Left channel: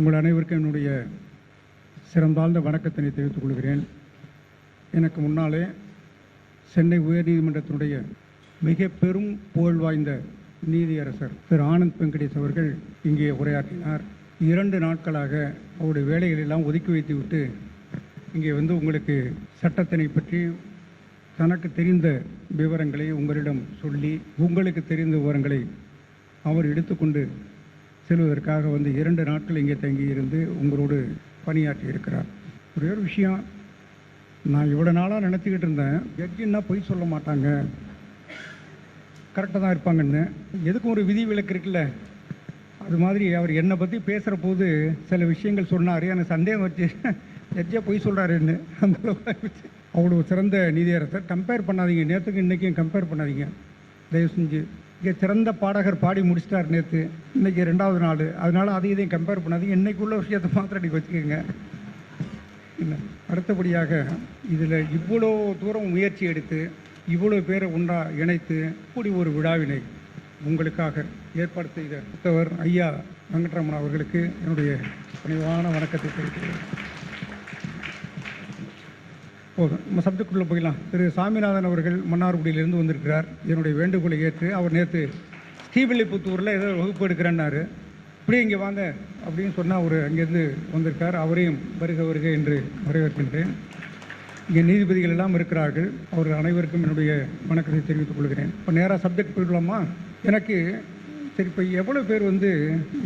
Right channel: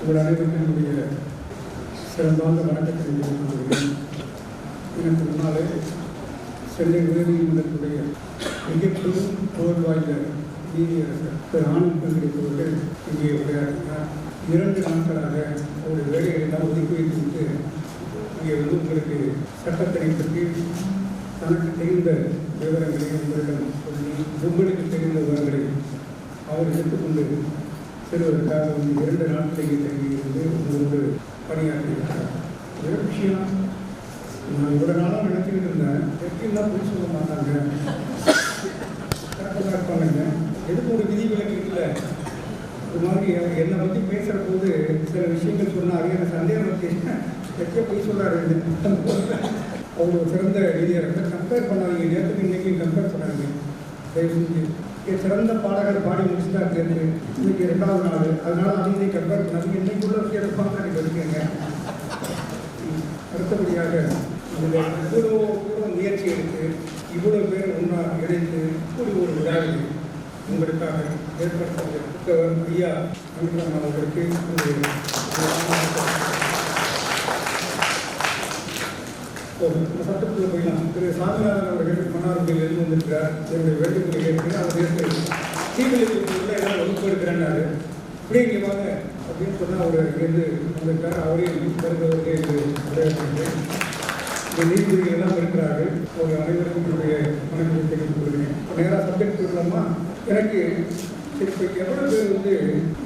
உங்கள் அனைவருக்கும் என்னுடைய சிறந்தார்ந்த வணக்கத்தை தெரிவித்துக் கொள்கிறேன். எனக்கு முன்னாலே சென்னை உயர்நீதிமன்றத்துடைய மிக பெரும் புகழ் வாய்ந்த நீதியரசர் திரு ஆனந்த் வெங்கடேஷ் அவர்கள் இங்கே உரையாற்றினார். 2 நாட்களாக அவருடைய வேலைகளை எல்லாம் ஒதுக்கி வைத்துவிட்டு இங்கே வந்து உங்களுக்கு சட்டத்தினை பற்றி தனக்கு தெரிந்த விவரங்களை உங்களிடம் சொல்லி உங்களுக்கு தெரிந்த விவரங்களை அவர் எடுத்துக்கொண்டு செல்வதற்காக வந்து 2 நாட்கள் இங்கே தங்கியிருந்து உங்களோடு பணியாற்றியிருக்கிறார். ஒரே விஷயம், நான் இவ்வளோ நாளாக நடத்திக்கிட்டு இருந்தேன், எப்படின்னா பொய் சொல்ல மாட்டாங்க, கரெக்டாக தான் இருப்பாங்கன்னு. எதுக்கும் ஒரு விதி விலக்கு இருக்குல்ல, அது மாதிரி அவர் என்னை பற்றி பேசுகிற போது சில விஷயங்கள் சொன்னார். எனக்கு சந்தேகம் வச்சு எச்சா பொய் சொல்கிறாருன்னு. அவ்வளோ சிறந்த நீதியரசர். கம்பேர் பண்ணாதீங்க, நேற்றுக்கு இன்றைக்கும் கம்பேர் பண்ணாதீங்க தயவு செஞ்சு. இங்கே சிறந்த பாடகர் பாடி முடிச்சிட்டார் நேற்று, இன்றைக்கி 2வது நாள், அதனால் அதையும் கம்பேர் பண்ணாதீங்க. இன்றைக்குள்ள விஷயத்தை மாற்றி வச்சுக்கோங்க. அடுத்தபடியாக இதில் இவ்வளோ தூரம் முயற்சி எடுத்து இவ்வளோ பேரை ஒன்றாக இணைத்து இப்படி ஒரு விழாவினை உங்களுக்காக ஏற்பாடு செய்த புத்தகர் ஐயா வெங்கட்ராமன் அவர்களுக்கு என்னுடைய நம்ம சப்ஜெக்டுள்ளே போயிடலாம். திரு சாமிநாதன் அவர்கள் மன்னார்குடியிலிருந்து வந்திருக்கிறார். என்னுடைய வேண்டுகோளை கேட்டு அவர் நேற்று தீவிலிப்புத்தூரில் ஏதாவது வகுப்பு எடுக்கிறேன்னாரு. இப்படியே இங்கே வாங்க அப்படின்னு சொன்னால் அவர் இங்கேருந்து வந்திருக்கார். அவரையும் வருக என்று வரவேற்று இங்கே நீதிபதிகள் எல்லாம் இருக்கிறார்கள். அவர் அனைவருக்கும் என்னுடைய வணக்கத்தை தெரிவித்துக் கொள்கிறேன். இப்போ நேராக சப்ஜெக்ட் போயிடலாமா? எனக்கு சரி, இப்போ எவ்வளோ பேர் வந்து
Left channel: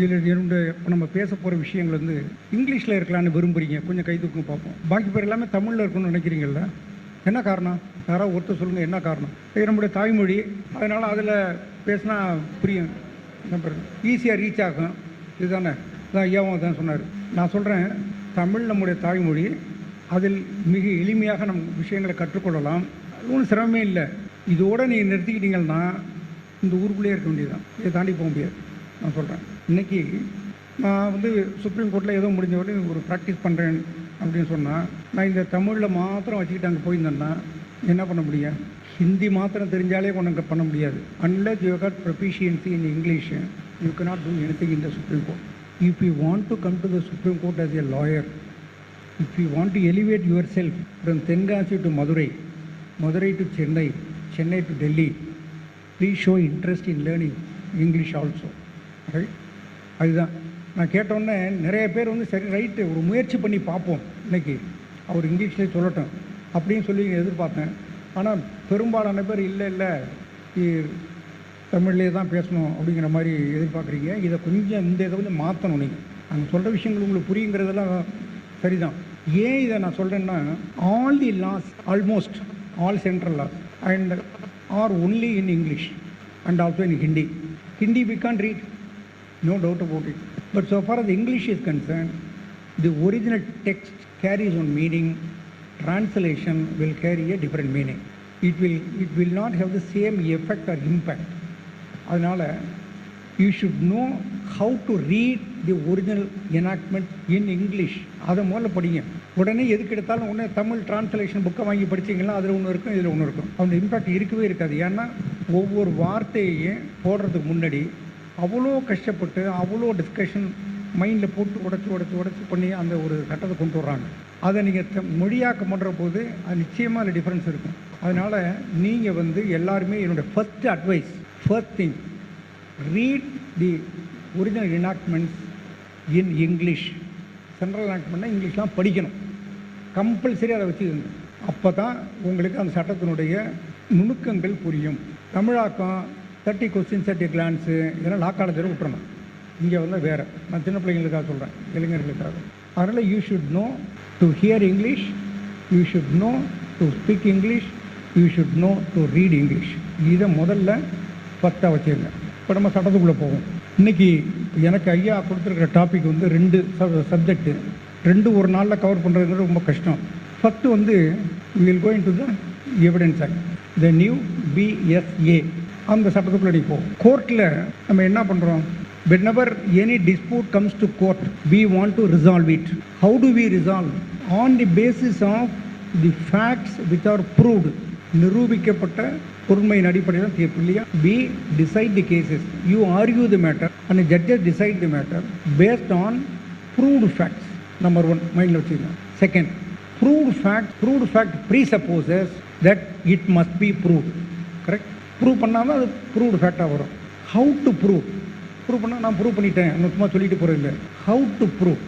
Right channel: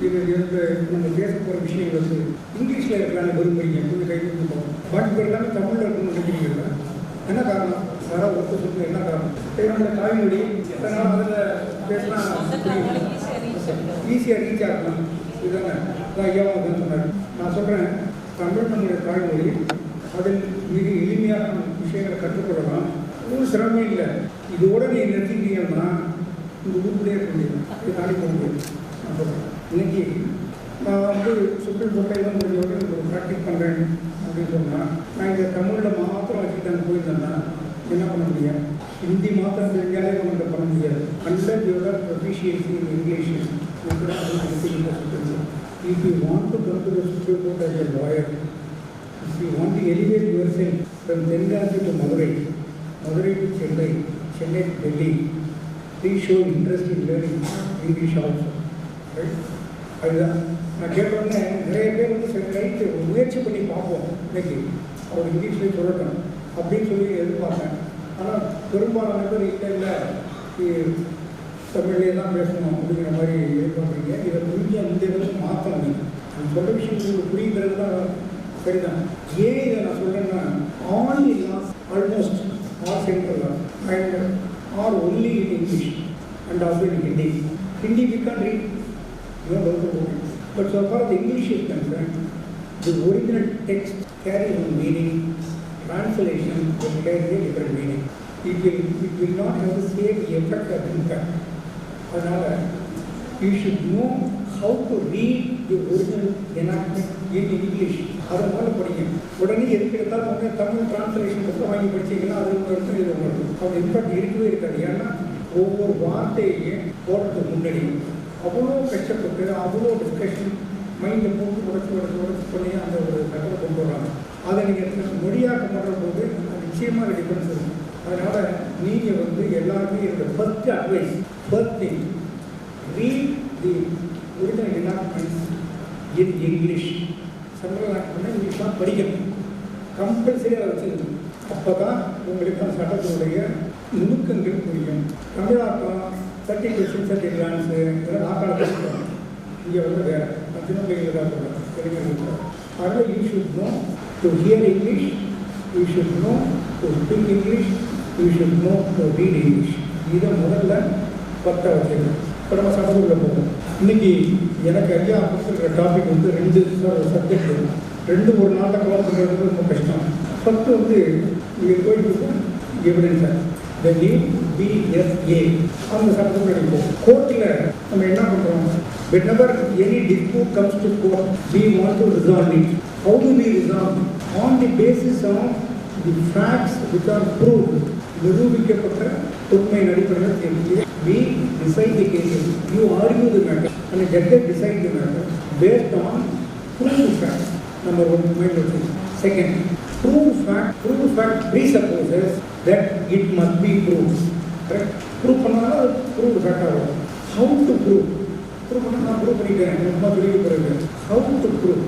இந்த நம்ம பேச போகிற விஷயங்கள் வந்து இங்கிலீஷில் இருக்கலான்னு விரும்புகிறீங்க? கொஞ்சம் கை தூக்கி பார்ப்போம். பாக்கி பேர் எல்லாமே தமிழில் இருக்கணும்னு நினைக்கிறீங்க. என்ன காரணம்? யாராவது ஒருத்தர் சொல்லுங்கள், என்ன காரணம்? நம்மளுடைய தாய்மொழி, அதனால் அதில் பேசினா ஈஸியாக ரீச் ஆகும். இதுதானே அதான் ஐயாவும் அதான் சொன்னார். நான் சொல்கிறேன், தமிழ் நம்முடைய தாய்மொழி, அதில் மிக எளிமையாக நம்ம விஷயங்களை கற்றுக்கொள்ளலாம். ஒன்றும் சிரமமே இல்லை. இதோடு நீங்கள் நிறுத்திக்கிட்டீங்கன்னா இந்த ஊருக்குள்ளேயே இருக்க வேண்டியதான், இதை தாண்டி போக முடியாது. நான் சொல்கிறேன், இன்றைக்கி நான் வந்து சுப்ரீம் கோர்ட்டில் எல்லாம் முடிஞ்சோடனே ஒரு ப்ராக்டிஸ் பண்ணுறேன் அப்படின்னு சொன்னால், நான் இந்த தமிழில் மாத்திரம் வச்சுக்கிட்டு அங்கே போயிருந்தேன்னா என்ன பண்ண முடியும்? ஹிந்தி மாத்திரம் தெரிஞ்சாலே ஒன்றும் பண்ண முடியாது. Unless you have proficiency in English, you cannot do anything in the Supreme Court. If you want to come to the Supreme Court as a lawyer, if you want to elevate yourself from Tenkasi to Madurai, Madurai to Chennai, Chennai to Delhi, please show interest in learning English also. Right? அதுதான் நான் கேட்டோன்னே நிறைய பேர் வந்து சரி right முயற்சி பண்ணி பார்ப்போம், இன்னைக்கு அவர் இங்கிலீஷ்லேயே சொல்லட்டும் அப்படின்னு சொல்லி எதிர்பார்த்தேன். ஆனால் பெரும்பாலான பேர் இல்லை தமிழ்லேயே தான் பேசணும் அப்படிங்கிற மாதிரி எதிர்பார்க்குறீங்க. இதை கொஞ்சம் இந்த இதை மாற்றணும். நீங்கள் சொல்கிற விஷயம் உங்களுக்கு புரியுங்கிறது தான் சரிதான். ஏன் இதை நான் சொல்கிறேன்னா, all the laws, almost all central laws and are only in English and also in Hindi. Hindi we can't read, no doubt about it. But so far as English is concerned, the original text carries one meaning, translation will carry a different meaning. It will not have the same effect or impact. அதனால் you should know how to read the original enactment in English. அதை முதல்ல படிங்க. உடனே எதுக்கு எடுத்தாலும் உடனே Tamil translation புக்கை வாங்கி படிச்சிங்கன்னா அதில் ஒன்று இருக்கும், இதில் ஒன்று இருக்கும். அப்படி இம்பாக்ட் இருக்கவே இருக்காது. ஏன்னா ஒவ்வொரு வார்த்தையையும் போடுறதுக்கு முன்னாடி அவ்வளோ கஷ்டப்பட்டு அவ்வளோ டிஸ்கஷன் மைண்டில் போட்டு உடச்சு பண்ணி அந்த ஒரு சட்டத்தை கொண்டு வராங்க. அதை நீங்கள் மொழியாக்கம் பண்ணுற போது அது நிச்சயமாக அந்த டிஃப்ரென்ஸ் இருக்கும். அதனால் நீங்கள் வந்து எல்லாருமே என்னோடய first advice, first thing, read the original enactments in English. Central எனாக்ட்மெண்ட்னா இங்கிலீஷ் தான் படிக்கணும், கம்பல்சரி அதை வச்சுக்கணும். அப்போ தான் உங்களுக்கு அந்த சட்டத்தினுடைய நுணுக்கங்கள் புரியும். தமிழாக்கம் 30 கொஸ்டின்ஸ் 30 கிளான்ஸு இதெல்லாம் நாக்காடத்தில் சொல்கிறோம். இங்கே வந்து வேறு நான் சின்ன பிள்ளைங்களுக்காக சொல்கிறேன், இளைஞர்கள். அதனால் you should know to hear English, you should know to speak English, you should know to read English. இதை முதல்ல பற்ற வச்சுருக்கேன். இப்போ நம்ம சட்டத்துக்குள்ளே போவோம். இன்றைக்கி எனக்கு ஐயா கொடுத்துருக்கிற டாபிக் வந்து 2 சப்ஜெக்டு, 2 ஒரு நாளில் கவர் பண்ணுறது ரொம்ப கஷ்டம். ஃபஸ்ட்டு வந்து going to evidence act, the new BSA, அந்த சட்டத்துக்குள்ள அடிப்போம். கோர்ட்டில் நம்ம என்ன பண்ணுறோம்? whenever any dispute comes to court, we want to resolve it. How do we resolve? On the basis of the facts which are proved. நிரூபிக்கப்பட்ட உண்மையின் அடிப்படையில் தீர்ப்பு இல்லையா? We decide the cases. You argue the matter and the judges decide the matter based on proved fact, number one, mind of second, proved fact presupposes that it must be proved. Correct? Prove பண்ணாலும் அது proved fact ஆகும். How to prove? Prove பண்ணா நான் prove பண்ணிட்டேன், சும்மா சொல்லிட்டு போகிறேன். How to prove?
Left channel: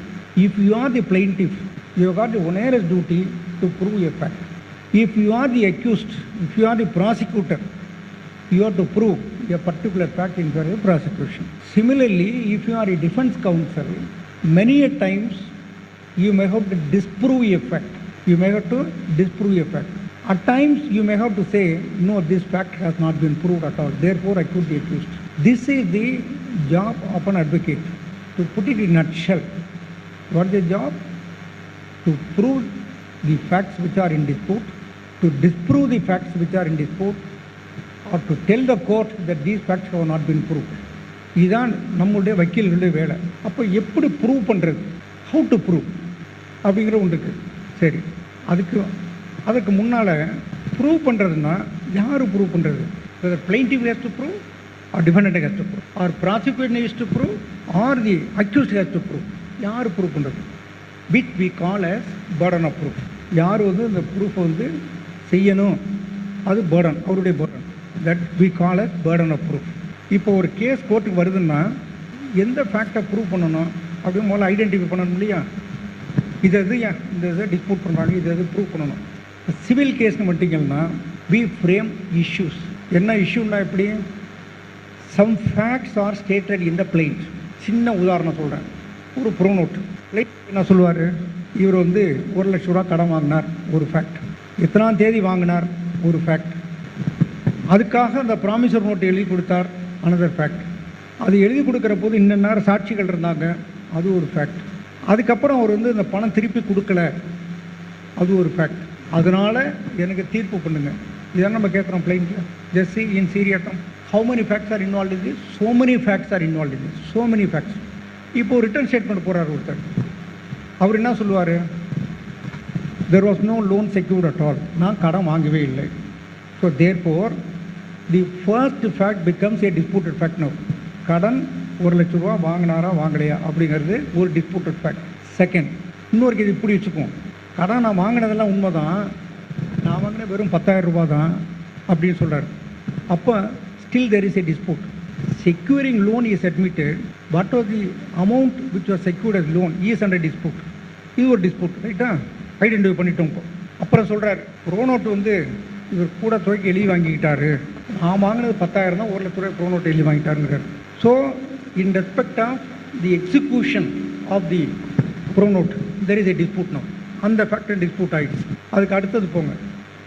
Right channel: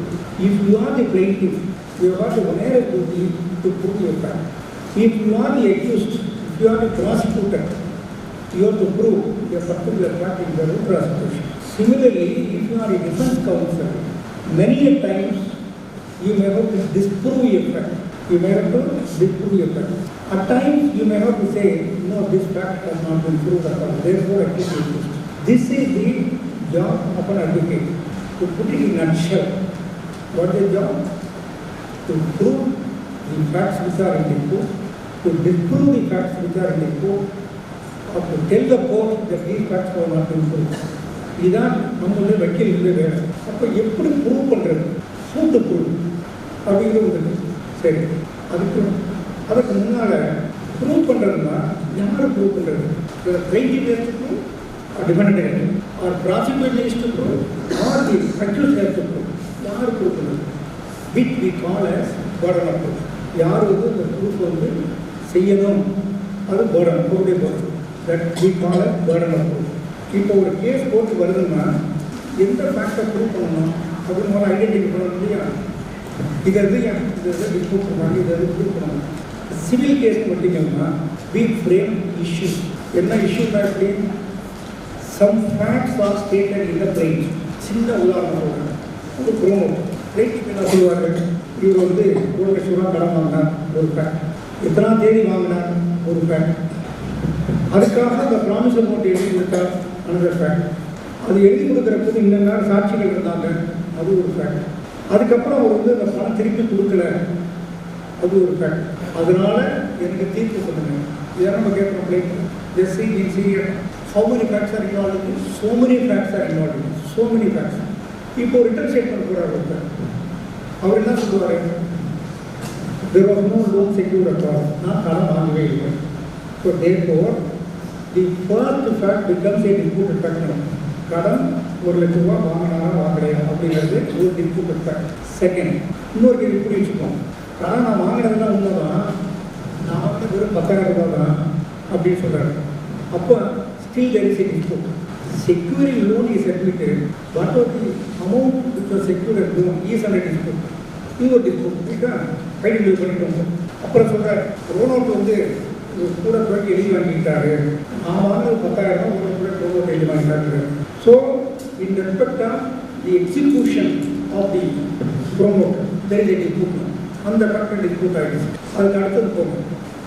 If you are the plaintiff, you have got the onerous duty to prove your fact. If you are the accused, if you are the prosecutor, you have to prove a particular fact in the prosecution. Similarly, if you are a defense counsel, many a times you may have to disprove a fact. You may have to disprove a fact. At times you may have to say, no, this fact has not been proved at all, therefore I could be accused. This is the job of an advocate. To put it in a nutshell, what is the job? To prove the facts which are in the court, to disprove the facts which are in the court, or to tell the court that these facts have not been proved. இதுதான் நம்மளுடைய வக்கீல்களுடைய வேலை. அப்போ எப்படி prove பண்ணுறது, how to prove அப்படிங்கிற ஒன்று இருக்குது. சரி, அதுக்கு முன்னால் ப்ரூவ் பண்ணுறதுனா யார் ப்ரூவ் பண்ணுறது? Plaintiff has to prove, or defendant has to prove, or prosecution has to prove, or the accused has to prove. யார் ப்ரூவ் பண்ணுறது? Which we call as burden of proof. யார் வந்து இந்த ப்ரூஃப் வந்து செய்யணும், அது பர்டன், அவருடைய burden. That we call as burden of proof. இப்போ ஒரு கேஸ் கோர்ட்டுக்கு வருதுன்னா எந்த ஃபேக்டை ப்ரூவ் பண்ணணும் அப்படின்னு முதல்ல ஐடென்டிஃபை பண்ணணும் இல்லையா? இது ஏன் இந்த இதை டிஸ்பூட் பண்ணுறாங்க, இதை ப்ரூவ் பண்ணணும். சிவில் கேஸ்னு மட்டுங்கன்னா வி ஃப்ரேம் இஷ்யூஸ். என்ன இஷ்யூன்னா எப்படி? Some facts are stated in the plaint. சின்ன உதாரணத்தோட ஒரு ப்ரோனோட் ரைட் என்ன சொல்லுவார், இவர் வந்து 1 லட்ச ரூபா கடன் வாங்கினார், ஒரு ஃபேக்ட். எத்தனாம் தேதி வாங்கினார், ஒரு ஃபேக்ட். அதுக்காக அந்த ப்ராமிஸ் அமௌண்ட் எழுதி கொடுத்தார், அனதர் ஃபேக்ட். அது எழுதி கொடுக்குற போது இன்ன சாட்சிகள் இருந்தாங்க, அது ஒரு ஃபேக்ட். அதுக்கப்புறம் அவர் வந்து இந்த பணம் திருப்பி கொடுக்கல, அது ஒரு ஃபேக்ட். அதனால் எனக்கு தீர்ப்பு பண்ணுங்க. இதான் நம்ம கேட்குறோம் blind. Just see in serious how many facts are involve in, so many facts are involve in, so many facts. இப்போ ரிட்டர்ன் ஸ்டேட்மெண்ட் போகிறார் ஒருத்தர். அவர் என்ன சொல்லுவார்? There was no loan secured at all. நான் கடன் வாங்கவே இல்லை. So therefore the first fact becomes a disputed fact. Now கடன் 1 லட்ச ரூபா வாங்கினாரா வாங்கலையா அப்படிங்கிறது ஒரு டிஸ்பியூட்டட் ஃபேக்ட். செகண்ட், இன்னொரு இது இப்படி வச்சுக்குவோம். கடன் நான் வாங்கினதுலாம் உண்மை தான், நான் வாங்கின வெறும் 10,000 ரூபா தான் அப்படின்னு சொல்கிறார். அப்போ still there is a dispute. Securing loan is admitted, but the amount which was secured as loan is under dispute. இது ஒரு டிஸ்பியூட், ரைட்டா? ஐடென்டிஃபை பண்ணிட்டோம். அப்புறம் சொல்கிறார், ப்ரோனோட் வந்து இவர் கூட துறைக்கு எழுதி வாங்கிக்கிட்டாரு, நான் வாங்கினது 10,000 தான், 1 லட்ச ரூபாய் ப்ரோனோட் எழுதி வாங்கிட்டாரு. So in respect of the execution of the pronote there is a dispute. No அந்த ஃபேக்டர் டிஸ்பியூட் ஆகிடுச்சு. அதுக்கு அடுத்தது போங்க,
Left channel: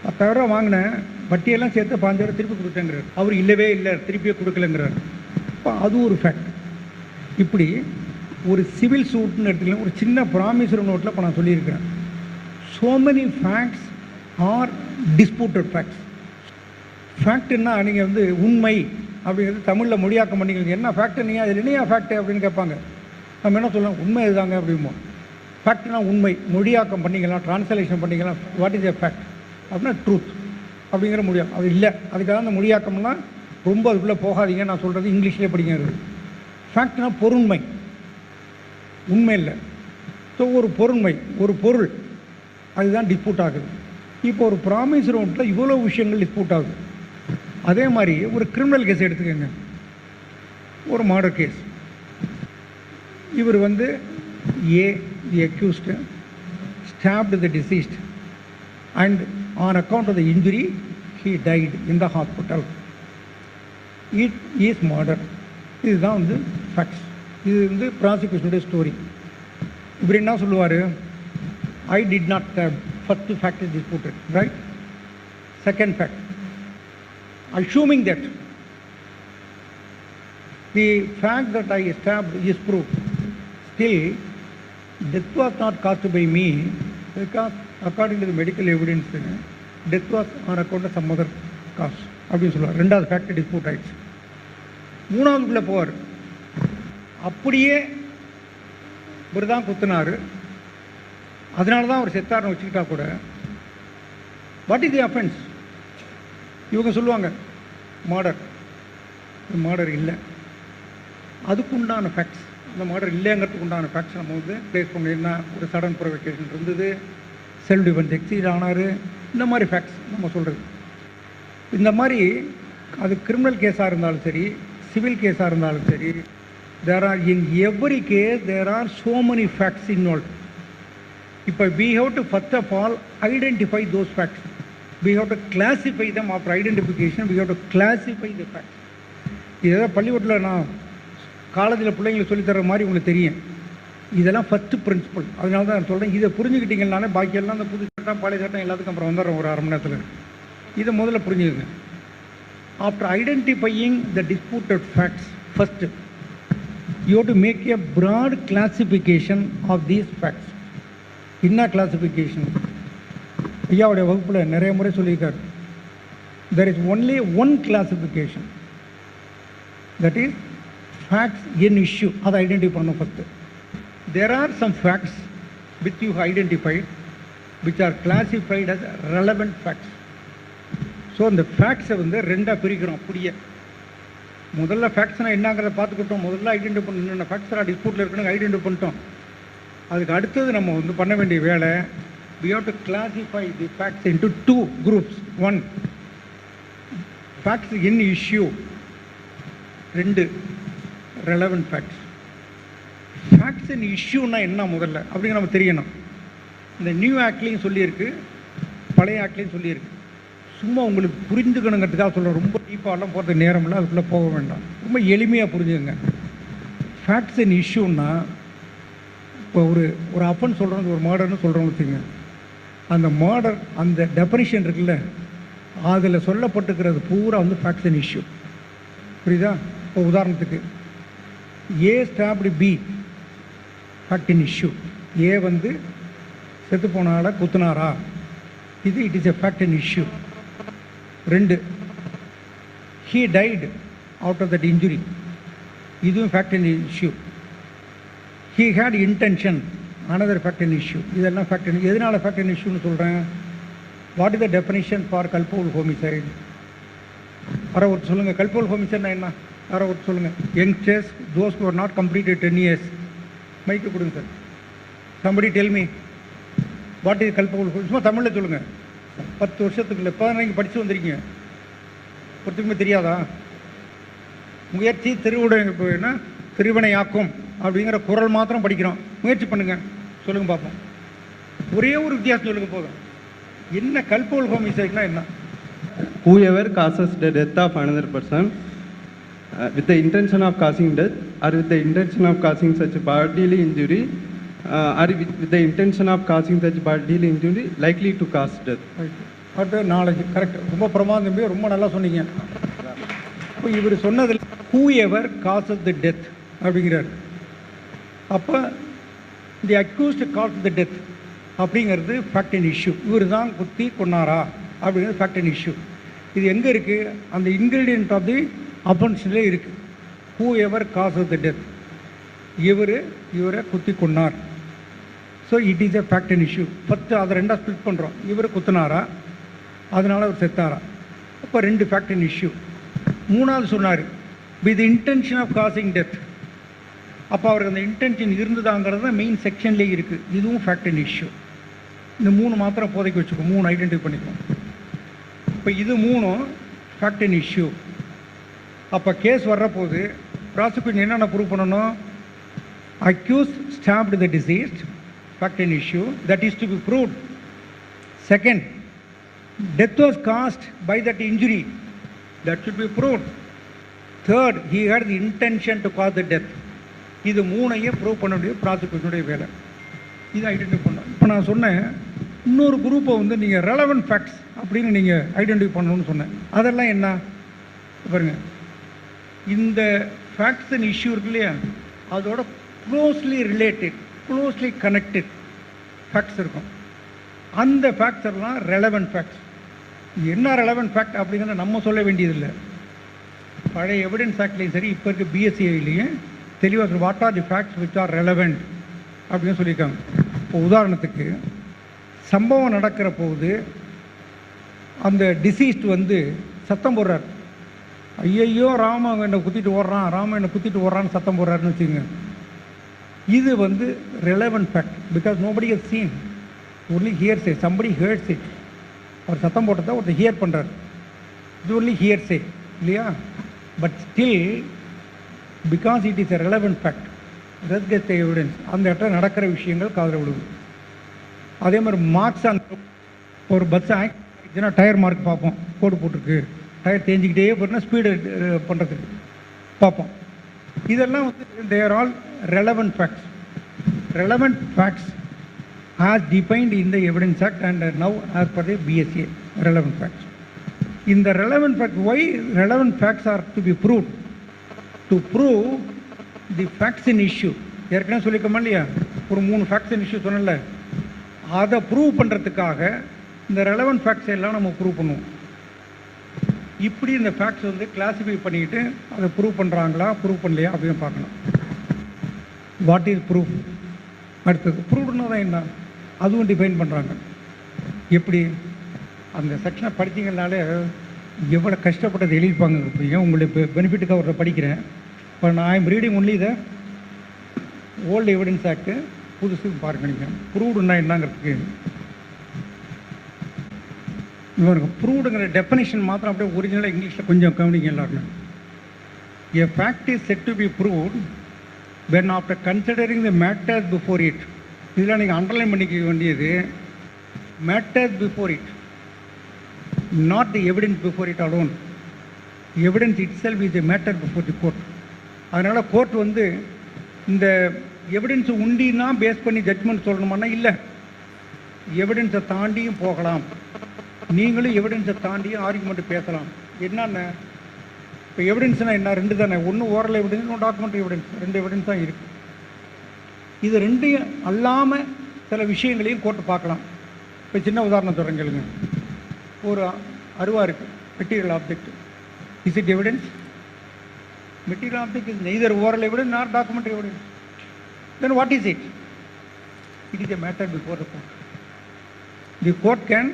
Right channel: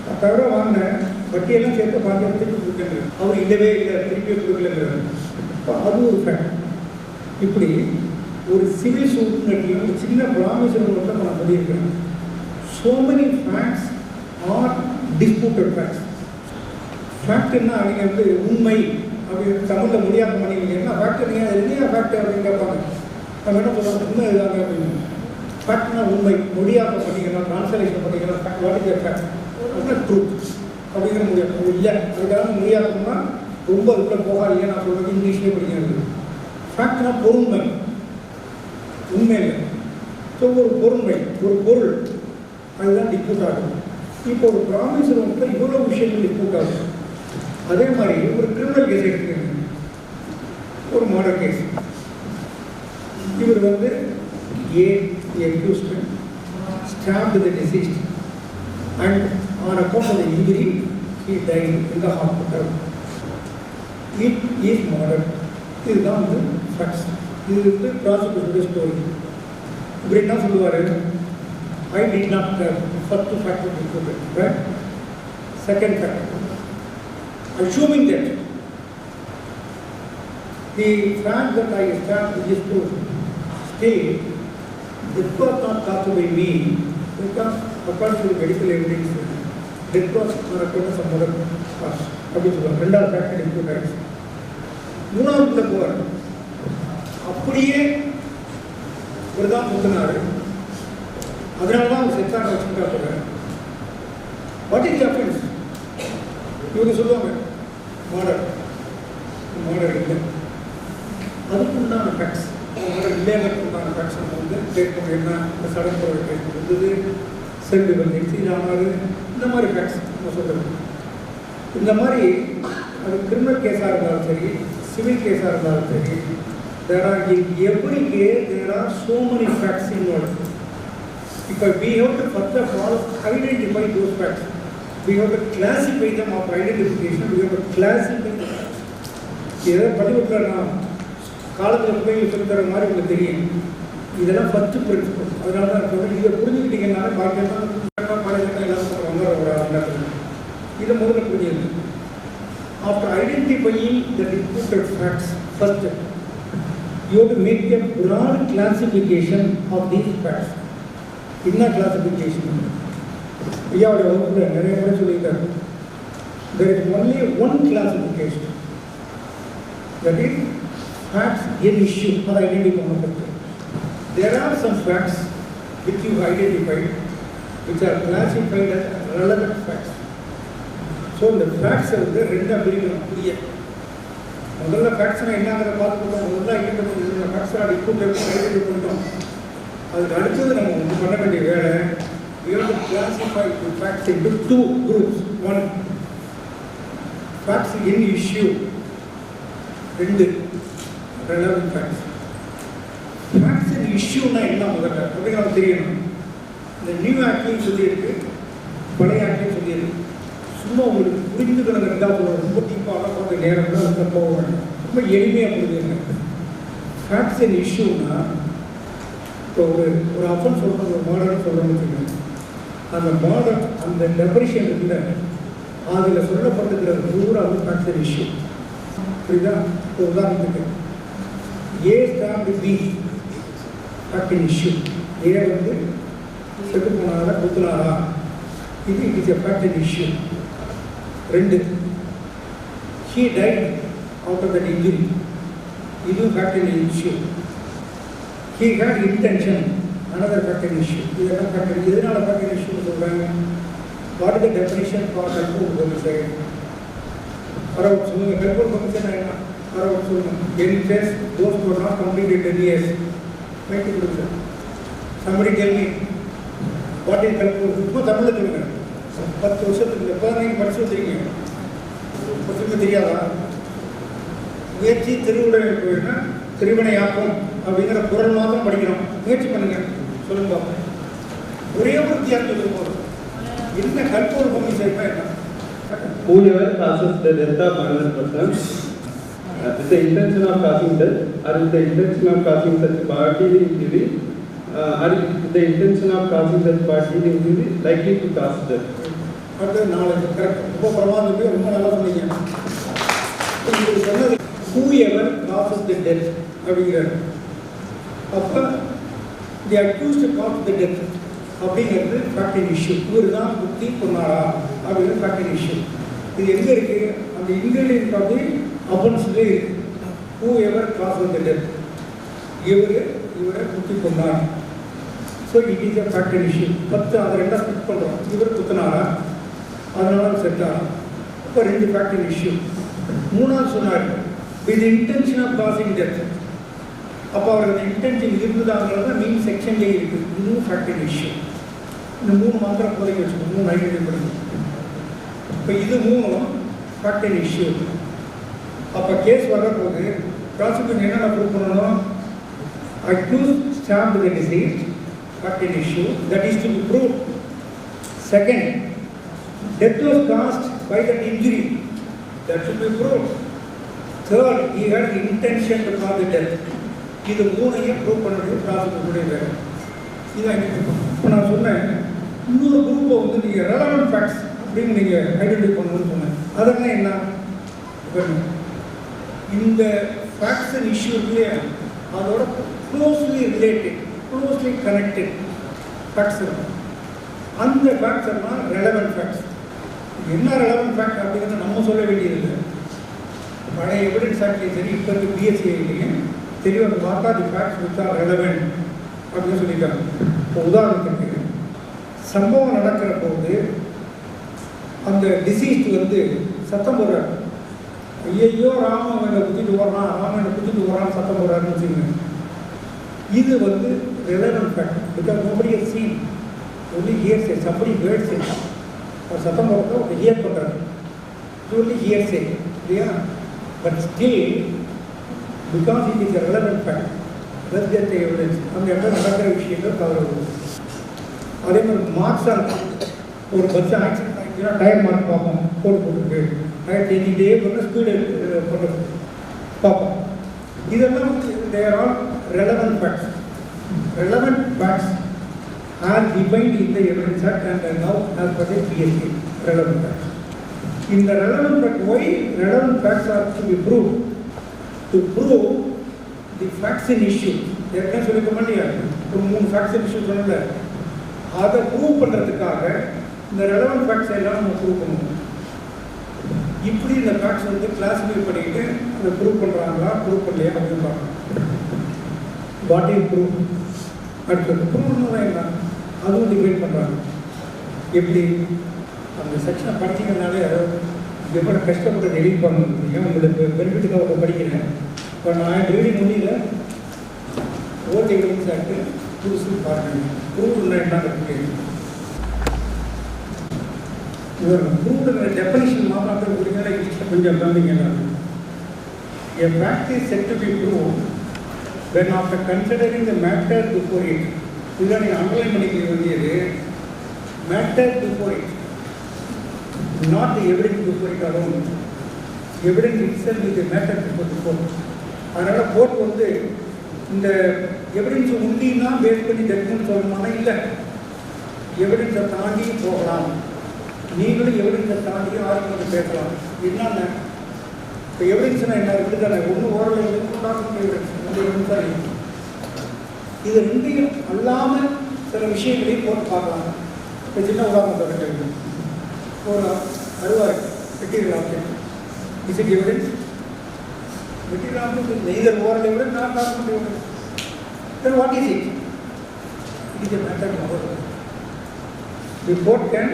10,000 ரூபா வாங்கினேன், வட்டியெல்லாம் சேர்த்து 5,000 திருப்பி கொடுத்தேங்க, அவர் இல்லவே இல்லை, திருப்பி கொடுக்கலங்கிறாரு. இப்போ அது ஒரு ஃபேக்ட். இப்படி ஒரு சிவில் சூட் இடத்துல ஒரு சின்ன ப்ராமிசரி நோட்டில் இப்போ நான் சொல்லியிருக்கிறேன். So many facts are disputed facts. ஃபேக்ட்னா நீங்கள் வந்து உண்மை அப்படிங்கிறது தமிழில் மொழியாக்கம் பண்ணிக்கலாம். என்ன ஃபேக்ட், நீங்கள் அது என்னையா ஃபேக்ட் அப்படின்னு கேட்பாங்க. நம்ம என்ன சொல்லலாம், உண்மை இதுதாங்க அப்படின்னா. ஃபேக்ட்னா உண்மை, மொழியாக்கம் பண்ணிக்கலாம், ட்ரான்ஸ்லேஷன் பண்ணிக்கலாம். வாட் இஸ் எ ஃபேக்ட் அப்படின்னா ட்ரூத் அப்படிங்கிற மொழியாக்கம். அது இல்லை, அதுக்காக மொழியாக்கம்னா ரொம்ப அதுக்குள்ளே போகாதீங்க, நான் சொல்கிறது இங்கிலீஷ்லேயே படிக்கிறது. ஃபேக்ட்னா பொருண்மை, உண்மை இல்லை. ஸோ ஒரு பொருண்மை, ஒரு பொருள், அதுதான் டிஸ்பியூட் ஆகுது. இப்போ ஒரு ப்ராமிஸ் நோட்டில் இவ்வளோ விஷயங்கள் டிஸ்பியூட் ஆகுது. அதே மாதிரி ஒரு கிரிமினல் கேஸ் எடுத்துக்கங்க, ஒரு மர்டர் கேஸ். இவர் வந்து a the accused stabbed the deceased and on account of the injury he died in the hospital. It is murder. இதுதான் வந்து ஃபேக்ட்ஸ். இது வந்து ப்ராசிக்யூஷனுடைய ஸ்டோரி. இவர் என்ன சொல்லுவார், I did not first fact disputed, right? Second fact, assuming that the fact that I stabbed is proved, still death was not caused by me because according to the medical evidence death was on account of some other cause அப்படின்னு சொல்லுவாங்க. ரெண்டாவது fact dispute ஆகிடுச்சு. மூணாவதுல போவார், அப்படியே இவர் தான் குத்துனாரு, அதனால தான் அவர் செத்தார்னு வச்சுருக்கா கூட. What is the offence? இவங்க சொல்லுவாங்க மர்டர். மர்டர் இல்லை, அதுக்கு உண்டான ஃபேக்ட்ஸ் மர்டர் இல்லைங்கிறதுக்கு உண்டான ஃபேக்ட்ஸ் நம்ம வந்து பிளேஸ் பண்ண என்ன இந்த சடன் ப்ரொவொகேஷன் இருந்தது, செல்ஃப் டிஃபென்ஸ் எக்ஸீட் ஆனார், இந்த மாதிரி ஃபேக்ட்ஸ் நம்ம சொல்கிறது. இந்த மாதிரி அது கிரிமினல் கேஸாக இருந்தாலும் சரி, சிவில் கேஸாக இருந்தாலும் சரி, there are in every case there are so many facts involved. இப்போ we have to first of all identify those facts. We have to classify them. After identification we have to classify the facts. இதை பள்ளிக்கூடத்தில் நான் காலேஜில் பிள்ளைங்களுக்கு சொல்லித்தர மாதிரி உங்களுக்கு தெரியும். இதெல்லாம் ஃபஸ்ட்டு பிரின்சிபல். அதனால தான் நான் சொல்கிறேன், இதை புரிஞ்சுக்கிட்டீங்கன்னாலே பாக்கியெல்லாம் காலேஜ் எல்லாத்துக்கும் அப்புறம் வந்துட ஒரு அரை மணி நேரத்தில் இதை முதல்ல புரிஞ்சுங்க. After identifying the disputed facts, first you have to make a broad classification of these facts. என்ன கிளாசிஃபிகேஷன் ஐயாவுடைய வகுப்பில் நிறைய முறை சொல்லியிருக்காரு. there is only one classification, that is facts in issue. அதை ஐடென்டிஃபை பண்ண first. there are some facts which you identified which are classified as relevant facts. So இந்த ஃபேக்ட்ஸை வந்து ரெண்டாக பிரிக்கணும். புரிய முதல்ல ஃபேக்ட்ஸ்னால் என்னங்கிறத பார்த்துக்கிட்டோம். முதல்ல ஐடென்டிஃபை பண்ணணும். ஃபேக்ட்ஸ்லாம் டிஸ்பியூட்டில் இருக்கிற ஐடென்டிஃபை பண்ணிட்டோம். அதுக்கு அடுத்தது நம்ம வந்து பண்ண வேண்டிய வேலை, we have to classify the facts into two groups. One, facts in issue. ரெண்டு, relevant facts. facts in issueனா என்ன முதல்ல அப்படின்னு நமக்கு தெரியணும். இந்த நியூ ஆக்ட்லேயும் சொல்லியிருக்கு, பழைய ஆக்ட்லேயும் சொல்லியிருக்கு. சும்மா உங்களுக்கு புரிஞ்சுக்கணுங்கிறதுக்காக சொல்ல ரொம்ப டீப்பாலாம் பார்த்து நேரம்னா உள்ள போக வேண்டாம். ரொம்ப எளிமையாக புரிஞ்சுக்கங்க. ஃபேக்ட்ஸ் இன் இஷ்யூன்னா இப்போ ஒரு அஃபன் சொல்கிறோம், ஒரு மர்டர்னு சொல்கிறோன்னு வச்சுக்கோங்க. அந்த மர்டர் அந்த டெஃபனிஷன் இருக்குல்ல, அதில் சொல்லப்பட்டிருக்கிறது பூரா வந்து ஃபேக்ட்ஸ் இன் இஷ்யூ. புரியுதா? இப்போ உதாரணத்துக்கு ஏ stopped B, fact in issue. ஏ வந்து செத்து போனாரா குத்துனாரா, இது it is a fact in issue. ரெண்டு, he died out of that injury, இதுவும் fact in issue. he had intention, another fact in issue. இதெல்லாம் fact in. எதனால fact in issue சொல்கிறேன்? what is the definition for culpable homicide? அறவுட் சொல்லுங்கள். culpable homicide என்ன? அறவுட் சொல்லுங்கள். youngsters, those who are not completed 10 years. மைக்கு கொடுங்க sir. somebody tell me what is culpable? சும்மா தமிழில் சொல்லுங்கள். 10 வருஷத்துக்கு இல்லை, 15 படித்து வந்திருக்கீங்க, ஒருத்தருக்கு தெரியாதா? முயற்சி திருவிடைனா திருவினையாக்கும் அப்படிங்கிற குரல் மாத்திரம் படிக்கிறோம். முயற்சி பண்ணுங்க, சொல்லுங்க பாப்போம். ஒரே ஒரு வித்தியாசம் சொல்லுங்க போதும். என்ன கல்போல் ஹோமிசைட்னா என்ன? Whoever causes the death of another person with the intention of causing death, or with the intention of causing such bodily injury, or with the intention of causing such bodily injury likely to cause death. அடுத்து knowledge. Correct. ரொம்ப பிரமாதமே, ரொம்ப நல்லா சொன்னீங்க. இவர் சொன்னது whoever causes the death அப்படிங்கிறார். அப்போ the accused cost the death அப்படிங்கிறது ஃபேக்ட் இன் இஷ்யூ. இவர் தான் குத்தி கொண்டாரா அப்படிங்கிறது ஃபேக்ட் இன் இஷ்யூ. இது எங்கே இருக்குது? அந்த இன்க்ரீடியன்ட் ஆஃப் தி அஃபென்ஸ்லேயே இருக்குது. whoever causes the death, இவரை குத்தி கொண்டார். So it is a fact in issue. 10 அதை ரெண்டாக ஸ்பிட் பண்ணுறோம். இவர் குத்தினாரா, அதனால செத்தாரா. இப்போ 2 ஃபேக்ட் இன் இஷ்யூ. மூணாவது சொன்னார் with intention of causing death. அப்போ அவர் அந்த இன்டென்ஷன் இருந்ததாங்கிறது தான் மெயின் செக்ஷன்லேயே இருக்குது. இதுவும் ஃபேக்ட் இன் இஷ்யூ. இந்த 3 மாத்திரம் போதைக்கு வச்சுக்கோங்க, 3 ஐடென்டிஃபை பண்ணிக்கணும். இப்போ இது 3 ஃபேக்ட் இன் இஷ்யூ. அப்போ கேஸ் வர்றபோது ப்ராசிக்யூஷன் என்னென்ன ப்ரூவ் பண்ணணும்? Accused stabbed the deceased, fact in issue, that is to be proved. Second, death was caused by that injury, that should be proved. Third, he had intention to cause the death. இது 3ஐயும் prove பண்ண முடியும் ப்ராசிக்யூட்டருடைய வேலை. இதை identify பண்ணணும். இப்போ நான் சொன்னேன் இன்னொரு குரூப்பை வந்து நீங்கள் ரெலவெண்ட் ஃபேக்ட்ஸ் அப்படின்னு நீங்கள் ஐடென்டிஃபை பண்ணணும்னு சொன்னேன். அதெல்லாம் என்ன பாருங்க. இந்த ஃபேக்ட்ஸ் அண்ட் இஷ்யூ இல்லையா, அதோட closely related, closely connected facts இருக்கும். அந்த ஃபேக்ட்ஸ் எல்லாம் ரெலவெண்ட் ஃபேக்ட்ஸ். இது என்ன ரெலவெண்ட் ஃபேக்ட் அப்படிங்கிறத நம்ம சொல்ல வேண்டியதில்லை. பழைய எவிடன்ஸ் ஆக்ட்லேயும் சரி, இப்போ இருக்க பிஎஸ்சிலையும் தெரியும் அந்த what are the facts which are relevant அப்படின்னு சொல்லியிருக்காங்க. இப்போ உதாரணத்துக்கு சம்பவம் நடக்கிற போது அந்த டிசீஸ்ட் வந்து சத்தம் போடுறார், ஐயையோ ராமன் என்னை குத்திட்டு ஓடுறான், ராமன் என்னை குத்திட்டு ஓடுறான்னு சத்தம் போடுறாருன்னு வச்சுக்கோங்க. இது வந்து relevant fact because nobody has seen only hearsay somebody heard say ஒரு சத்தம் போட்டதை ஒரு ஹியர் பண்ணுறாரு இது ஒன்லி ஹியர்ஸே இல்லையா but still because it is a relevant fact let's get the evidence அந்த இடத்துல நடக்கிற விஷயங்கள் காதல் விடுது அதே மாதிரி மார்க்ஸ் ஒரு பஸ் ஆக்சிடென்ட் ஆகிடுச்சுன்னா டயர் மார்க் பார்ப்போம் கோட் போட்டுருக்கு டயர் தேஞ்சிக்கிட்டே பண்ணால் ஸ்பீடு பண்ணுறது பார்ப்போம் இதெல்லாம் வந்து தேர் all relevant facts. Relevant facts are defined in the Evidence Act and now as per the BSA. Relevant facts. In the relevant fact, why relevant facts are to be proved? To prove the facts in issue. ஏற்கனவே சொல்லிக்கோமா இல்லையா ஒரு 3 facts in issue சொன்னல அதை prove பண்ணுறதுக்காக இந்த relevant facts எல்லாம் நம்ம prove பண்ணுவோம். இப்படி இந்த ஃபேக்ட்ஸ் வந்து கிளாஸிஃபை பண்ணிக்கிட்டு அதை ப்ரூவ் பண்ணுறாங்களா ப்ரூவ் பண்ணலையா அப்படின்னு பார்க்கலாம். வாட் இஸ் ப்ரூவ் அடுத்தது ப்ரூவ்னா என்ன அதுவும் டிஃபைன் பண்ணுறாங்க. எப்படி அந்த செக்ஷனை படித்தீங்கனாலே எவ்வளோ கஷ்டப்பட்டது எழுதிப்பாங்க. உங்களுக்கு பெனிஃபிட்டுக்காக ஒரு படிக்கிறேன். இப்போ நான் ரீடிங் ஒன்லி இதை ஓல்டு எவிடன்ஸ் ஆக்டு புதுசுன்னு பார்க்குறீங்க. ப்ரூவ்னா என்னங்கிறது ப்ரூவ்டுங்கிற டெஃபனிஷன் மாத்திரம் புரிஞ்சாலும் இங்கிலீஷில் கொஞ்சம் கவனிங்க. A fact is said to be proved when after considering the matter before it. இதெல்லாம் நீங்கள் அண்டர்லைன் பண்ணிக்க வேண்டியது matter before it, not the evidence before it alone. Evidence itself is the matter before the court. அதனால் court வந்து இந்த evidence உண்டின்னா base பண்ணி judgement சொல்லணுமானா இல்லை, எவிடன்ஸை தாண்டியும் போகலாம். நீங்களும் எவிடன்ஸை தாண்டியும் ஆர்குமெண்ட் பேசலாம். என்னென்ன இப்போ எவிடன்ஸ்னால் என்ன ரெண்டு தானே, ஒன்று ஓரல் எவிடன்ஸ், ஒன்று டாக்குமெண்ட் எவிடன்ஸ். ரெண்டு எவிடன்ஸ் தான் இருக்குது. இது ரெண்டையும் அல்லாமல் சில விஷயங்களையும் போட்டு பார்க்கலாம். இப்போ சின்ன உதாரணம் சொல்ல கேள்வி, ஒரு அருவாரு material object, is it evidence? Material object is neither oral evidence not document evidence. Then what is it? It is a matter to court. The court can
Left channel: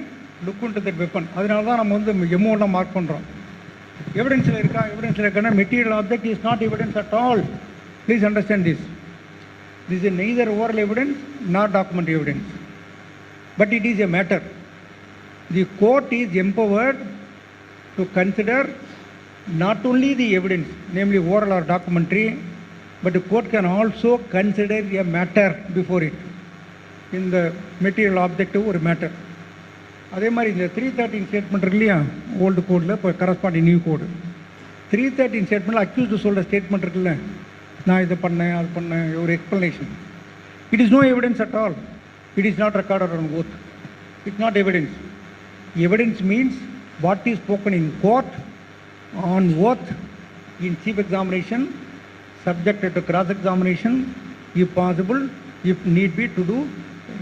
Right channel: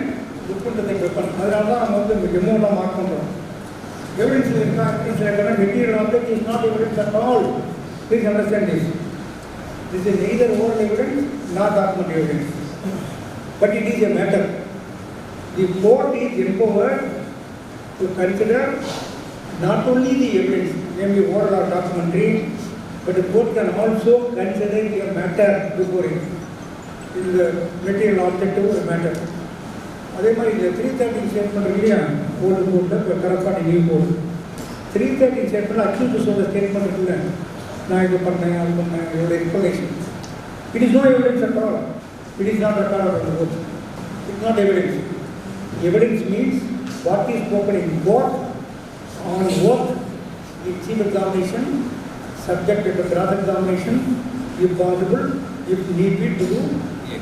look into the weapon. அதனால தான் நம்ம வந்து எமௌண்ட்டை mark பண்ணுறோம். எவிடன்ஸில் இருக்கா, எவிடன்ஸில் இருக்கானா material object is not evidence at all. Please understand this. This is neither oral evidence nor document evidence, but it is a matter. The court is empowered to consider not only the evidence, namely oral or documentary, but the court can also consider a matter before it. In the material object or matter. அதே மாதிரி இந்த 313 statement இருக்கு இல்லையா, old கோடில் இப்போ corresponding new code 313 statement accused சொல்கிற statement இருக்குல்ல, நான் இது பண்ணேன் அது பண்ணேன், ஒரு explanation. It is no evidence at all. It is not record of court. It's not evidence. Evidence means what is spoken in court on oath in chief examination, subject to cross examination, if possible, if need be to do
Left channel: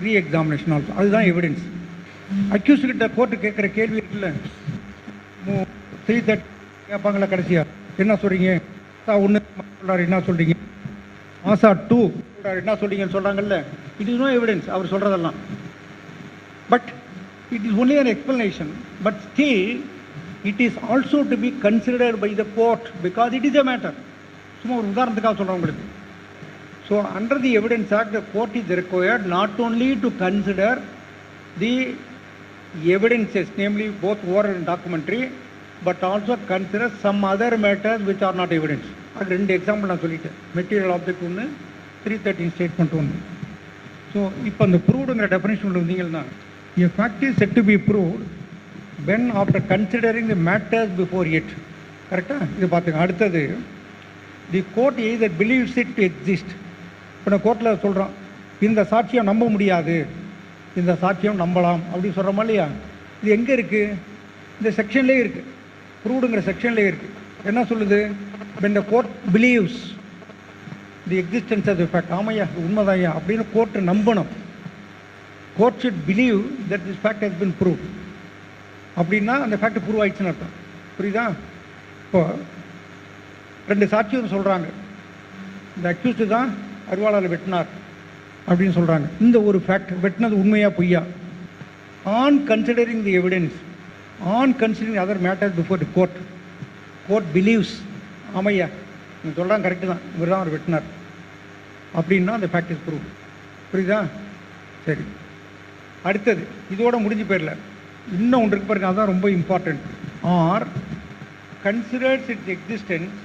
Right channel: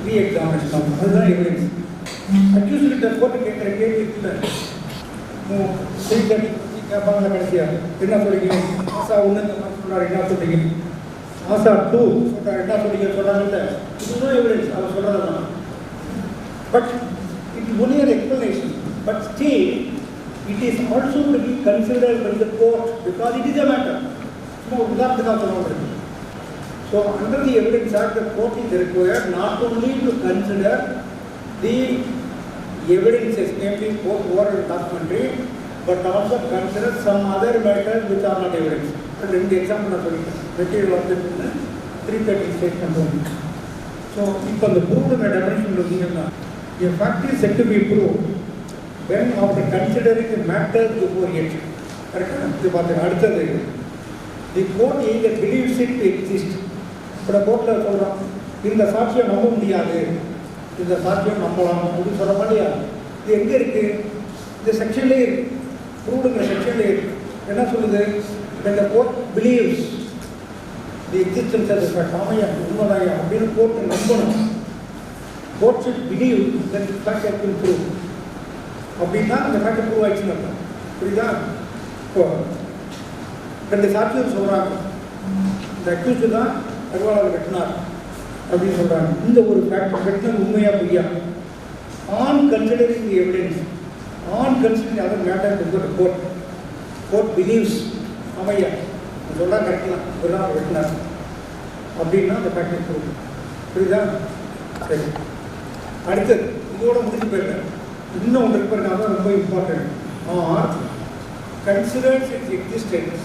re-examination ஆகும். அதுதான் evidence. Accused கிட்ட court கேட்குற கேள்வி இருக்குல்ல, 330 கேட்பாங்களா கடைசியாக என்ன சொல்கிறீங்க, ஆசா 1 சொல்கிறார் என்ன சொல்கிறீங்க, ஆசா 2 சொல்கிறார் என்ன சொல்கிறீங்கன்னு சொல்கிறாங்கல்ல, இட் இஸ் நோ எவிடன்ஸ் அவர் சொல்கிறதெல்லாம். But it is only an explanation. But still it is also to be considered by the court because it is a matter. சும்மா உதாரணத்துக்காக சொல்ல முடியாது. So under the Evidence Act, the court is required not only to consider the evidences, namely both oral and documentary, but also consider some other matters which are not evidence. And ரெண்டு example நான் சொல்லிட்டேன். Material object வந்து 313 statement வந்து. So இப்போ அந்த ப்ரூவ்டுங்கிற definition இருந்தீங்கன்னா, a fact is said to be proved when after considering the matters before it. கரெக்டாக இது பார்த்துங்க. அடுத்தது, the court either believes it to exist. இப்போ நான் கோர்ட்டில் சொல்கிறோம் இந்த சாட்சியம் நம்ப முடியாது, இந்த சாட்சியம் நம்பலாம் அப்படின்னு சொல்கிற மாதிரியா. இது எங்கே இருக்குது? இந்த செக்ஷன்லேயே இருக்குது, ப்ரூவ்டுங்கிற செக்ஷன்லேயே இருக்குது. என்ன சொல்லுது? when the court believes the existence of the fact. ஆமையா உண்மைதாயா அப்படின்னு கோர்ட்டு நம்பணும். Court should believe that this fact has been proved. அப்படின்னா அந்த ஃபேக்ட் ப்ரூவ் ஆயிடுச்சுன்னு அர்த்தம். புரியுதா? இப்போ 2 சாட்சியம் சொல்கிறாங்க, இந்த அக்யூஸ்டு தான் அகவாலால் வெட்டினார் அப்படின்னு சொல்கிறாங்க. இந்த ஒரு ஃபேக்ட் வெட்டினது உண்மையா பொய்யா? On considering the evidence, on considering other matter before the court, court believes ஆமையா நீங்கள் சொல்கிறாங்க கரெக்டு தான், இவர் தான் வெட்டினார். அப்படின்னா அந்த ஃபேக்ட் இஸ் ப்ரூவ். புரியுதா? சரி, அடுத்தது இதோட முடிஞ்சு போயிடல, இன்னும் ஒன்று இருக்கு பாருங்க, அதான் ரொம்ப important. Or considers its existence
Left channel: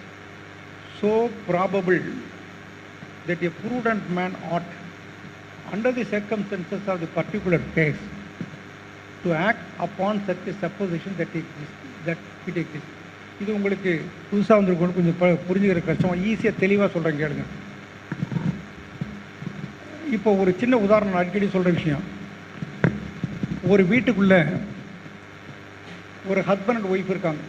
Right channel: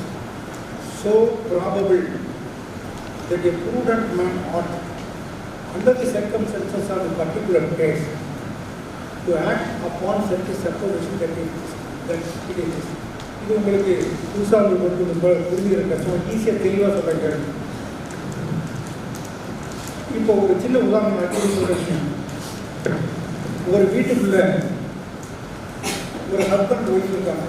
so probable that a prudent man ought, under the circumstances of the particular case, to act upon such a supposition that it exists. இது உங்களுக்கு புதுசாக வந்து கொஞ்சம் புரிஞ்சுக்கிற கஷ்டம், ஈஸியாக தெளிவாக சொல்கிறேன் கேள்வி. இப்போ ஒரு சின்ன உதாரணம் நான் சொல்கிற விஷயம், ஒரு வீட்டுக்குள்ள ஒரு ஹஸ்பண்ட் ஒய்ஃப் இருக்காங்க.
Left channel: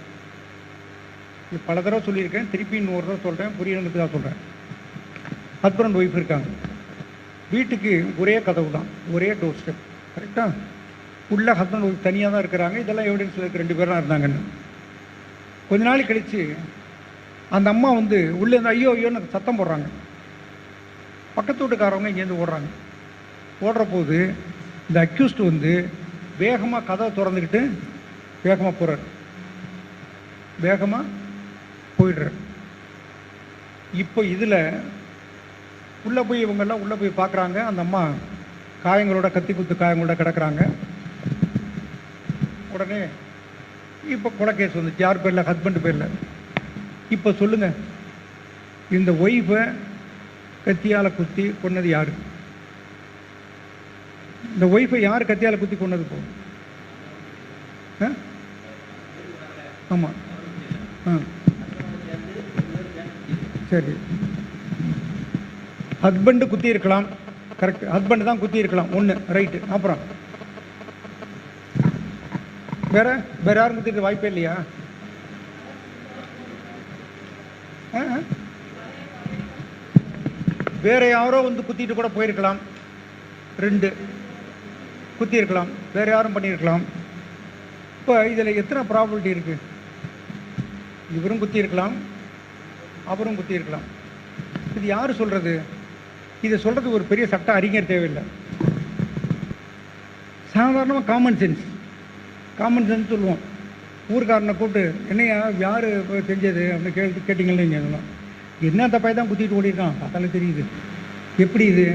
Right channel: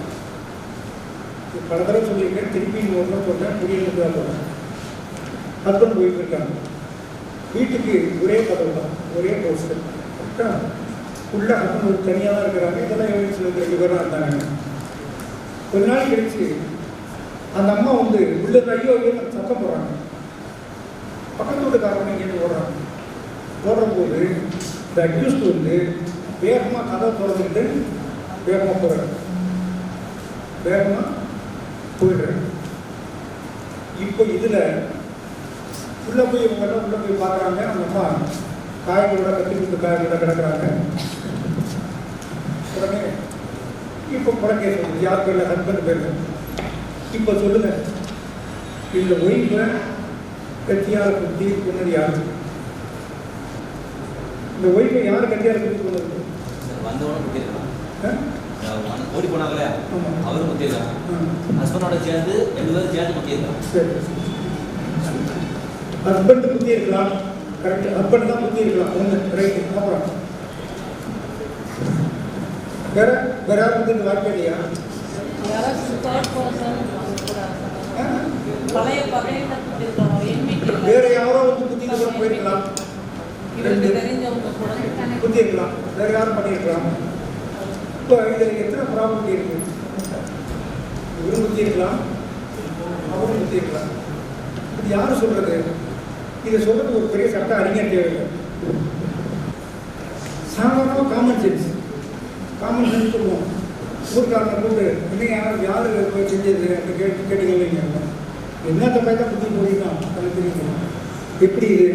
இது பல தடவை சொல்லியிருக்கேன், திருப்பி இன்னொரு தடவை சொல்கிறேன், புரியலுக்கு தான் சொல்கிறேன். ஹஸ்பண்ட் ஒய்ஃப் இருக்காங்க, வீட்டுக்கு ஒரே கதவு தான், ஒரே டோர் ஸ்டெப், கரெக்டாக. உள்ள ஹஸ்பண்ட் ஒய்ஃப் தனியாக தான் இருக்கிறாங்க. இதெல்லாம் எவிடன்ஸ் 2 பேர் தான் இருந்தாங்க. கொஞ்ச நாள் கழிச்சு அந்த அம்மா வந்து உள்ளே ஐயோ ஐயோன்னு சத்தம் போடுறாங்க. பக்கத்து வீட்டுக்காரவங்க இங்கேருந்து ஓடுறாங்க. ஓடுற போது இந்த அக்யூஸ்ட் வந்து வேகமாக கதவை திறந்துக்கிட்டு வேகமாக போகிறாரு, வேகமாக போயிடுறாரு. இப்போ இதில் உள்ளே போய் இவங்கெல்லாம் உள்ளே போய் பார்க்குறாங்க. அந்த அம்மா காயங்களோட, கத்தி குத்து காயங்களோட கிடக்குறாங்க. உடனே இப்போ கொலை கேஸ் வந்துச்சு, யார் பேரில்? ஹஸ்பண்ட் பேரில். இப்போ சொல்லுங்கள், இந்த ஒய்ஃபை கத்தியால் குத்தி கொண்டது யார்? இந்த ஒய்ஃபை யார் கத்தியால் குத்தி கொண்டது? ஆமாம், சரி, ஹஸ்பண்டு குத்தி இருக்கலாம், கரெக்ட், ஹஸ்பண்ட் தான் குத்தி இருக்கலாம், ஒன்று ரைட்டு. அப்புறம் வேற வேற யாரும் குத்தி இந்த வாய்ப்பே இல்லையா? வேற யாரோ வந்து குத்திட்டு கூட போயிருக்கலாம், 2 குத்தி இருக்கலாம், வேற யாரும் பண்ணியிருக்கலாம். இப்போ இதில் எத்தனை ப்ராபபிலிட்டி இருக்கு? இவரும் குத்தி இருக்கலாம், அவரும் குத்தி இருக்கலாம். இது யார் சொல்றது? இதை சொல்றதுக்கு ஒரு பெரிய சட்ட அறிஞர் தேவையில்லை. சாதாரணமாக காமன் சென்ஸ் சொல்லுவோம். ஊருக்காரனை போட்டு என்னையா யார் செஞ்சது அப்படின்னு கேட்டீங்க, என்ன தப்பாக தான் குத்தி கூடியிருக்கான், அதில் தெரியுது. எப்படி இது?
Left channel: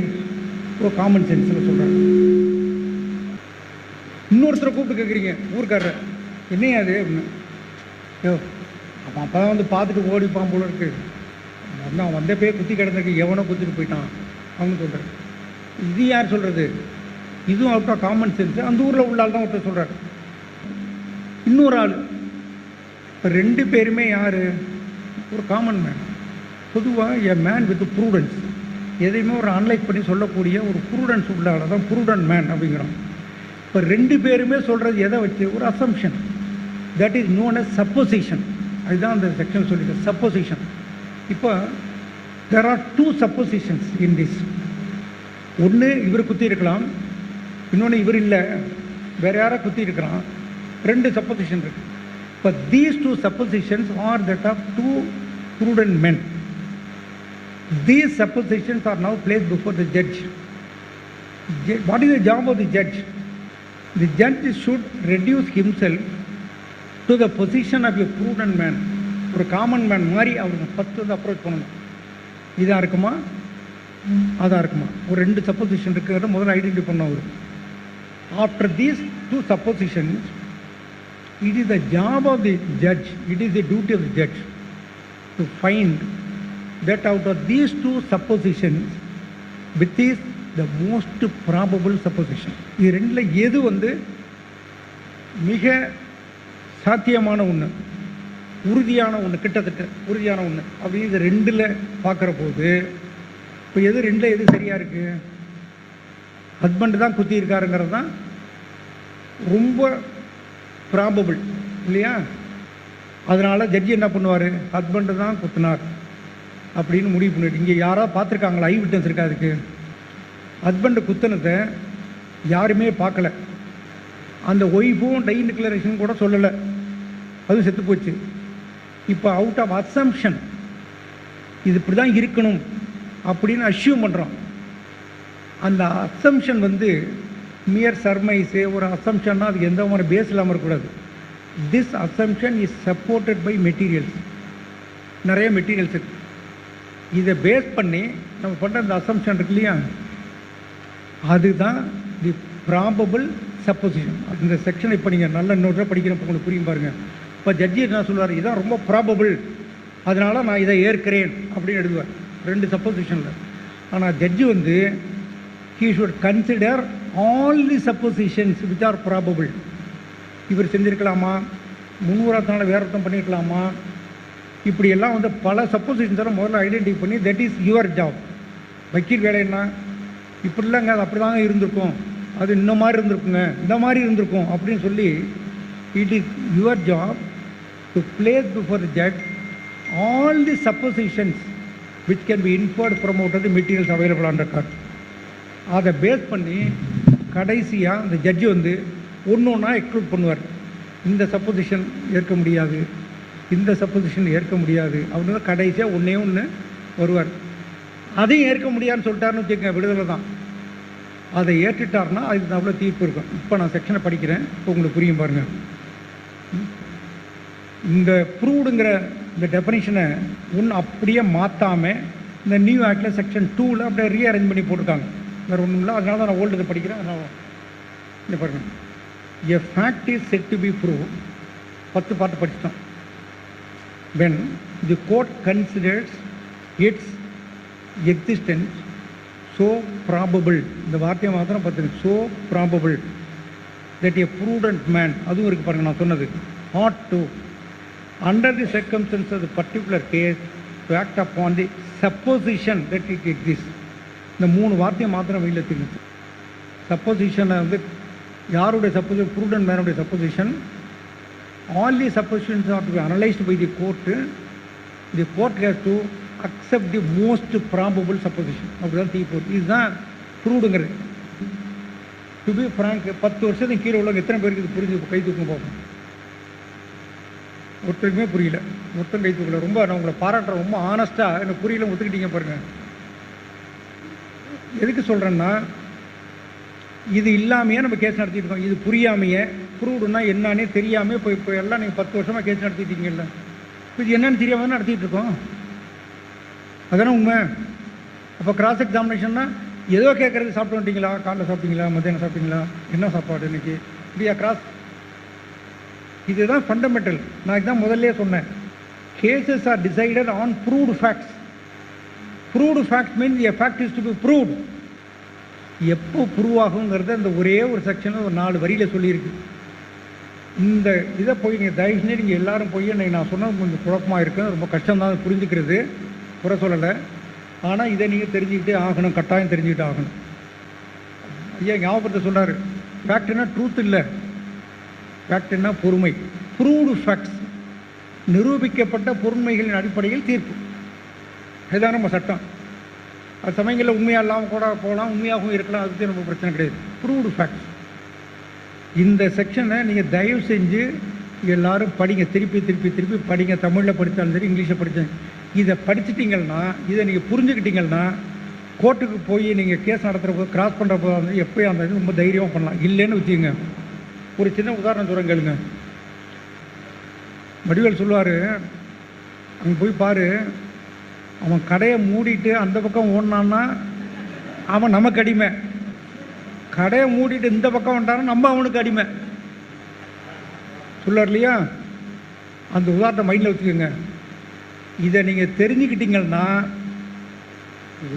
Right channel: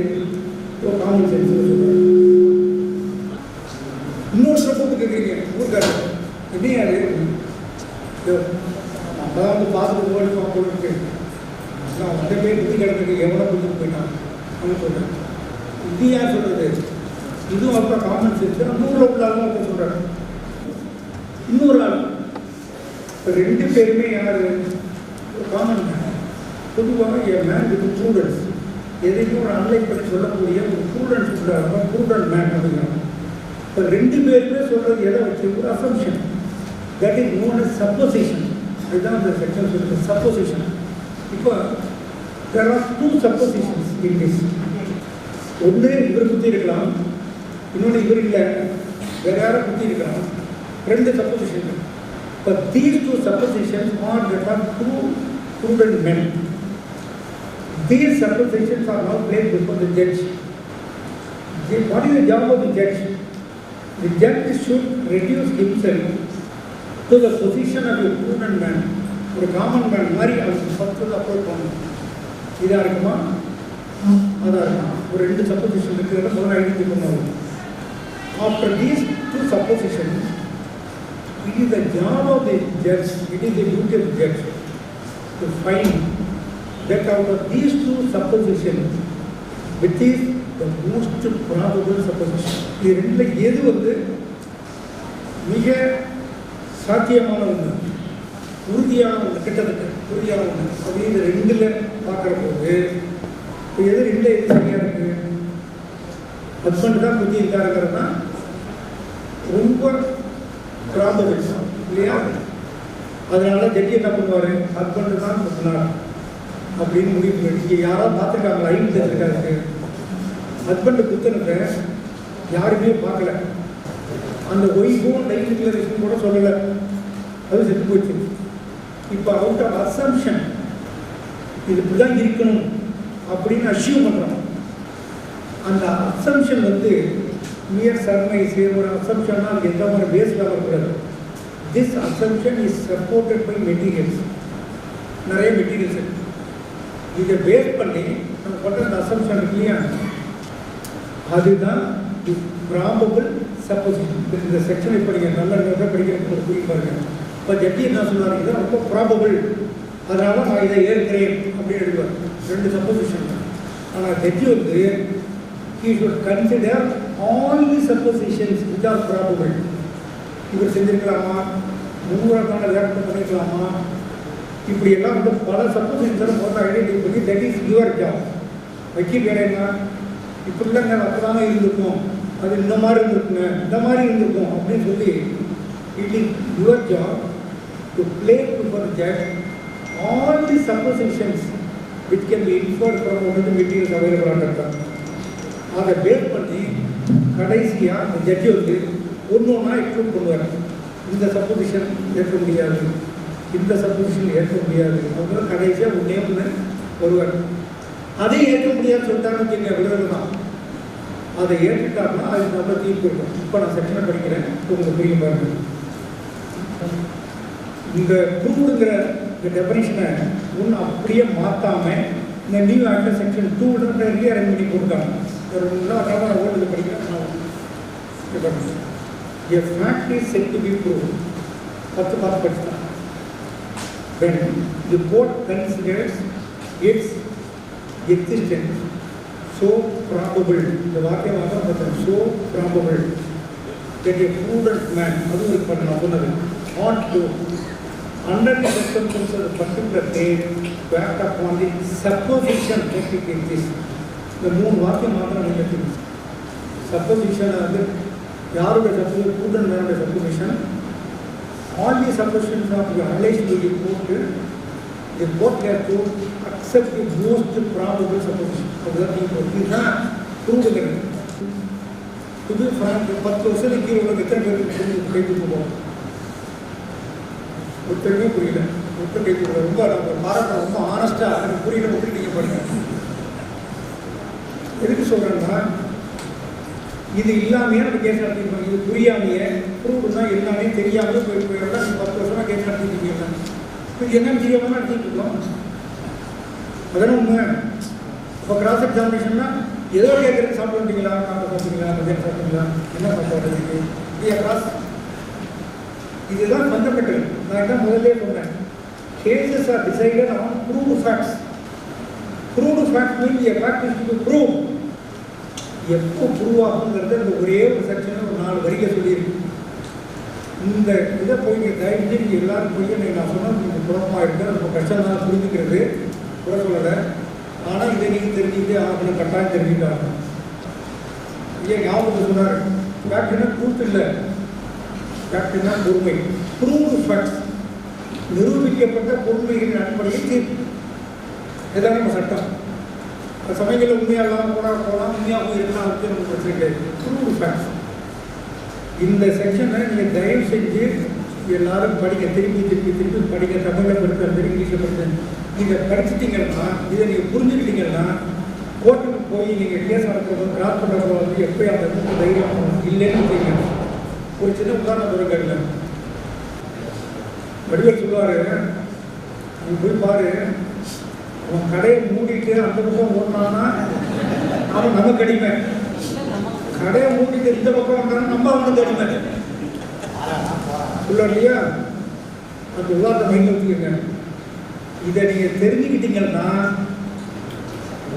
இப்போ காமன் சென்ஸ் சொல்கிறேன். இன்னொருத்தரை கூப்பிட்டு கேட்குறீங்க, ஊருக்காரர் என்னையா அது? அப்போ தான் வந்து பார்த்துட்டு ஓடிப்பான் போல இருக்கு, நான் வந்த போய் குத்தி கிடந்துருக்கு, எவனோ குத்திட்டு போயிட்டான் அப்படின்னு சொல்கிறேன். இது யார் சொல்கிறது? இதுவும் அப்போ காமன் சென்ஸ். அந்த ஊரில் உள்ள ஆள் தான் ஒருத்தர் சொல்கிறார். இன்னொரு ஆள், இப்போ 2 பேருமே யார்? ஒரு காமன் மேன். பொதுவாக எ மேன் வித் ப்ரூடன்ஸ், எதையுமே ஒரு அனலைஸ் பண்ணி சொல்லக்கூடிய ஒரு ப்ரூடன்ஸ் உள்ளாக தான் ப்ரூடன்ட் மேன் அப்படிங்கிறோம். இப்போ 2 பேருமே சொல்கிறது எதை வச்சு? ஒரு assumption, that is known as supposition. அதுதான் அந்த செக்ஷன் சொல்லிட்டு, சப்போசிஷன். இப்போ there are 2 suppositions in this. ஒன்று இவர் குத்தி இருக்கலாம், இன்னொன்று இவர் இல்லை, வேறு யாரோ குத்தி இருக்கலாம். 2 supposition இருக்கு. But these 2 suppositions are that of 2 prudent men. These suppositions are now placed before the judge. What is the job of the judge? The judge should reduce himself to the position of a prudent man. ஒரு common man மாதிரி அவருக்கு சப்தத்தை approach பண்ணணும். இதாக இருக்குமா, அதாக இருக்குமா? ஒரு 2 சப்போசிஷன் இருக்கிறத முதல்ல ஐடென்டிஃபை பண்ணுவாங்க. After these 2 suppositions, it is the job of the judge, it is the duty of the judge to find that out of these 2 suppositions, which is the most probable supposition. இது 2ல எது வந்து மிக சாத்தியமான ஒன்று, உறுதியான ஒன்று, கிட்டத்தட்ட உறுதியான ஒன்று அப்படின்னு இந்த 2ல் பார்க்குற போது, இப்போ எது 2ல் எது சரியாக இருக்குது? ஹஸ்பண்டு தான் குத்தி இருக்காருங்கிறது தான் ரொம்ப ப்ராபபிள் இல்லையா? அதனால ஜட்ஜி என்ன பண்ணுவார்? ஹஸ்பண்டு தான் குத்தினார் அப்படின்னு முடிவு பண்ணிட்டு, இங்கே யாராவது பார்த்துருக்காங்களா? ஐ விட்னஸ் இருக்காருக்கு. ஹஸ்பண்டு குத்தினத்தை யாருமே பார்க்கல, அந்த ஒய்ஃபும் டைல் டிக்ளரேஷன் கூட சொல்லலை, அது செத்து போச்சு. இப்போ அவுட் ஆஃப் அசம்ஷன் இது இப்படிலாம் இருக்கணும் அப்படின்னு அஷ்யூம் பண்ணுறோம். அந்த அசம்ஷன் வந்து மியர் சர்மைஸு, ஒரு அசம்ஷன்னா அது எந்த மாதிரி பேஸ் இல்லாமல் இருக்கக்கூடாது. This assumption is supported by materials, நிறைய மெட்டீரியல்ஸ் இருக்குது. இதை பேஸ் பண்ணி நம்ம பண்ணுற இந்த அசம்ஷன் இருக்கு இல்லையா, அதுதான் தி ப்ராபபிள் சப்போசிஷன். இந்த செக்ஷனை இப்போ நீங்கள் நல்ல நோட்டாக படிக்கிறப்ப உங்களுக்கு புரியும் பாருங்க. இப்போ ஜட்ஜி என்ன சொல்லுவார், இதுதான் ரொம்ப ப்ராபபிள், அதனால நான் இதை ஏற்கிறேன் அப்படின்னு எழுதுவார். 2 சப்போசிஷன். ஆனால் ஜட்ஜி வந்து he should consider all the suppositions which are probable. இவர் செஞ்சிருக்கலாமா, முன்முறைத்தான விளக்கம் பண்ணியிருக்கலாமா, இப்படியெல்லாம் வந்து பல சப்போசிஷன்ஸை முதல்ல ஐடென்டிஃபை பண்ணி தட் இஸ் யுவர் ஜாப். வக்கீல் வேலை என்ன, இப்படி இல்லைங்க அது அப்படி தாங்க இருந்திருக்கும், அது இந்த மாதிரி இருந்திருக்குங்க, இந்த மாதிரி இருந்திருக்கும் அப்படின்னு சொல்லி it is your job to place before the judge all the suppositions which can be inferred from all the materials available on record. அதை பேஸ் பண்ணி கடைசியாக அந்த ஜட்ஜி வந்து ஒன்று ஒன்றா எக்ஸ்க்ளூட் பண்ணுவார். இந்த சப்போசிஷன் ஏற்க முடியாது, இந்த சப்போசிஷன் ஏற்க முடியாது, அவங்க கடைசியாக ஒன்றே ஒன்று வருவார். அதை ஏற்க முடியாதுன்னு சொல்லிட்டாருன்னு வச்சுக்க விடுதலை தான். அதை ஏற்றுட்டார்னா அதுக்கு அவ்வளோ தீர்ப்பு இருக்கும். இப்போ நான் செக்ஷனை படிக்கிறேன், உங்களுக்கு புரியும் பாருங்கள். இந்த ப்ரூவ்டுங்கிற இந்த டெஃபனிஷனை ஒன்று அப்படியே மாற்றாமல் இந்த நியூ ஆக்டில் செக்ஷன் 2ல் அப்படியே ரீஅரேஞ்ச் பண்ணி போட்டுருக்காங்க. அதனால நான் போட்டு படிக்கிறேன். A fact is said to be proved. 10 பார்த்து படிச்சுட்டான். When the court considers its existence so probable, இந்த வாக்கியம் பார்த்தீங்கன்னா so probable that a prudent man, அதுவும் இருக்கு பாருங்க நான் சொன்னது, ought to under the circumstances of a particular case to act upon the supposition that it exists. இந்த 3 வாக்கியம் மாத்திரம் இல்லை. சப்போசிஷனை வந்து யாருடைய சப்போசிஷன், ப்ரூடன்ட் மேனுடைய supposition, all the suppositions are to be analysed by the court. The court has to accept the most probable supposition. இதுதான் ப்ரூவ்டுங்கிறது. டு பி ஃப்ராங்க், 10 வருஷத்துக்கு கீழே உள்ள எத்தனை பேருக்கு கை தூக்க போகும்? ஒருத்தருமே புரியல. ஒருத்தர் கை தூக்கல. ரொம்ப நம்ம பாராட்டுற, ரொம்ப ஆனஸ்ட்டாக எனக்கு புரியல கொடுத்துட்டீங்க பாருங்க. எதுக்கு சொல்கிறேன்னா, இது இல்லாமையே நம்ம கேஸ் நடத்திருக்கோம். இது புரியாமையே ப்ரூவ்டுன்னா என்னன்னே தெரியாமல் இப்போ எல்லாம் நீங்கள் 10 வருஷமாக கேஸ் நடத்திட்டீங்கன்னா இது என்னன்னு தெரியாமல் நடத்திட்டு இருக்கோம். அதெல்லாம் உண்மை. அப்போ கிராஸ் எக்ஸாமினேஷன்னா ஏதோ கேட்குறதுக்கு சாப்பிட்டு வந்தீங்களா, காலை சாப்பிட்டீங்களா, மத்தியானம் சாப்பிட்டீங்களா, என்ன சாப்பாடு இருக்கு, இப்படியா கிராஸ்? இதுதான் ஃபண்டமெண்டல். நான் இதான் முதல்ல சொன்னேன். Cases are decided on proved facts. Proved facts means a fact is to be prove. எப்போ ப்ரூவ் ஆகுங்கிறது இந்த ஒரே ஒரு செக்ஷன் ஒரு 4 வரியில் சொல்லியிருக்கு. இந்த இதை போய் நீங்கள் தயவு செஞ்சு நீங்கள் எல்லோரும் போய் இன்றைக்கி நான் சொன்னால் கொஞ்சம் குழப்பமாக இருக்குது, ரொம்ப கஷ்டம்தான் புரிஞ்சுக்கிறது, குறை சொல்லலை. ஆனால் இதை நீங்கள் தெரிஞ்சுக்கிட்டே ஆகணும், கட்டாயம் தெரிஞ்சுக்கிட்டு ஆகணும். ஐயா ஞாபகத்தை சொல்கிறார், ஃபேக்ட்னா ட்ரூத் இல்லை, ஃபேக்ட்னா பொறுமை. ப்ரூவ்டு ஃபேக்ட்ஸ், நிரூபிக்கப்பட்ட பொறுமைகளின் அடிப்படையில் தீர்ப்பு. இதுதான் நம்ம சட்டம். அது சமயங்களில் உண்மையாக இல்லாமல் போனால் உண்மையாகவும் இருக்கலாம், அது நமக்கு பிரச்சனை கிடையாது. Proved facts. இந்த செக்ஷனை நீங்கள் தயவு செஞ்சு எல்லோரும் படிங்க, திருப்பி திருப்பி திருப்பி படிங்க. தமிழில் படித்தாலும் சரி, இங்கிலீஷில் படித்தாலும். இதை படிச்சுட்டிங்கன்னா, இதை நீங்கள் புரிஞ்சுக்கிட்டீங்கன்னா, கோர்ட்டுக்கு போய் நீங்கள் கேஸ் நடத்துகிறப்போ கிராஸ் பண்ணுறப்போ வந்து எப்போயும் அந்த ரொம்ப தைரியமாக பண்ணலாம். இல்லைன்னு வச்சுங்க. ஒரு சின்ன உதாரணம் சொல்லுங்க. வடிவேல் சொல்லுவார், அவன் போய் பாரு, அவன் கடையை மூடிட்டு அந்த பக்கம் ஓடினான்னா அவன் நமக்கு அடிமை, கடையை மூடிட்டு இந்த பக்கம் வந்தாலும் நம்ம அவனுக்கு அடிமை சொல்லுவார் இல்லையா? அந்த உதாரணத்தை மைண்டில் வச்சுக்கோங்க. இதை நீங்கள் தெரிஞ்சுக்கிட்டீங்கன்னா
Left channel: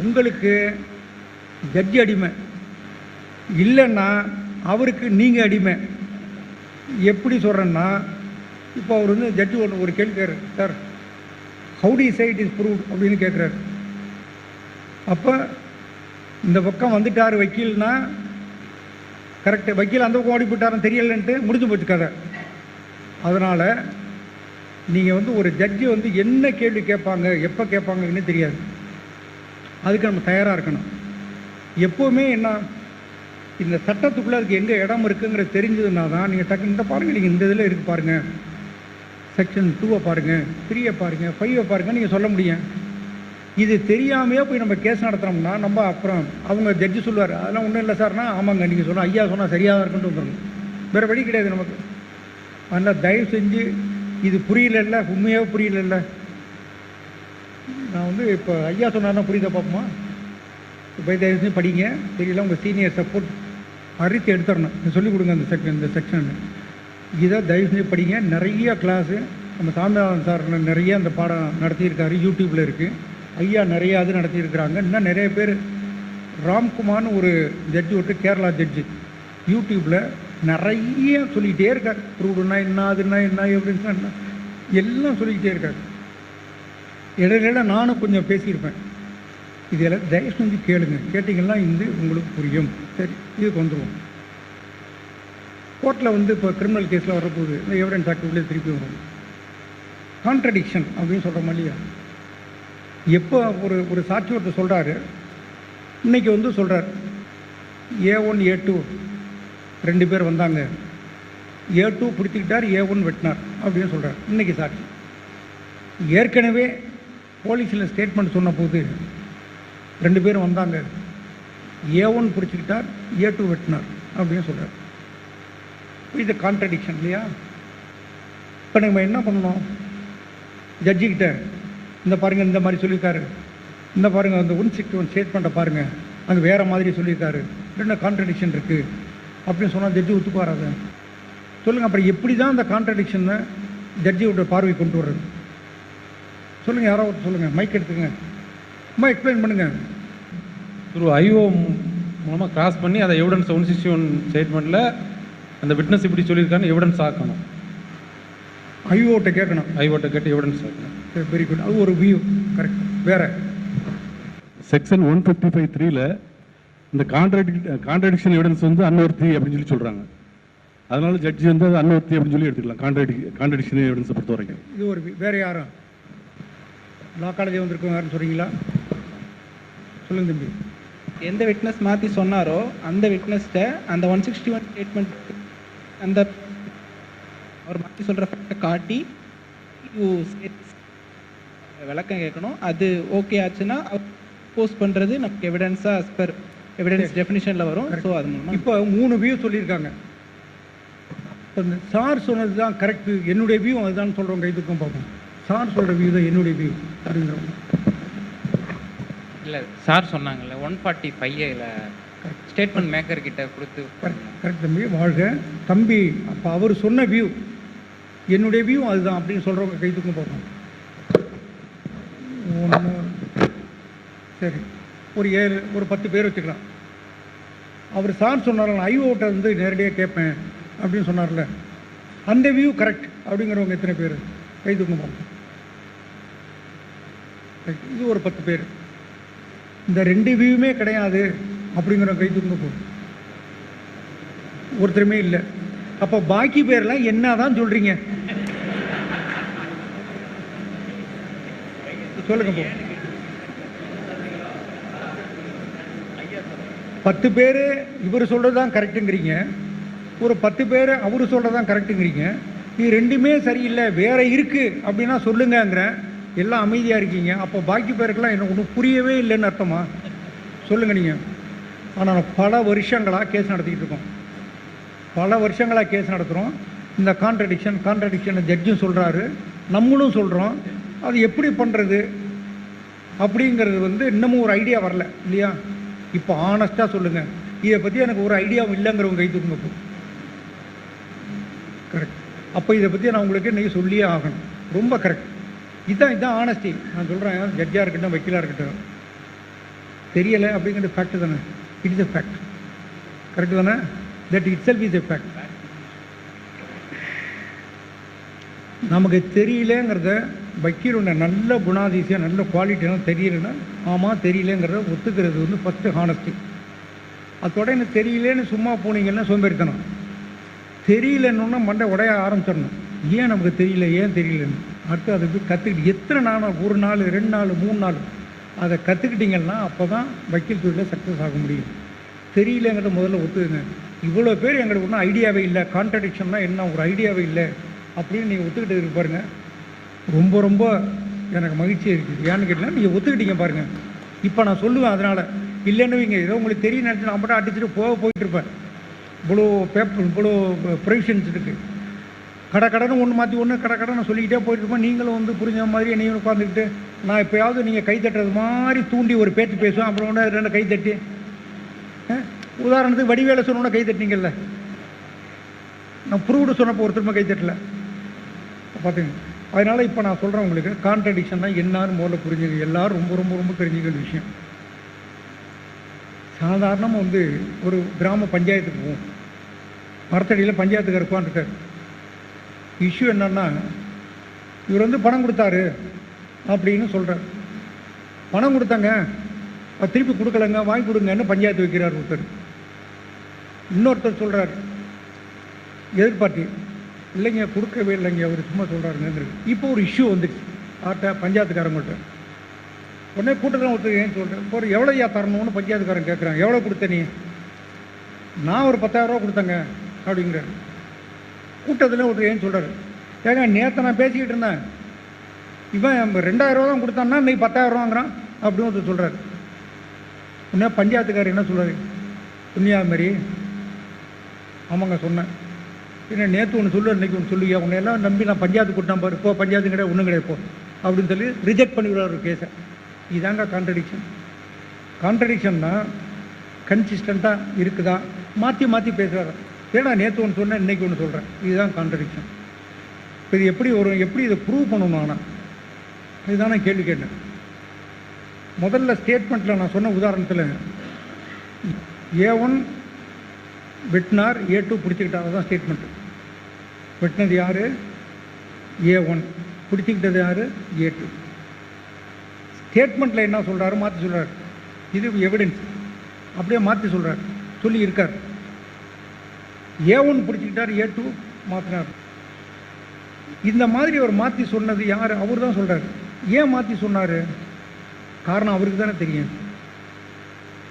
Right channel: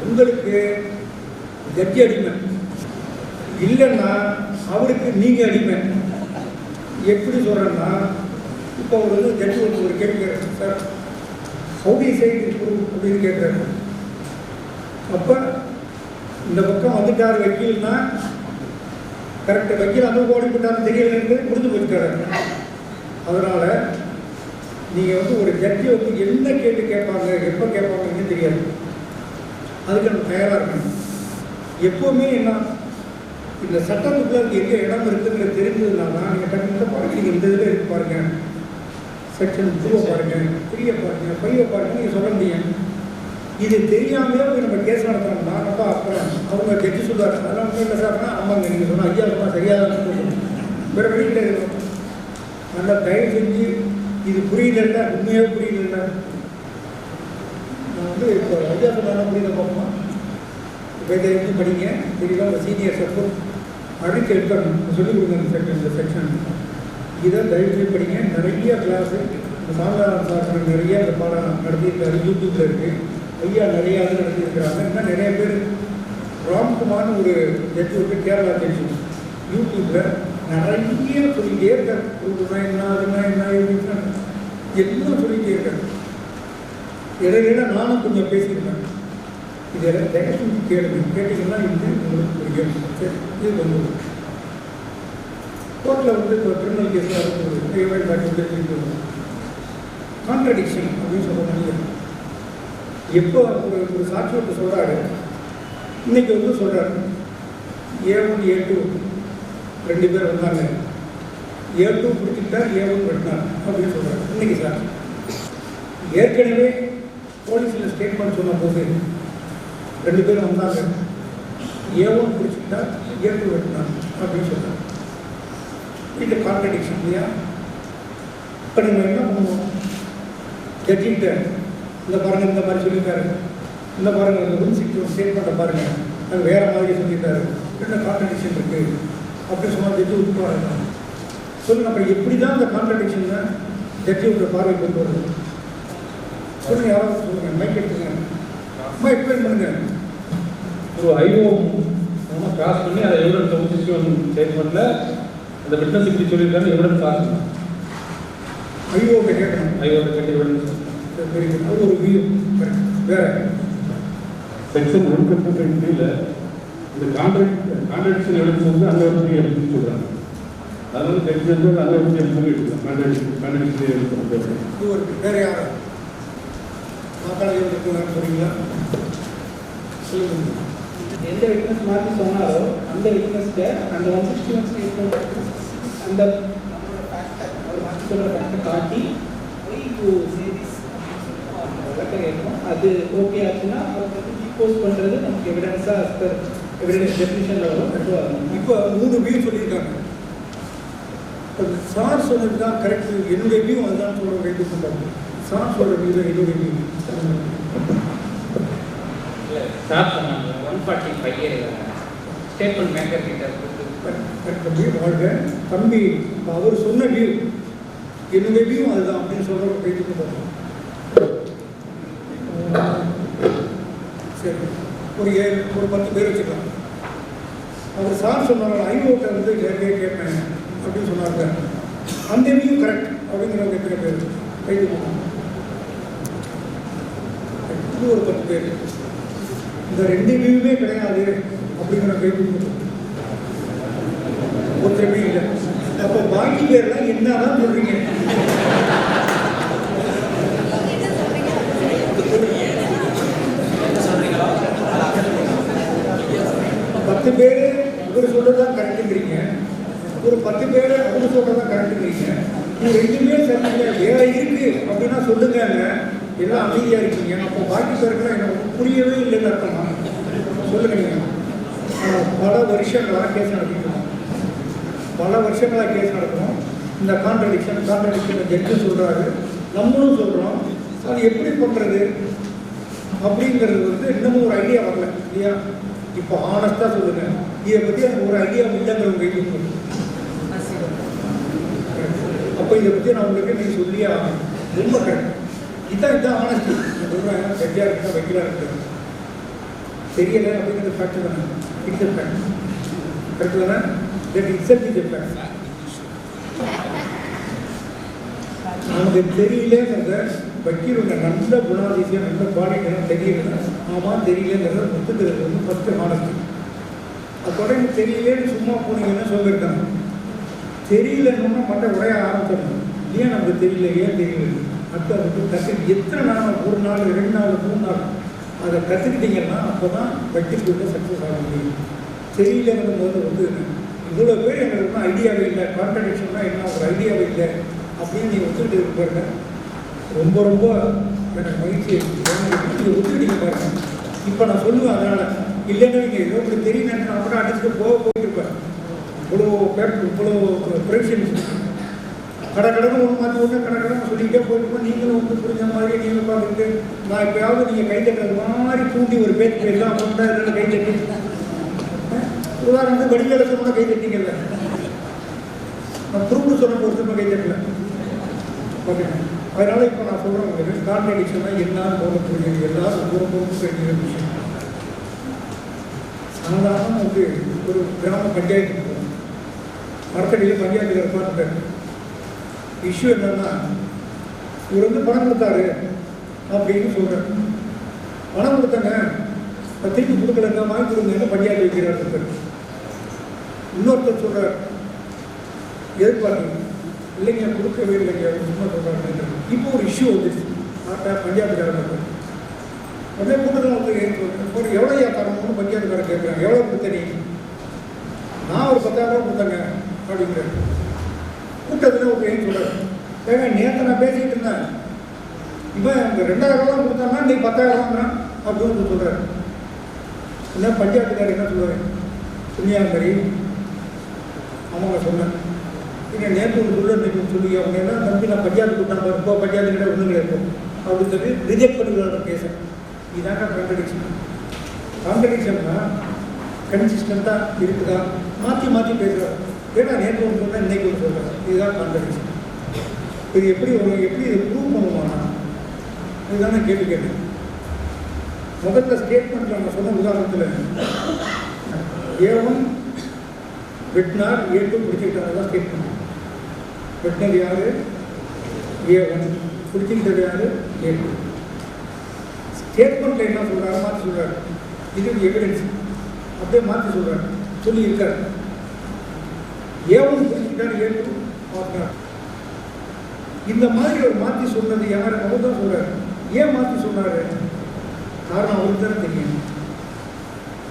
உங்களுக்கு ஜட்ஜி அடிமை, இல்லைன்னா அவருக்கு நீங்கள் அடிமை. எப்படி சொல்கிறேன்னா, இப்போ அவர் வந்து ஜட்ஜி ஒரு கேட்குறாரு, sir how the side is prove அப்படின்னு கேட்குறாரு. அப்போ இந்த பக்கம் வந்துட்டார் வக்கீல்னா கரெக்டு, வக்கீல் அந்த பக்கம் ஓடி போயிட்டாரு தெரியலன்ட்டு முடிஞ்சு போச்சுக்காரு. அதனால் நீங்கள் வந்து ஒரு ஜட்ஜி வந்து என்ன கேள்வி கேட்பாங்க, எப்போ கேட்பாங்கன்னு தெரியாது. அதுக்கு நம்ம தயாராக இருக்கணும். எப்போவுமே என்ன, இந்த சட்டத்துக்குள்ளே அதுக்கு எங்கே இடம் இருக்குங்கிறது தெரிஞ்சதுன்னா தான் நீங்கள் டக்குன்னு பாருங்கள், நீங்கள் இந்த இதில் இருக்கு பாருங்கள், செக்ஷன் 2 பாருங்கள், 3 பாருங்கள், 5 பாருங்கள் நீங்கள் சொல்ல முடியும். இது தெரியாமையே போய் நம்ம கேஸ் நடத்தோம்னா நம்ம அப்புறம் அவங்க ஜட்ஜி சொல்லுவார், அதெல்லாம் ஒன்றும் இல்லை சார்னா, ஆமாங்க நீங்கள் சொன்னால் ஐயா சொன்னால் சரியாக இருக்குன்னு சொல்லணும், வேறு வழி கிடையாது. அதனால் தயவு செஞ்சு இது புரியல, உண்மையாக புரியல. நான் வந்து இப்போ ஐயா சொன்னாலும் புரியுத பார்ப்போமா? தயவுசெய்து படிங்க. தெரியல உங்கள் சீனியர் சப்போர்ட் அழைத்து எடுத்துடணும், சொல்லிக் கொடுங்க இந்த செக்ஷன். இதை தயவுசெய்து படிங்க. நிறைய கிளாஸு நம்ம சாந்தாவன் சார் நிறைய அந்த பாடம் நடத்தியிருக்காரு, யூடியூப்பில் இருக்குது. ஐயா நிறையா இது நடத்தியிருக்கிறாங்க. இன்னும் நிறைய பேர் ராம்குமார்னு ஒரு ஜட்ஜி விட்டு கேரளா ஜட்ஜி யூடியூப்பில் நிறைய சொல்லிகிட்டே இருக்காரு. ப்ரூவ்னா என்ன, அதுன்னா என்ன, எப்படின்னு எல்லாம் சொல்லிகிட்டே இருக்காரு. இடையில நானும் கொஞ்சம் பேசியிருப்பேன். இது எல்லாம் தயவு செஞ்சு கேளுங்க. கேட்டிங்கன்னா இது உங்களுக்கு புரியும். சரி, இது வந்துடும். கோர்ட்டில் வந்து இப்போ கிரிமினல் கேஸில் வரக்கூடிய இந்த எவிடன்ஸ் ஆக்டிவிட்டியை தெரிஞ்சு வரும். கான்ட்ரடிக்ஷன் அப்படின்னு சொல்ல முடியாது. எப்போ ஒரு சாட்சி ஒருத்தர் சொல்கிறாரு, இன்றைக்கி வந்து சொல்கிறார் A1 A2 2 பேர் வந்தாங்க, A2 பிடிச்சிக்கிட்டார், A1 வெட்டினார் அப்படின்னு சொல்கிறார். இன்றைக்கி சாட்சி ஏற்கனவே போலீஸில் ஸ்டேட்மெண்ட் சொன்ன போது 2 பேர் வந்தாங்க, A1 பிடிச்சிக்கிட்டார், A2 வெட்டினார் அப்படின்னு சொல்கிறார். இது கான்ட்ரடிக்ஷன் இல்லையா? இப்போ நம்ம என்ன பண்ணணும்? ஜட்ஜிக்கிட்ட இந்த பாருங்கள் இந்த மாதிரி சொல்லியிருக்காரு, இந்த பாருங்கள் அந்த ரூல் 61 ஸ்டேட்மெண்ட்டை பாருங்கள், அது வேறு மாதிரி சொல்லியிருக்காரு, ரெண்டு கான்ட்ரடிக்ஷன் இருக்குது அப்படின்னு சொன்னால் ஜட்ஜி ஒத்துப்பாருங்க. சொல்லுங்கள், அப்புறம் எப்படி தான் அந்த கான்ட்ரடிக்ஷனை ஜட்ஜியோட பார்வை கொண்டு வருது? சொல்லுங்கள், யாராவது சொல்லுங்கள், மைக் எடுத்துங்க, அம்மா எக்ஸ்பிளைன் பண்ணுங்கள். ஒரு ஐஓ மூலமாக கிராஸ் பண்ணி அதை எவிடன்ஸ் 161 ஸ்டேட்மெண்ட்டில் அந்த விட்னஸ் இப்படி சொல்லியிருக்காரு, எவிடன்ஸ் ஆகணும். ஐஓட்ட கேட்கணும், ஐஓட்ட கேட்டு எவிடன்ஸ். வெரி குட், அது ஒரு வியூ. கரெக்ட். வேறு செக்ஷன் 155(3)ல இந்த கான்ட்ரடிக்ஷன் எவிடன்ஸ் வந்து அன்வர்த்தி அப்படின்னு சொல்கிறாங்க. அது வந்து ஜட்ஜி வந்து அன்வர்த்தி அப்படின்னு சொல்லி எடுத்துக்கலாம். கான்ட்ரடிக்ஷன் எவிடன்ஸ் பொறுத்த வரைக்கும் இது ஒரு வேறு யாரா வாக்காளர் வந்துருக்குன்னு சொல்கிறீங்களா? சொல்லுங்கள். எந்த விட்னஸ் மாற்றி சொன்னாரோ அந்த விட்னஸ்ட்டை அந்த 161 ஸ்டேட்மெண்ட் அந்த அவர் மாற்றி சொல்கிற ஃபேக்டை காட்டி விளக்க கேட்கணும். அது ஓகே ஆச்சுன்னா போஸ்ட் பண்ணுறது நமக்கு எவிடன்ஸாக பர் எவிடன்ஸ் டெஃபினிஷனில் வரும். ஸோ அது இப்போ 3 வியூ சொல்லியிருக்காங்க. இப்போ சார் சொன்னது தான் கரெக்டு, என்னுடைய வியூ அதுதான் சொல்கிறவங்க கைத்துக்கும் பார்ப்போம். சார் சொல்கிற வியூ தான் என்னுடைய வியூ. இல்லை சார் சொன்னாங்க 145 ஸ்டேட்மெண்ட் மேக்கர் கிட்ட கொடுத்து கரெக்ட் தம்பி, வாழ்க தம்பி. அப்போ அவர் சொன்ன வியூ என்னுடைய வியூ அதுதான் அப்படின்னு சொல்கிறவங்க கைத்துக்கும் பார்ப்போம். சரி, ஒரு 10 பேர் வச்சுக்கலாம். அவர் சார் சொன்னாங்க ஐஓட்ட வந்து நேரடியாக கேட்பேன் அப்படின்னு சொன்னாங்க. அந்த வியூ கரெக்ட் அப்படிங்கிறவங்க எத்தனை பேர் கைத்துக்கும்? இது ஒரு 10 பேர். இந்த 2 வியூவே கிடையாது அப்படிங்கிற கைத்துக்கும் ஒருத்தருமே இல்லை. அப்போ பாக்கி பேர்லாம் என்னதான் சொல்றீங்க? சொல்றீங்க 10 பேர் இவர் சொல்றதுதான் கரெக்டுங்கிறீங்க, ஒரு 10 பேர் அவரு சொல்றதுதான் கரெக்டுங்கிறீங்க. இது 2மே சரியில்லை, வேற இருக்கு அப்படின்னா சொல்லுங்க. எல்லாம் அமைதியா இருக்கீங்க. அப்போ பாக்கி பேருக்குலாம் என்ன ஒன்றும் புரியவே இல்லைன்னு அர்த்தமா? சொல்லுங்க நீங்க. ஆனால் பல வருஷங்களாக கேஸ் நடத்திட்டு இருக்கோம், பல வருஷங்களாக கேஸ் நடத்துகிறோம். இந்த கான்ட்ரடிக்ஷன் ஜட்ஜு சொல்கிறாரு, நம்மளும் சொல்கிறோம். அது எப்படி பண்ணுறது அப்படிங்கிறது வந்து இன்னமும் ஒரு ஐடியா வரல இல்லையா? இப்போ ஆனஸ்ட்டாக சொல்லுங்கள், இதை பற்றி எனக்கு ஒரு ஐடியாவும் இல்லைங்கிறவங்க கைத்துக்கணும். கரெக்ட். அப்போ இதை பற்றி நான் உங்களுக்கு நீங்கள் சொல்லியே ஆகணும். ரொம்ப கரெக்ட். இதுதான் ஆனஸ்டி. நான் சொல்கிறேன், ஜட்ஜாக இருக்கட்டும் வக்கீலாக இருக்கட்டும், தெரியலை அப்படிங்கிறது ஃபேக்ட் தானே. It's a fact. கரெக்ட் தானே? That it's is a fact. நமக்கு தெரியலேங்கிறத வக்கீலுடைய நல்ல குணாதிசயம், நல்ல குவாலிட்டியெல்லாம் தெரியல. ஆமாம் தெரியலேங்கிறத ஒத்துக்கிறது வந்து ஃபஸ்ட்டு ஹானஸ்டி. அதோட எனக்கு தெரியலேன்னு சும்மா போனீங்கன்னா சோம்பேறித்தனம். தெரியலன்னு மண்டை உடைய ஆரம்பிச்சிடணும். ஏன் நம்மளுக்கு தெரியல, ஏன் தெரியலன்னு அடுத்து அதுக்கு கற்றுக்கிட்டு எத்தனை நாள், 1 நாள் 2 நாள் 3 நாள் அதை கற்றுக்கிட்டிங்கன்னா அப்போ தான் வக்கீல் ஃபீல்டில் சக்ஸஸ் ஆக முடியும். தெரியலங்கிறத முதல்ல ஒத்துக்குங்க. இவ்வளோ பேர் எங்களுக்கு ஒன்றும் ஐடியாவே இல்லை, கான்ட்ரடிக்ஷன்னா என்ன ஒரு ஐடியாவே இல்லை அப்படின்னு நீங்கள் ஒத்துக்கிட்டு இருக்கு பாருங்க. ரொம்ப ரொம்ப எனக்கு மகிழ்ச்சி இருக்குது. ஏன்னு கேட்டால் நீங்கள் ஒத்துக்கிட்டீங்க பாருங்கள். இப்போ நான் சொல்லுவேன், அதனால் இல்லைன்னு வைங்க, ஏதோ உங்களுக்கு தெரிய நினச்சி நான் கூட அடிச்சுட்டு போயிட்டு இருப்பேன். இவ்வளோ பேப்பர், இவ்வளோ ப்ரொவிஷன்ஸ் இருக்குது. கடன்னு ஒன்று மாற்றி ஒன்று கடன்னு சொல்லிக்கிட்டே போயிட்டுமா நீங்களும் வந்து புரிஞ்ச மாதிரி நீங்கள் உட்காந்துக்கிட்டு நான் எப்போயாவது நீங்கள் கைத்தட்டுறது மாதிரி தூண்டி ஒரு பேச்சு பேசுவோம் அப்புறம் கூட அதில் கைத்தட்டி உதாரணத்துக்கு வடிவேல சொன்னோட கைத்தட்டிங்கல்ல, நான் ப்ரூவ்டு சொன்னப்போ ஒரு திரும்ப கைத்தட்டல. ஓகே, அதனால் இப்போ நான் சொல்கிறேன் உங்களுக்கு கான்ட்ரடிக்ஷன்னா என்னன்னு போல புரிஞ்சுங்க, எல்லாரும் ரொம்ப புரிஞ்சுக்கிற விஷயம். சாதாரண வந்து ஒரு கிராம பஞ்சாயத்துக்கு போகும், மரத்தடியில் பஞ்சாயத்துக்கு உட்காந்துட்டார். இஷ்யூ என்னன்னா இவர் வந்து பணம் கொடுத்தாரு அப்படின்னு சொல்கிறார். பணம் கொடுத்தாங்க, திருப்பி கொடுக்கலங்க, வாங்கி கொடுங்கன்னு பஞ்சாயத்து வைக்கிறார் ஒருத்தர். இன்னொருத்தர் சொல்கிறார் எதிர்பார்த்து இல்லைங்க கொடுக்கவே இல்லைங்க, அவர் சும்மா சொல்கிறாருங்க. இப்போ ஒரு இஷ்யூ வந்துச்சு பஞ்சாயத்துக்காரர் மட்டும். உடனே கூட்டத்தில் ஒருத்தர் ஏன் சொல்கிறேன், ஒரு எவ்வளோ தரணும்னு பஞ்சாயத்துக்காரர் கேட்குறாங்க. எவ்வளோ கொடுத்த நீ? நான் ஒரு 10,000 ரூபா கொடுத்தேங்க அப்படிங்கிறார். கூட்டத்தில் ஒருத்தர் ஏன் சொல்கிறார், ஏங்க நேற்று நான் பேசிக்கிட்டு இருந்தேன், இப்போ 2,000 ரூபா கொடுத்தான்னா நீ 10,000 ரூபாங்கிறான் அப்படின்னு ஒருத்தர் சொல்கிறார். இன்னும் பஞ்சாயத்துக்காரர் என்ன சொல்கிறார், புண்ணியா மாதிரி ஆமாங்க சொன்னேன், ஏன்னா நேற்று ஒன்று சொல்லு இன்னைக்கு ஒன்று சொல்லி அவங்க என்ன நம்பி நான் பஞ்சாயத்து கூட்டம் இப்போ பஞ்சாயத்து கிடையாது ஒன்றும் கிடையாது அப்படின்னு சொல்லி ரிஜெக்ட் பண்ணிக்கிறார் கேஸை. இதாங்க கான்ட்ரடிக்ஷன். கான்ட்ரடிக்ஷன்னா கன்சிஸ்டண்ட்டாக இருக்குதா, மாற்றி மாற்றி பேசுகிறார். ஏன்னா நேற்று ஒன்று சொன்னேன் இன்னைக்கு ஒன்று சொல்கிறேன், இதுதான் கான்ட்ரடிக்ஷன். இது எப்படி எப்படி இதை ப்ரூவ் பண்ணுவானா, இதுதானே கேள்வி கேட்டேன். முதல்ல ஸ்டேட்மெண்ட்டில் நான் சொன்ன உதாரணத்தில் A1 வெட்டினார், A2 பிடிச்சிக்கிட்டார், தான் ஸ்டேட்மெண்ட். வெட்டினது யார்? A1, பிடிச்சிக்கிட்டது யார்? A2. ஸ்டேட்மெண்ட்டில் என்ன சொல்கிறாரு, மாற்றி சொல்கிறார். இது எவிடன்ஸ் அப்படியே மாற்றி சொல்கிறார், சொல்லி இருக்கார். A1 பிடிச்சிக்கிட்டார், A2 மாற்றினார். இந்த மாதிரி அவர் மாற்றி சொன்னது யார்? அவர் தான் சொல்கிறார். ஏன் மாற்றி சொன்னார்? காரணம் அவருக்கு தானே தெரியும்.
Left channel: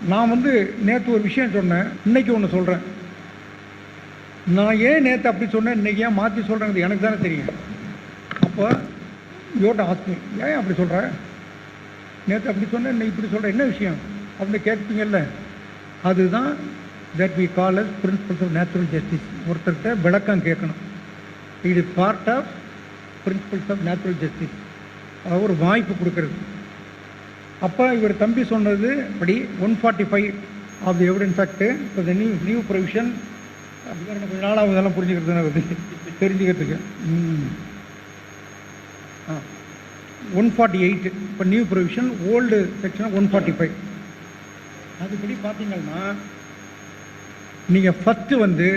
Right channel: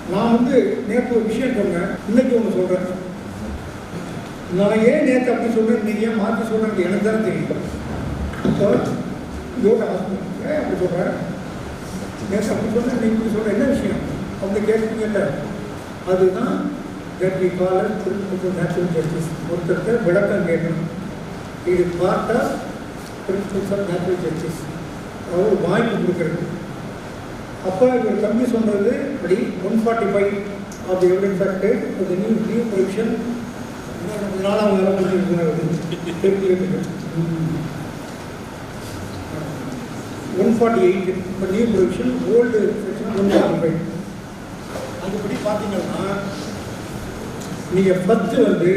நான் வந்து நேற்று ஒரு விஷயம் சொன்னேன், இன்னைக்கு ஒன்று சொல்கிறேன். நான் ஏன் நேற்று அப்படி சொன்னேன், இன்னைக்கு ஏன் மாற்றி சொல்கிறேன் எனக்கு தானே தெரியும். அப்போ யோட்ட ஆஸ்மி ஏன் அப்படி சொல்கிறேன், நேற்று அப்படி சொன்னேன் இன்னைக்கு இப்படி சொல்கிறேன், என்ன விஷயம் அப்படி கேட்பீங்கல்ல, அதுதான் that we call as principle natural justice. ஒருத்தர்கிட்ட விளக்கம் கேட்கணும், இது part of principles of natural justice. அவர் வாங்கி கொடுக்குறது. அப்போ இவர் தம்பி சொன்னது அப்படி 145 of the evidence act with any new provision. 4ஆம் இதெல்லாம் புரிஞ்சுக்கிறது தெரிஞ்சுக்கிறதுக்கு 148 இப்போ நியூ ப்ரொவிஷன், ஓல்டு செக்ஷன் 145. அதுபடி பார்த்தீங்கன்னா நீங்கள் ஃபஸ்ட்டு வந்து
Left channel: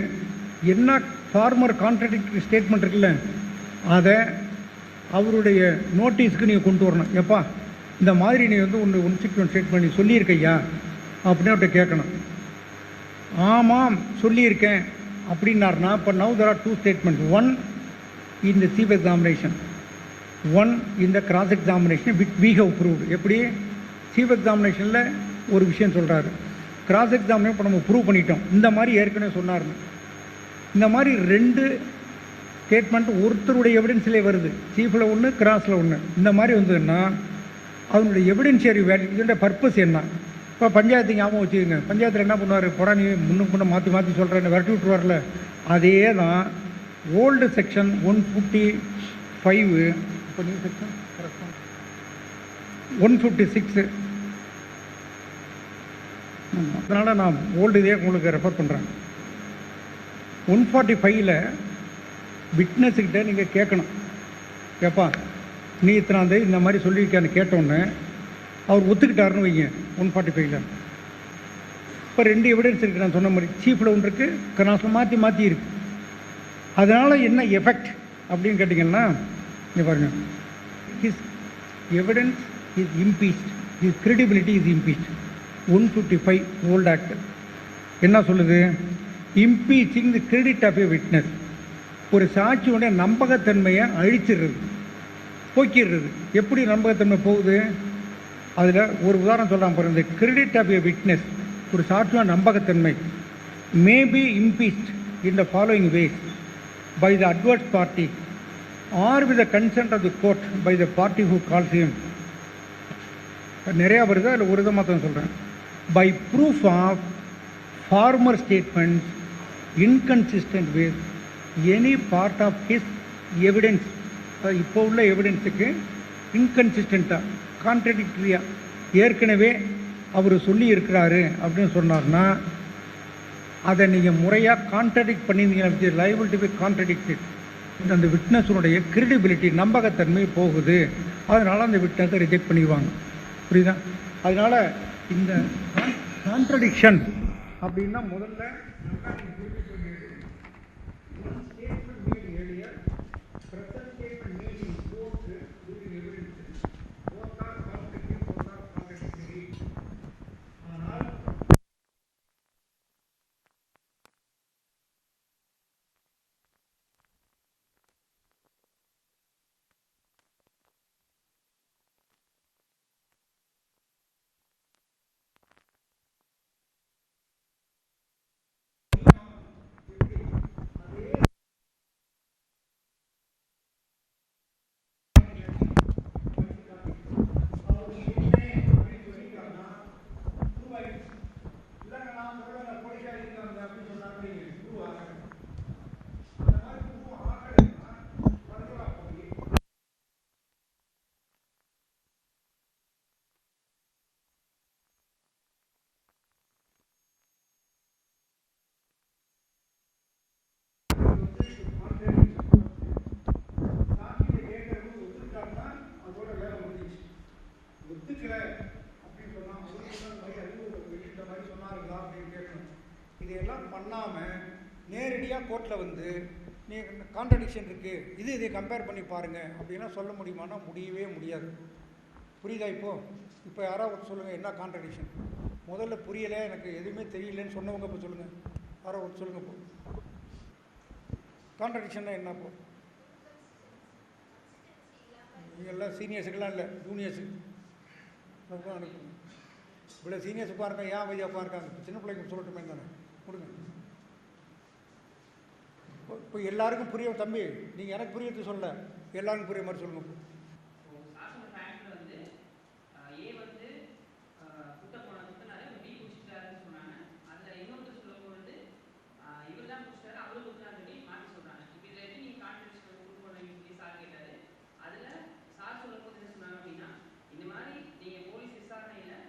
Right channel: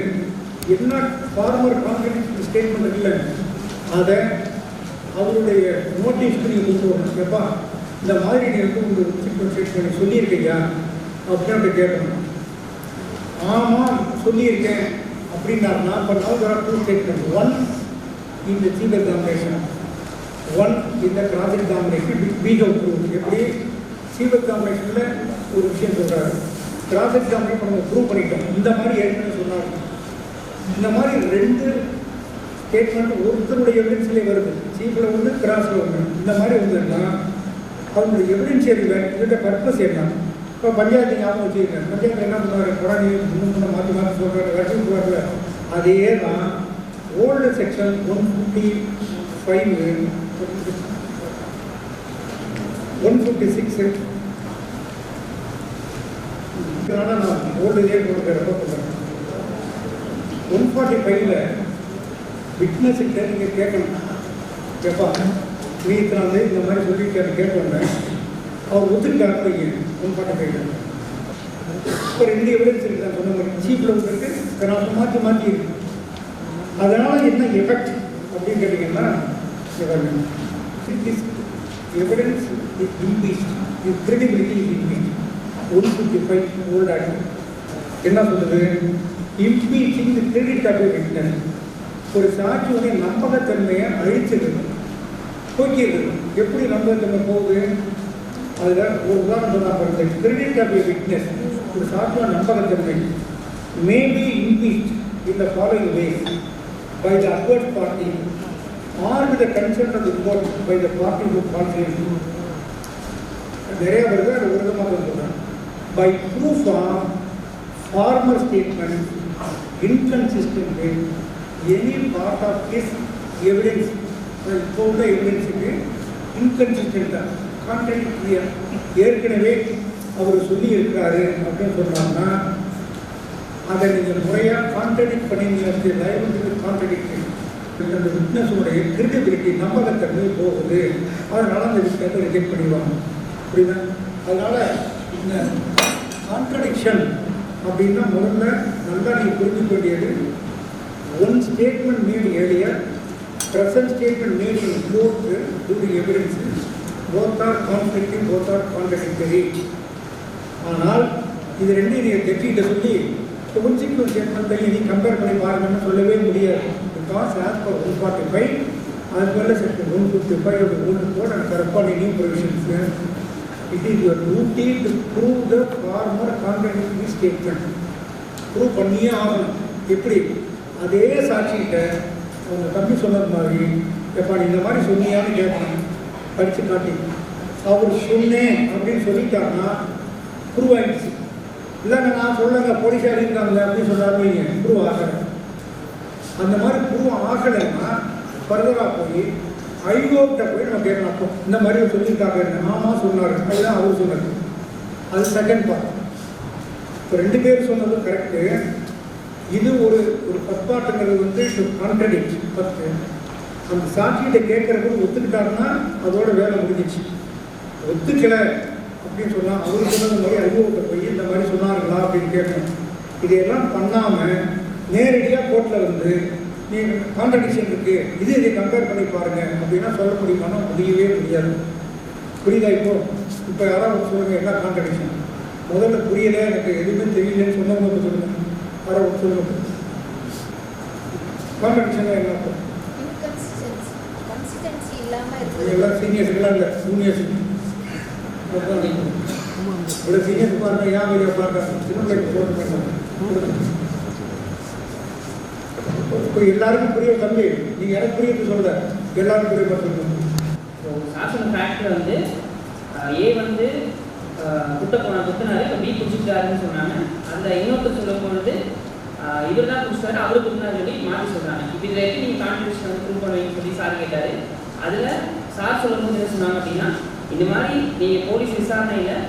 என்ன ஃபார்மர் கான்ட்ரடிக்டரி ஸ்டேட்மெண்ட் இருக்குல்ல, அதை அவருடைய நோட்டீஸ்க்கு நீங்கள் கொண்டு வரணும். எப்பா இந்த மாதிரி நீ வந்து ஒன்று ஸ்டேட் பண்ணி சொல்லியிருக்கையா அப்படின்னு அப்படி கேட்கணும். ஆமாம் சொல்லியிருக்கேன் அப்படின்னாருன்னா, இப்போ now there are 2 statements. 1 in the chief examination, 1 in the cross examination with we have prove. எப்படி சீஃப் எக்ஸாமினேஷனில் ஒரு விஷயம் சொல்கிறாரு, கிராஸ் எக்ஸாமினேஷன் நம்ம ப்ரூவ் பண்ணிட்டோம், இந்த மாதிரி ஏற்கனவே சொன்னார். இந்த மாதிரி 2 ஸ்டேட்மெண்ட் ஒருத்தருடைய எவிடன்ஸ்லேயே வருது, சீஃபில் ஒன்று கிராஸில் ஒன்று. இந்த மாதிரி வந்ததுன்னா அவருடைய எவிடென்ஷியரி இதோட பர்பஸ் என்ன? இப்போ பஞ்சாயத்து ஞாபகம் வச்சுக்கோங்க, பஞ்சாயத்தில் என்ன பண்ணுவார், கொடானி இன்னும் பண்ண மாற்றி மாற்றி சொல்கிறாரு, வெட்டு விட்டுருவார்ல. அதே தான் ஓல்டு செக்ஷன் 155 156. அதனால் நான் ஓல்டு இதே உங்களுக்கு ரெஃபர் பண்ணுறேன். 145ல் விட்னஸ்கிட்ட நீங்கள் கேட்கணும், எப்பா நீ இத்தனாவது இந்த மாதிரி சொல்லியிருக்காரு கேட்டோன்னே அவர் ஒத்துக்கிட்டாருன்னு வைங்க. 145ல் இப்போ 2 எவிடன்ஸ் இருக்குது, நான் சொன்ன மாதிரி சீப்பில் ஒன்று இருக்குது, நான் மாற்றி மாற்றி இருக்கு. அதனால் என்ன எஃபெக்ட் அப்படின்னு கேட்டிங்கன்னா, is evidence is impeached, is credibility is impeached. 155 old act என்ன சொல்லுது, impeaching the credit of a witness. ஒரு சாட்சியோட நம்பகத்தன்மையை அழிச்சிருக்கு, போக்கிடுறது. எப்படி நம்பகத்தன்மை போகுது, அதில் ஒரு உதாரணம் சொல்கிறாங்க பாருங்க. கிரெடிட் ஆஃப் எ விட்னஸ், ஒரு சாட்சியோட நம்பகத்தன்மை may be impeached in the following ways by the adverse party or with the consent of the court by the party who calls him. நிறையா வருது, அது ஒரு விதமாக தான் சொல்கிறேன். By proof of former statement inconsistent way any part of his evidence, இப்போ உள்ள எவிடன்ஸுக்கு இன்கன்சிஸ்டண்ட்டாக கான்ட்ரடிக்டரியாக ஏற்கனவே அவர் சொல்லி இருக்கிறாரு அப்படின்னு சொன்னாங்கன்னா அதை நீங்கள் முறையாக கான்ட்ரடிக்ட் பண்ணியிருந்தீங்க, லைபிள் டு பி கான்ட்ரடிக்டட். அந்த விட்னஸோடைய கிரெடிபிலிட்டி, நம்பகத்தன்மை போகுது. அதனால் அந்த விட்னஸை ரிஜெக்ட் பண்ணிடுவாங்க. புரியுதா? அதனால் இந்த கான்ட்ரடிக்ஷன் அப்படின்னா முதல்ல நல்லா நீங்கள் புரிஞ்சுக்க வேண்டியது, one statement made earlier, present statement made in court during evidence, both are conflicting, both are contradictory. ஆனால் இது ரெண்டையும் நீங்கள் ஜட்ஜிகிட்ட சொல்லி consequent ஸ்டேட்மெண்ட்டை நீ கம்பேர் பண்ணி பாருங்கன்னு சொல்லவே முடியாது. Because as per 145 as well as section 155 of the Old Code and corresponding new provisions, it is your duty to prove the former contradictory statement. Prove பண்ணியே ஆகணும். எப்படி? அதே சாட்சிகிட்ட அவங்க தம்பி சொன்னது மாதிரி, எப்பா நீ இந்த மாதிரி சொன்னியான்னு கேட்கணும், படித்து காட்டி. அவர் சொன்னேன் அப்படின்னு சொல்லிட்டாங்கன்னா ப்ரூவ் ஆகிடுச்சு. இல்லைங்க நான் சொல்லுங்க போலீஸாக இருக்காங்க அப்படின்னு சொன்னாருங்க, ப்ரூவ் ஆகலை. அந்த மாதிரி ப்ரூவ் ஆகலைன்னா ஃபர்தராக போய் ஐகோர்ட்டை போய் நம்ம கேட்கணும். அப்போ இந்த மாதிரி சொல்லியிருக்காங்க, ஆமாம் சொன்னார், அதுதான் அவர் சொன்னார். அது செகண்ட் பார்ட். இப்போ 2 பேர் சொன்னது கரெக்டு. இது ஒரு பத்பாட்டுங்கிறது வந்து கான்ட்ரடிக்ட். ஃபஸ்ட்டு அந்த சாட்சிகிட்ட கேட்குறப்ப ஒத்துக்கிட்டாருன்னா அதோட வேலை முடிஞ்சிச்சு. ஒத்துக்கலை அப்படின்னு சொன்னால் அவர் சொன்னது மாதிரி ஐகோர்ட்டை போய் இந்த மாதிரி சொன்னாருங்களா அப்படின்னு கேட்கணும். இதையெல்லாம் பண்ணாமல் நேரடியாக கோர்ட்டில் வந்து நீங்கள் கான்ட்ரடிக்ஷன் இருக்குது, இதை கம்பேர் பண்ணி பாருங்கள் அப்படின்னா சொல்ல முடியுமானா முடியவே முடியாது. புரியுதா? இப்போ யாராவது சொல்லுங்கள் என்ன கான்ட்ரடிக்ஷன்? முதல்ல புரியலை, எனக்கு எதுவுமே தெரியலன்னு சொன்னவங்க சொல்லுங்கள். யாராவது சொல்லுங்க கான்ட்ரடிக்ஷனாக என்ன அர்த்தம்? எல்லாம் சீனியர்ஸுக்கெல்லாம் இல்லை, ஜூனியர்ஸ். இவ்வளோ சீனியர்ஸ் பாருங்க, ஏன் வெளியே பாருங்க, சின்ன பிள்ளைக்கு போட்டு இப்போ எல்லாருக்கும் புரிய தம்பி, நீங்கள் எனக்கு புரியுது சொல்ல, எல்லாருக்கும் புரிய சொல்லுங்க. சாசன ஃபேக்டில் வந்து ஏ வந்து குத்தினாரு, இப்போ பி குடிச்சிட்டாருன்னு சொன்னாங்க. அந்த இன்னொருத்தர் சொல்லும் பொழுது இவர் தான் குடிச்சிட்டாரு, அவரு குத்தினாரு சொல்லி மாற்றி சொல்கிறாங்க. இப்போ இதில் எப்படி நீங்கள் கான்ட்ரிபியூஷன் வந்து ப்ரூவ் பண்ணுவீங்கன்னு சொல்லி சார் கேட்டார். அதில் சார் சொல்லும்போது என்ன சொன்னாங்க அப்படின்னா, இந்த மாதிரி நீங்கள் போலீஸ் விசாரணையில்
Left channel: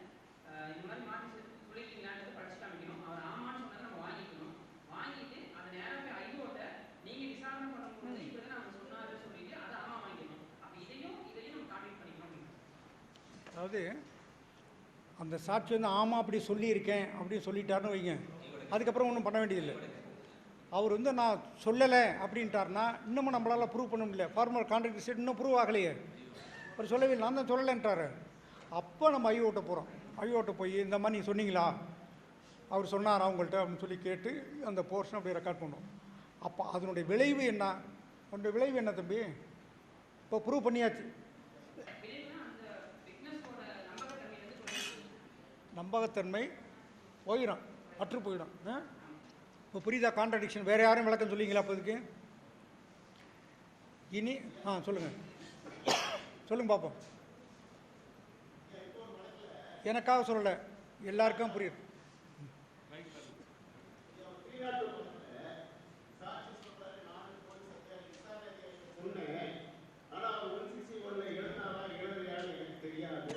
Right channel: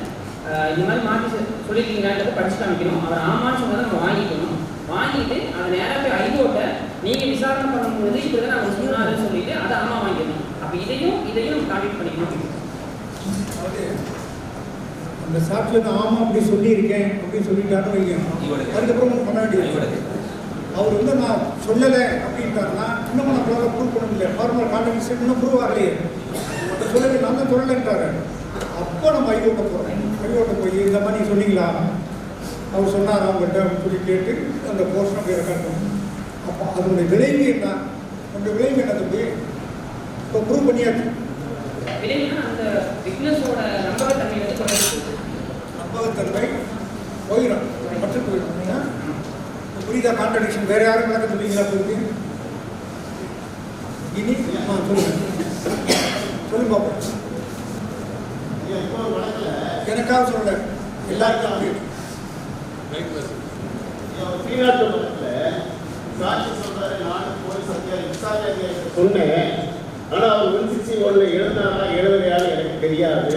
இந்த மாதிரி மாற்றி சொல்லியிருக்கீங்களான்றதை படிச்சு காமிக்கணும். அவர் ஆமான்னு சொன்னதை நம்ம வாங்கிக்கணும். வாங்கிட்டு அதை நேராக போய் ஐகோர்ட்டை நீங்கள் விசாரணை பண்ணும்பொழுது இப்படி தான் அவங்க சொன்னாருன்னு சொல்லிட்டு அதை ஆமா வாங்கிக்கணும். அப்போ இதையும் நம்ம கான்டெக்ட் பண்ணிக்கணும். அந்த சாட்டில் நான் ஆமாம் அப்படி சொல்லியிருக்கேன் அப்படின்னு சொல்லிட்டாருன்னு வைக்கணும். அதுக்கப்புறம் பண்ண வேண்டியது. அவர் வந்து நான் சொல்லலை அப்படின்ட்டாருன்னா இன்னும் நம்மளால் ப்ரூவ் பண்ண முடியல. ஃபார்மல் கான்ட்ரடிக்ஷன் இன்னும் ப்ரூவ் ஆகலையே. சொல்லலை, நான் தான் சொல்லலைன்ட்டாரு. அப்போ நம்ம ஐகோர்ட்டை போகிறோம். ஐகோர்ட்டை போய் இந்த மாதிரி சொன்னீங்களா, அவர் சொன்னார் அவங்ககிட்ட அப்படின்னு சொல்லி கேட்டு அந்த போர்ஷன் அப்படியே ரெக்கார்ட் பண்ணணும். அப்போ அதனுடைய விளைவு என்ன? அந்த விளைவு என்ன தம்பி? இப்போ ப்ரூவ் பண்ணியாச்சு. அந்த விட்னஸோட நம்பகத்தன்மை போயிடும், மட்டும் போயிடும். புரியுதா? கான்ட்ரடிக்ஷன் வேற யாரும் விளக்க சொல்லிங்களா? போயிருக்கு இனி சொல்லுங்க சொல்லுங்க பாப்போம். எனக்காக சொல்லல, எல்லாருக்கும் சொன்னேன். ஆனா அவர் 161 எழுதினாரா எழுதலையான்னு எனக்கு தெரியாது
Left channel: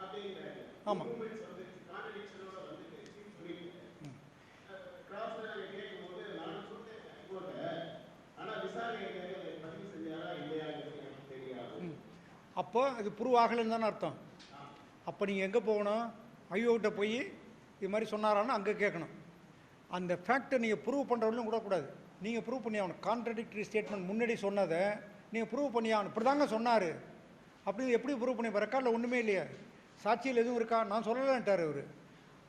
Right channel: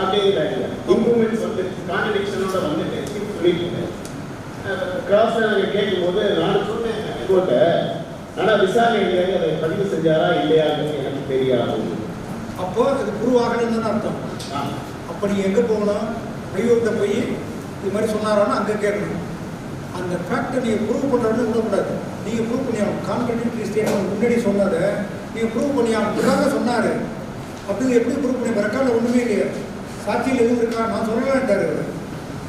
அப்படிங்கிறாங்க. இம்ப்ரூவ்மெண்ட்ஸ் வந்து கான்ட்ரடிக்ஷனோட வந்துட்டு சொல்லிட்டு கிராஸ் நாங்கள் கேட்கும்போது நான் சொன்னேன் ஹைகோர்ட்டை, ஆனால் விசாரணை அதை பதிவு செஞ்சாரா இல்லையான்னு எனக்கு தெரியாது. அப்போ அது ப்ரூவ் ஆகலைன்னு அர்த்தம். அப்போ நீங்கள் எங்கே போகணும்? ஹைகோர்ட்டை போய் இது மாதிரி சொன்னாரோன்னா அங்கே கேட்கணும். அந்த ஃபேக்டை நீங்கள் ப்ரூவ் பண்ணுறதுன்னு விடக்கூடாது. நீங்கள் ப்ரூவ் பண்ணி ஆகணும். கான்ட்ரடிக்டரி ஸ்டேட்மெண்ட் முன்னாடி சொன்னதை நீங்கள் ப்ரூவ் பண்ணி ஆகணுக்காக சொன்னார் அப்படின்னு எப்படி ப்ரூவ் பண்ணி ரெக்கார்டில் ஒன்றுமே இல்லையா? சாட்சியில் எதுவும் இருக்கா? நான் சொல்லலான்ட்டார்.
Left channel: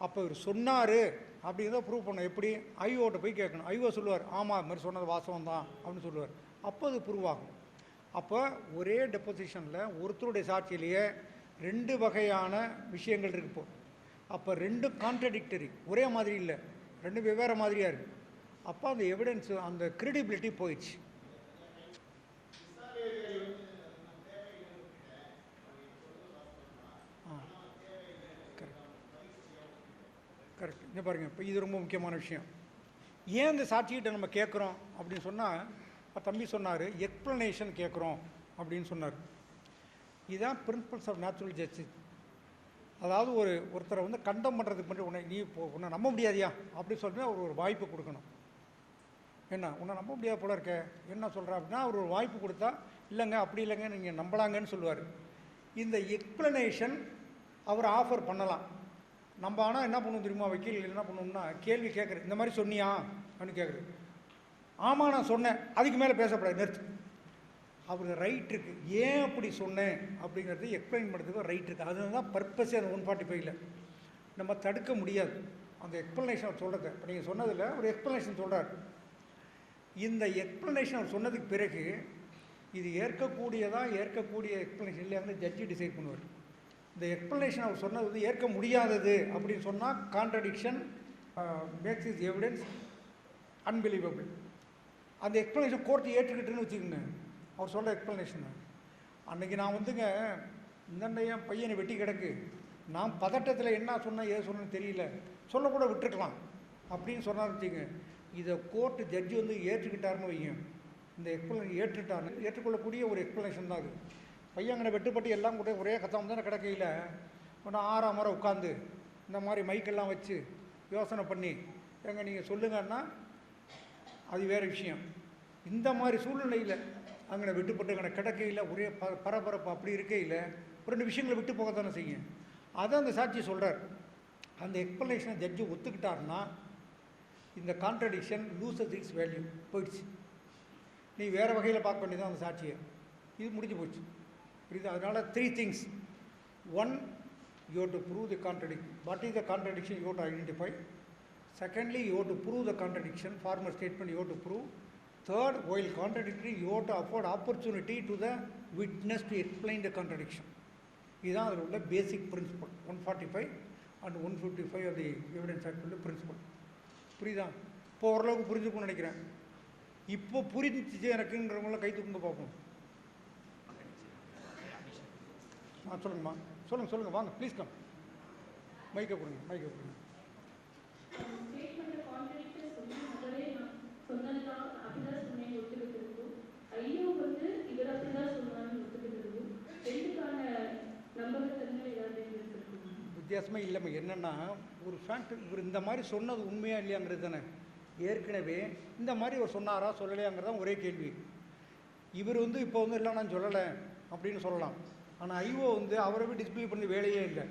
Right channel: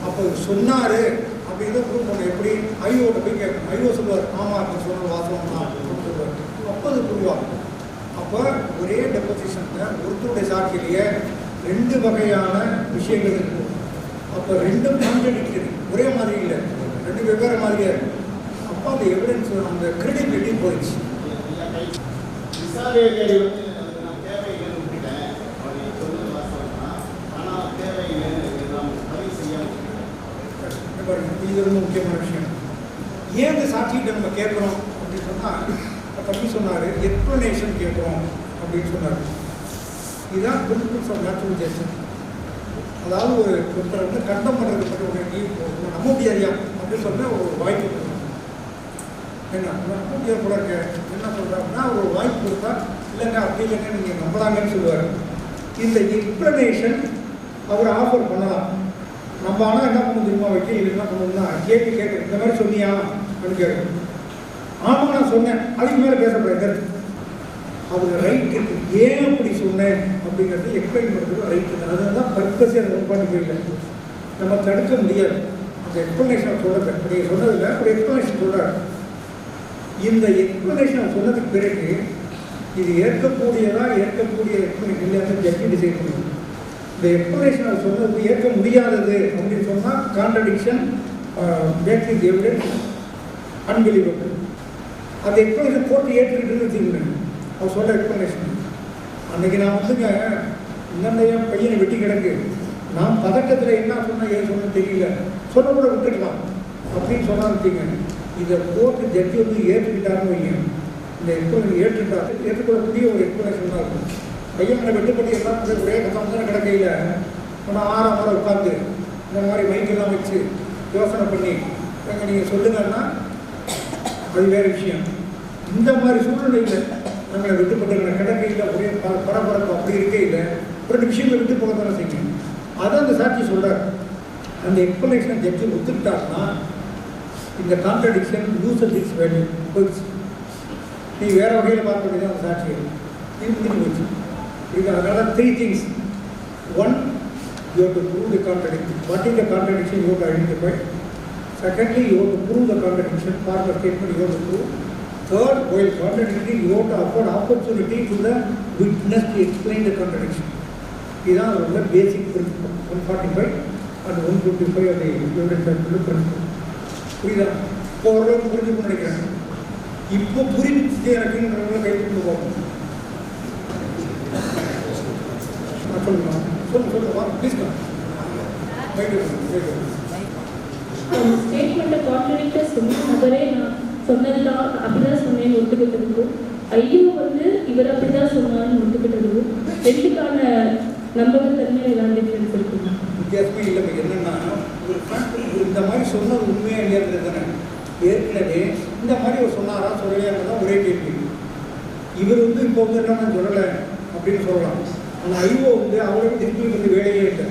அப்போ சொன்னார் அப்படிங்கிறத ப்ரூவ் பண்ண எப்படி? ஐஓட்ட போய் கேட்கணும். ஐஓ சொல்லுவார் ஆமாம் அப்படின்னு சொன்ன வாசகம் தான் அப்படின்னு சொல்லுவார். அப்போ அது ப்ரூவ் ஆகும். அப்போ ஒரே டெபோசிஷனில் ஒருத்தருடைய சாட்சியிலேயே 2 வகையான விஷயங்கள் இருக்குது. அப்போ 2 கான்ட்ரடிக்டரி, ஒரே மாதிரி இல்லை, 2 வெவ்வேறு மாதிரியாக இருக்குது. அப்போ அந்த எவிடன்ஸ் அந்த கிரெடிபிலிட்டி போயிடுச்சு. இது ரொம்ப முக்கியமான விஷயம். ஏன் இந்த சாட்சிகிட்ட நம்ம கேட்குறோம் அப்படின்னு சொன்னால் தம்பி சொன்னார், எக்ஸ்ப்ளனேஷன் கேட்குறோம் அப்படின்னு சொன்னார். இதுதான் பிரின்சிபல்ஸ் ஆஃப் நேச்சுரல் ஜஸ்டிஸ். அதாவது ஒருத்தரை வந்து கண்டம் பண்ணுறதுக்கு மட்டும் உடனே நீ நம்ப முடியாதியா அப்படின்னு சொன்னால் ஒரு வாய்ப்பு கொடுக்கணும். என்ன நம்ப முடியாது கூட இருக்க என்ன சொல்கிறாருன்னா ஒரு வாய்ப்பு கொடுத்தா இல்லைங்க அப்படி இல்லைங்க நீங்கள் நம்பலாங்கன்னு சொல்லுவார். இந்த எக்ஸ்ப்ளனேஷன் அவர் ஆஃபர் பண்ணலாம். நம்ம ஆனால் என்ன பண்ண தெரியுமா, வக்கீல் என்ன பண்ணணும்னா கேள்வி கேட்குறேன், இந்த மாதிரி சொன்னியா அப்படின்னு கேட்குறேன். ஆமாம் நான் சொன்னேன், அதுக்கு மேலே பேசக்கூடாது. அவங்க ரைட் இருக்கு, ஏன் அப்படி சொன்னேன் அப்படிங்கிறது எக்ஸ்பிளைன் பண்ணுறது ரைட் இல்லை. அதுதான் பர்பஸே அதை ஒன்பாட்டு போயிடல, நம்ம தடுக்க முடியாது. அந்த எக்ஸ்பிளனேஷன் சொல்லலை, நீங்கள் சொன்னதில்லை, ஒரு எக்ஸ்பிளனேஷன் சொல்கிறார். இந்த எக்ஸ்பிளனேஷன் சொன்னதுக்கு பிறகு இது ஏற்கக்கூடிய எக்ஸ்பிளனேஷன் இல்லையான்னு ஜட்ஜி டிசைட் பண்ணுவோம். இந்த எக்ஸ்பிளனேஷன் அவர் சொன்னது ஏற்க முடியாதது அப்படின்னு சொன்னால் கான்ட்ரடிக்ஷன் பேசிக் எவிடன்ஸ் அன்பிலீவபிள். அந்த எக்ஸ்பிளனேஷன் போட்டு ஏற்றுக்கிட்டுன்னு வச்சுக்கோங்க. அவர் சொல்ல எக்ஸ்பிளனேஷன் அன்றைக்கி நான் வந்துங்க இந்த என் பையனை வெட்டி கிடக்கு, நான் பதட்டத்தில் என்ன சொன்னால் ஏன் சொன்னது தெரியல, சொல்ல கூட விட்டுக்கலாம் அப்படின்னு சொன்னால் வச்சுங்க. இதை போட்டு ஜட்ஜி வந்து ஏற்றுக்கிட்டாருன்னு வைங்க, இந்த எக்ஸ்பிளனேஷன் ஏற்றுக்கொள்ளக்கூடிய ஒரு எக்ஸ்பிளனேஷன் தான் இருக்கும். பையனை வெட்டுப்பட்டி எல்லாம் ஒரே கட்டம் தானே கிடக்கையில் நான் 6 முறை உட்காந்து இந்த மாதிரி மைக்கெல்லாம் வச்சு யோசனை பண்ணி எங்கே நீங்கள் சொல்லுங்கன்னா அது வேறு விஷயம். இந்த மாதிரி சூழ்நிலையில் நாங்கள் விட்டுப்பட்டு கிடக்கையில் ஒரே பரபரப்பு அப்படி இருக்கையில் ஒரு நிமிஷங்களை விட்டு போக தானே செய்யுங்க. அதை அந்த சாட்சி சொல்கிறார். அந்த எக்ஸ்பிளனேஷனை ஜட்ஜி ஒத்துக்கிட்டாருன்னா இந்த கான்ட்ரடிக்ஷன் லூசஸ் இட்ஸ் வேல்யூ போயிடுச்சு. நீ வேறு வகையில் பார்க்க வேண்டியதான் அந்த சாட்சியை இது முடிஞ்சு போச்சு. இது அதனால 3 things. 1, you have to prove the contradiction. What is the contradiction you have to identify? Secondly, you have to prove the contradiction. For the statement you have to prove. Third, while contradicting, you have to afford opportunity to the witness to explain the contradiction. These are the basic principles. 145 and 155 of the evidence principle. புரியுதா? இப்போ ஓரளவுக்கு புரிஞ்சுக்கணும்னு நினைக்கிறேன். இப்போ புரிஞ்சுட்டே எனக்குன்னு கை கொண்டு போகணும். ஸ்டேட்மெண்ட்டை கான்ட்ரடிக்டாக சொன்ன நபரே நான் சொன்னதுதான் அப்படிதான் சொன்னேன்னு ஒத்துக்கிட்டதுக்கும், ஐயோ வந்து இவர் அப்படிதான் சொன்னான்னு ஒத்துக்கிட்டதுக்கும் ரெண்டுக்கான நம்பகத்தன்மையில் ஏதாவது டிஃபரன்ஸ் இருக்குங்க? வித்தியாசமே இல்லை. என்னன்னா இந்த மாதிரி சொன்னது உண்மையாக இல்லையாங்கிறது தானே. ஏற்கனவே இந்த மாதிரி ஒரு சொன்னாரா சொல்லலையாங்கிறதான் ஒரே கேள்வி. இவர் வந்து இப்போ வந்து என்ன நான் சொல்லலை அப்படின்னு சொல்லலாம். ஆனால் ஐயோ வந்து அவருக்கு திருப்பி வந்து வேலையே இல்லை.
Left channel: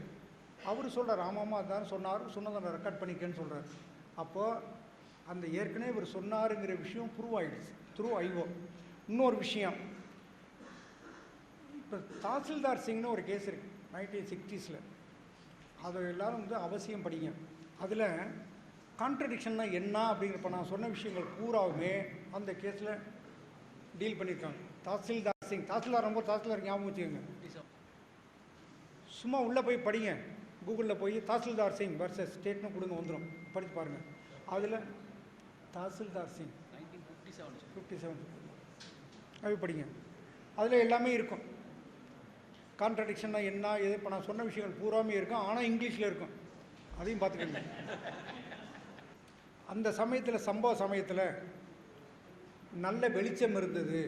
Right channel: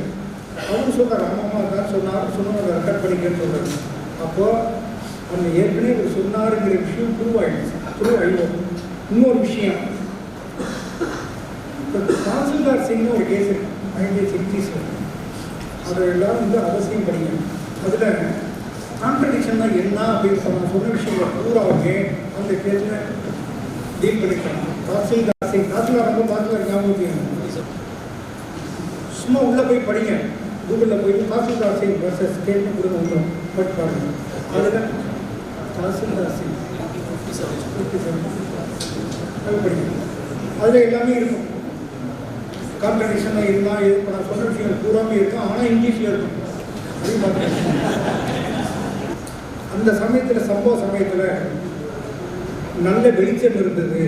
அவரு சொல்கிறார் ஆமாம்மா தான் சொன்னதை ரெக்கார்ட் பண்ணிக்கன்னு சொல்கிறாரு. அப்போது அந்த ஏற்கனவே ஒரு சொன்னாருங்கிற விஷயம் ப்ரூவ் ஆகிடுச்சு. ஐயோ இன்னொரு விஷயம், இப்போ தாசில்தார் சிங்னு ஒரு கேஸ் இருக்கு 1960s. அதை எல்லாரும் வந்து அவசியம் படிங்க. அதில் கான்ட்ரடிக்ஷன் தான் என்ன அப்படின்னு சொன்ன விஷயங்கள் பூராவுமே அந்த கேஸில் டீல் பண்ணிக்கலாம். தாசில்தார் சிங் தாசில்தார் ஞாபகம் சும்மா உள்ளே போய் படிங்க, கூகுளில் போய் தாசில்தார் சிங் வர்சஸ் ஸ்டேட்மெண்ட் கூட வந்துடும், போட்டு பாருங்க. அதில் தாசில்தார் சிங் படிங்க, அதில் எல்லாமே இருக்கும். கான்ட்ரடிக்ஷனாக இருந்தால் இப்போ நான் சொல்கிற விஷயங்கள் பூராமே இருக்கும், ஆனால் இங்கிலீஷில் இருக்கும் அப்படின்னு பார்த்துருக்கேன். அந்த சமயத்தில் சம்பவ சமயத்தில் நல்ல வெளிச்சம் இருந்தது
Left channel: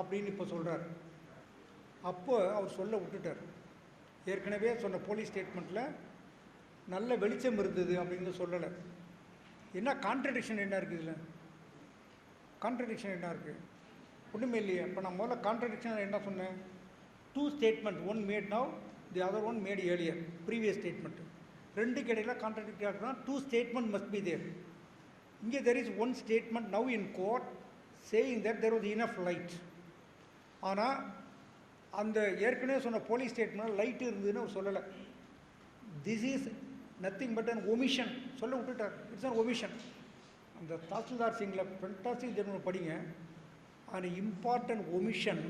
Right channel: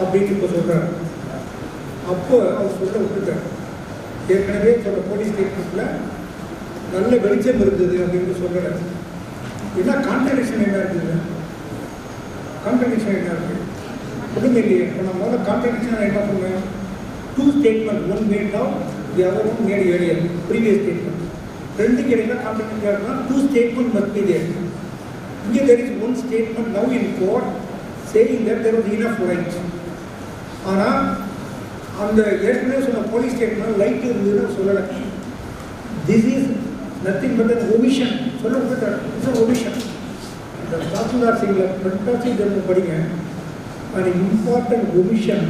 அப்படின்னு இப்போ சொல்கிறார். அப்போ அவர் சொல்ல விட்டுட்டார். ஏற்கனவே சொல்ல போலீஸ் ஸ்டேட்மெண்ட்டில் நல்ல வெளிச்சம் இருந்தது அப்படின்னு சொல்கிறார். ஏன்னா கான்ட்ரடிக்ஷன் என்ன இருக்குது? கான்ட்ரடிக்ஷன் என்ன இருக்குது? ஒன்றுமே இல்லையே. இப்போ நான் முதல்ல கான்ட்ரடிக்ஷன் என்ன சொன்னேன்? 2 statements, one made now, the other one made earlier, previous statement. ரெண்டு கிடையில contradiction 2 statements must be there. Here there is one statement now in court saying that there was enough right. ஆனால் அந்த ஏற்கனவே சொன்ன police statement light இருந்ததுன்னு சொல்லலை. This is nothing but an omission சொல்ல விட்டுட்டார். It's omission. இந்த தாசில்தார் சிங்கில் ப்ரொட்டாசி ஜெர்மன் படிங்க. an important omission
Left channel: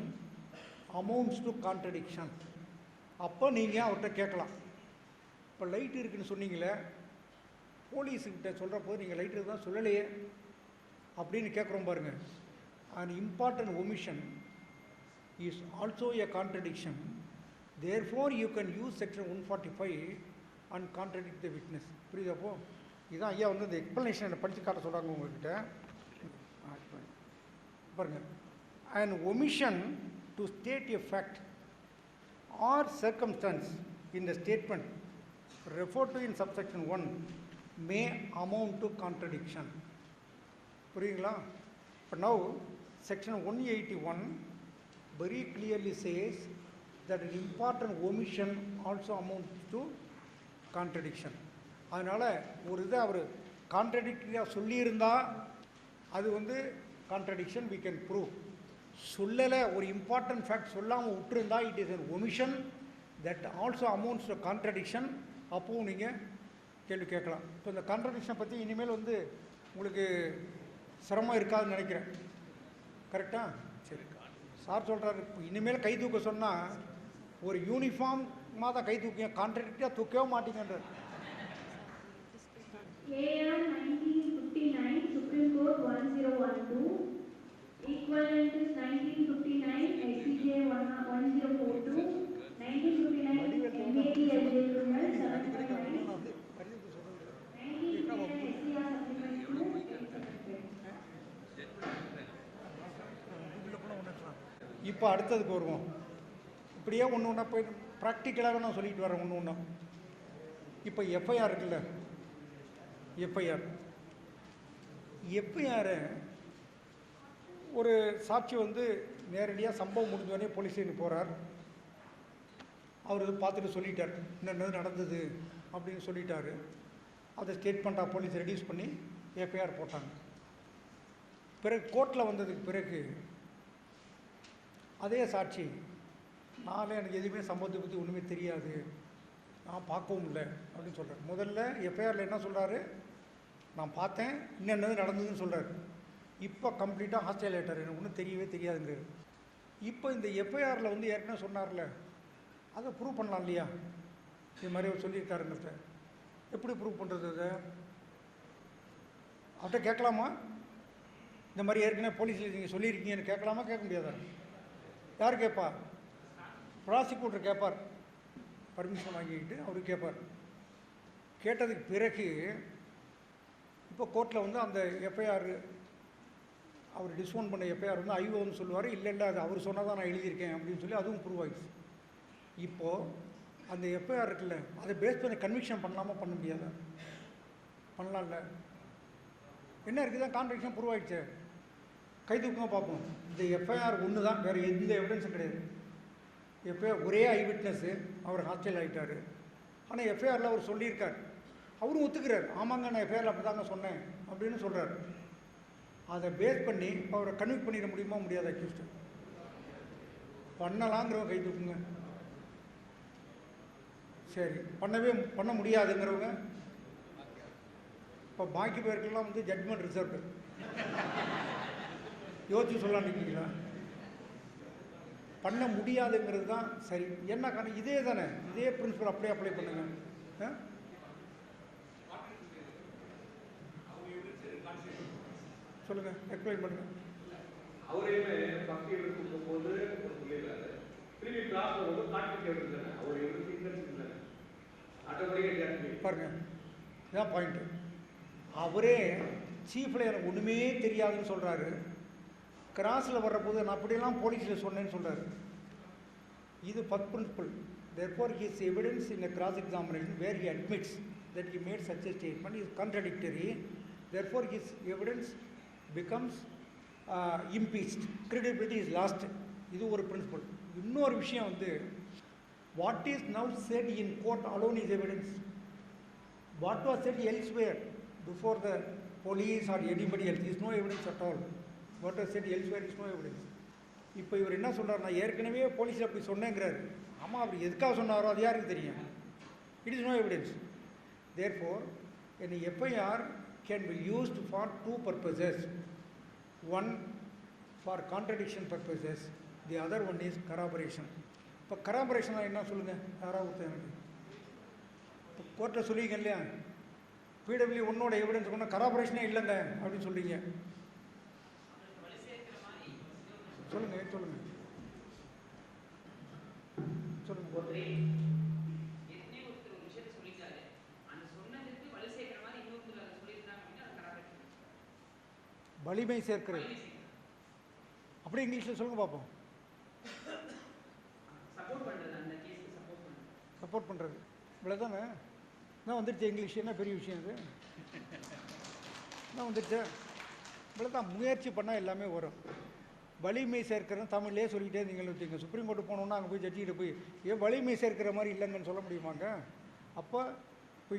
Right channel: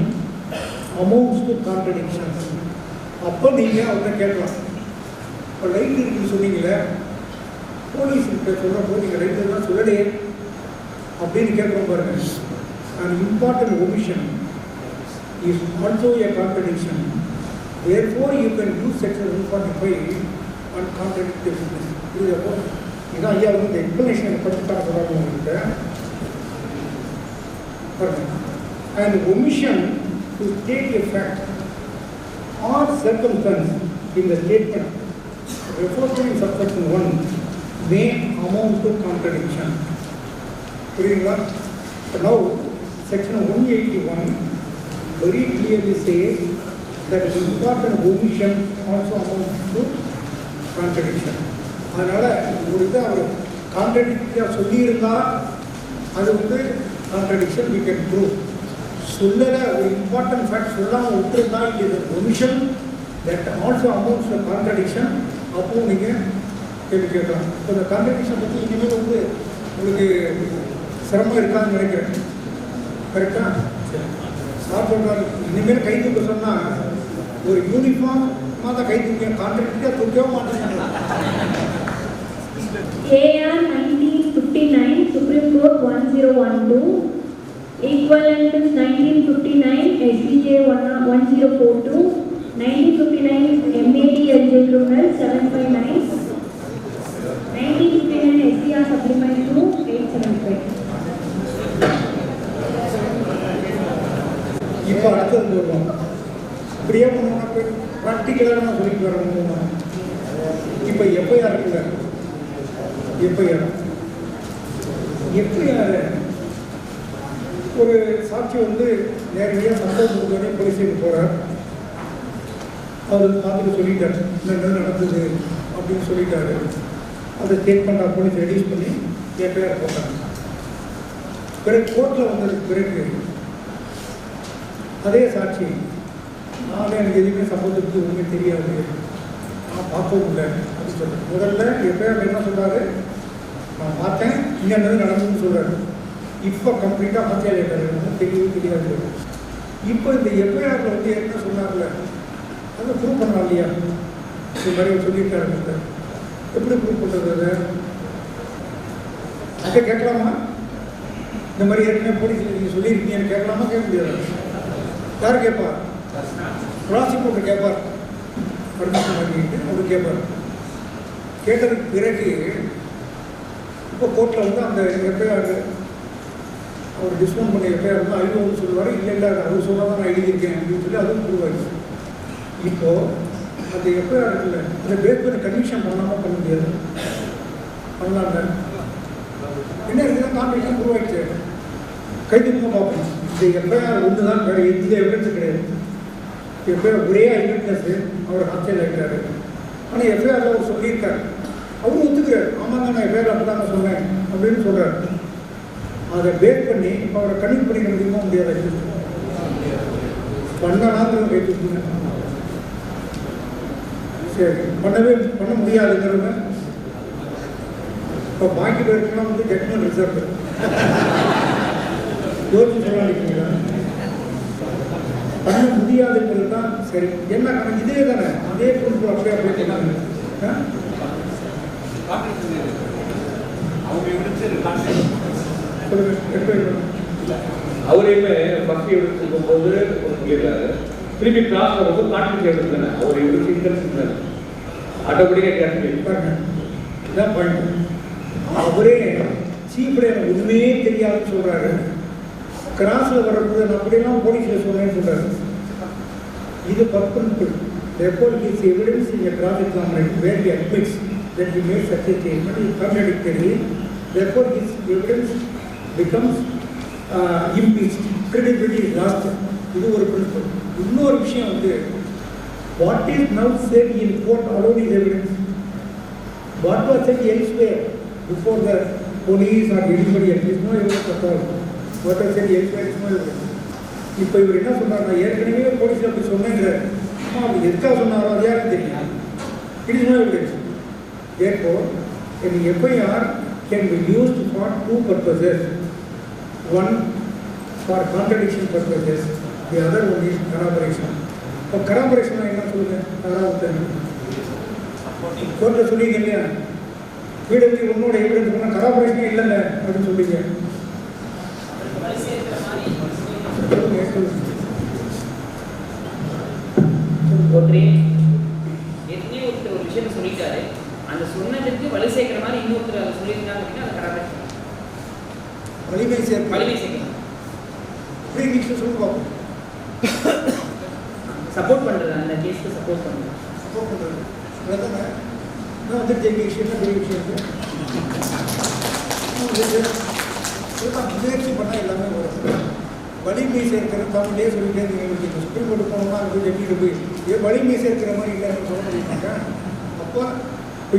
amounts to contradiction. அப்போ நீங்கள் அவரை கேட்கலாம். இப்போ லைட் இருக்குன்னு சொன்னீங்களே, போலீஸ்கிட்ட சொல்கிறப்போ நீங்கள் லைட் தான் சொல்லலையே அப்படின்னு கேட்குறோம் பாருங்க. an important omission is also a contradiction. Therefore, you can use section 145 and contradict the witness. Therefore, you ஏன்னா ஐயா வந்து இந்த எக்ஸ்பிளனேஷன் படித்து தர சொல்கிறாங்க உங்களுக்கு. And omission to state a fact or circumstance in the statement referred to in subsection 1 may amount to contradiction. புரியுங்களா? Now, section 181 very clearly says that important omission also amounts to contradiction. அதனால் ஒரு இதை அவர் கான்ட்ரடிக்டாக சொல்லியிருந்தா அது வந்து contradiction we can prove. சொல்லல ஒரு important fact சொல்லாமல் விட்டுருந்தா இது omission that also amounts contradiction. அப்போது நீங்கள் கேள்வி கேட்கலாம். இப்போ இந்த கான்ட்ரடிக்ஷன் பற்றி இனிமேல் வந்து உங்களுக்கு சிரமம் இருக்காதுன்னு நினைக்கிறேன். கரெக்டா? சார் சொல்கிறாரு இனிமேல் கை தூக்க சொன்னால் ஒரு யூனிஃபார்மாக தான் கை தூக்க கான்ட்ரடிக்டாக தூக்கவே மாட்டேங்க. AR 1959 Supreme Court 1012 equivalent is 1959 SBJ 1042 1959 MAD LJ Criminal 759 1959 SCR Supplement 2 875. இப்போ அடுத்தது போடுவோம். இப்படியே பண்ணோம்னா ப்ராக்டிக்கலாக நான் சொல்லிட்டு வரணும். இப்போ எஃப்ஐஆர் இருக்குல்ல, எஃப்ஐஆர் ஒரு சாட்சி வந்து நேரடியாக சம்பவம் கொடுத்தோடனே போலீஸுக்கு போகிறார். அவர் பார்த்துட்டு சொல்லிட்டார் என்ன நடந்தது அப்படின்னு சொல்லிட்டாரு. அதை ஸ்டேட்மெண்ட் போலீஸ் ரெடியூஸ் பண்ணி எஃப்ஐஆர் போட்டாங்க. பிறகு கோர்ட்டில் வந்ததுக்கு பிறகு அதே சாட்சி நான் எனக்கு எதுவுமே சம்பவத்துக்கு ஒன்றுமே தெரியாது, நான் பார்க்கவும் இல்லை அப்படின்னு சொல்கிறேன். முதல்ல எஃப்ஐஆர் என்ன சொல்கிறாரு, நான் பார்த்தேன் இன்னும் நடந்ததுன்னு சொல்கிறாரு. இப்போ கம்ப்ளீட்டாக ஹாஸ்டல் ஆகிட்டாரு, தெரியவே தெரியாது. இப்போ இந்த எஃப்ஐஆரில் வந்து என்ன சொன்னார்ல அதை ப்ரூவ் பண்ணலாம் இல்லையா? இது மாதிரி சொல்லியிருக்காரு. எப்படி ப்ரூவ் பண்ணுறது? அதை கேட்கலாமா? இந்த மாதிரி ஏற்கனவே போலீஸ் நீங்கள் சொல்லியிருக்கீங்கன்னு கேட்கலாமா? கேட்க முடியாது. யார் கேட்பார்? ப்ராசிக்யூட்டர் கேட்பார். பர்மிஷன் வாங்கிட்டு அவர் கேட்பார். கேட்டதுக்கு பிறகு இப்போ கோர்ட்டில் வந்து அந்த எஃப்ஐஆர் அவர் டிஸ்கவுண்ட் பண்ண எஃப்ஐஆர் வந்து ஐநூறு சொல்லுவார். இல்லை அவர் சொன்னால் தான் நான் எழுதியிருக்கேன் அப்படின்னு சொல்லி அதுவும் ப்ரூவ் ஆகிடுச்சு. இப்போது அந்த எஃப்ஐஆர் இருக்குல்ல, அதை பேஸ் பண்ணி கன்விஷன் பண்ணாமல் பண்ண முடியாது. பண்ணலாங்க என்ன இருக்குதான் காம்படிஷன் ப்ரூவ் ஆகிடுச்சு. கைதுக்கும் பார்ப்போம். இந்த எஃப்ஐஆர் ஒன்று தான், வேறு எந்த எவிடன்ஸும் கிடையாது. எஃப்ஐஆர் ஒரே ஐவிட்னஸ் அவர் ஹாஸ்டல் ஆகிட்டாரு. ஆனால் எஃப்ஐஆரில் அவர் சொல்லியிருக்காரு, அவரும் ஒத்துக்கிறார். ஆமாங்க நான் எஃப்ஐஆர் அப்படி தான் சொன்னேன் அப்படின்னு சொல்கிறார். அதை பேஸ் பண்ணி அவரை கன்விக்ட் பண்ணிக்க முடியுமா? முடியாது. பண்ணலாங்கிறத கேட்டுருக்கீங்க. சரி, பண்ண முடியாதுங்கிறவங்க இப்போ பாக்கி பேருக்குலாம் வந்து ஜட்மெண்ட் ரிசர்வ் யோசிச்சு சொல்லாதீங்களா? பண்ண முடியாதுங்கிறது தான் சரி. என்ன கணக்கு இதே தானே, அதே பிரின்சிபல் அப்படியே அப்ளை பண்ணாங்க. அவரையுமே ஃபர்ஸ்ட் எவிடன்ஸ் இருக்கும்போது சொல்லிடுறாரு, திருப்பி கிளாஸ் வரும்போது கான்ட்ரிபியூட் எவிடன்ஸ் தானே அவர் எவிடன்ஸ் இன்டென்ஷன் தானே ஆட்டோமேட்டிக்காக கேட்டு பாருங்க. இதான் பாயிண்ட். அவரே சீஃப்ல எனக்கு உண்மையே தெரியாதுன்னு சொல்றாரு. கிராஸில் வரும்போது நான் அப்படியெல்லாம் போலீஸில் சொன்னேன்னு சொல்றாரு. இது பர்பன்பிள். Therefore, his evidence in a cross examination where he admits that he made such a statement is contradictory. Therefore, his evidence becomes impeached. Credibility is lost. இது ஒரு பிரின்சிபல். இன்னொரு விஷயம் வந்து what is now said in court alone is evidence. What was said elsewhere before the police or anybody else is no evidence at all. What was said elsewhere is no evidence. இப்போ இவர் என்ன சொன்னார், நான் ஏற்கனவே போலீஸில் அப்படி சொன்னேங்கிறார். அப்படி எதுக்காக சொன்னாரோ அது யாருக்கு தெரியும்? It is no evidence. Therefore, an FIR can be used for two purposes. One for contradiction purposes, the other one is corroboration. இப்போ corroboration என்ன சொல்லுங்க? அதாவது கோர்ட்டில் சொல்லிங்க இல்லையா, வீடு உன்னோட எவிடன்ஸ் பண்ணால் corroboration இல்லைங்க அப்படின்னு சொல்லிங்க. ஒரு விஷயத்த சொல்லிட்டாரு, அந்த சொன்னதுக்கு வலு சேர்க்கிற மாதிரி இன்னொருத்தர் அதை வலிமை சேர்க்கை வலிமை சேர்க்கை அப்படி நீங்கள் சொல்லி பார்ப்போம். சப்போர்ட் பண்ணுறது, அந்த கேஸ்க்கு சப்போர்ட் பண்ணுறது. சப்போர்ட் பண்ணுறது அதானே நான் வந்துட்டு எங்கள் விஷயம் பெரிய விஷயம் முயற்சி பண்ணால் எல்லாமே வரும். வலிமை சேர்க்கிறது தமிழ்லேயே சொல்லிட்டே இருந்தீங்க. சுப்ரீம் கோர்ட்டு போனோம்னா அது போய் ஜட்ஜிட்டு போய் வலிமை சேர்க்கிற மாதிரி இல்லைன்னு சொல்ல முடியுமாங்க. அப்போ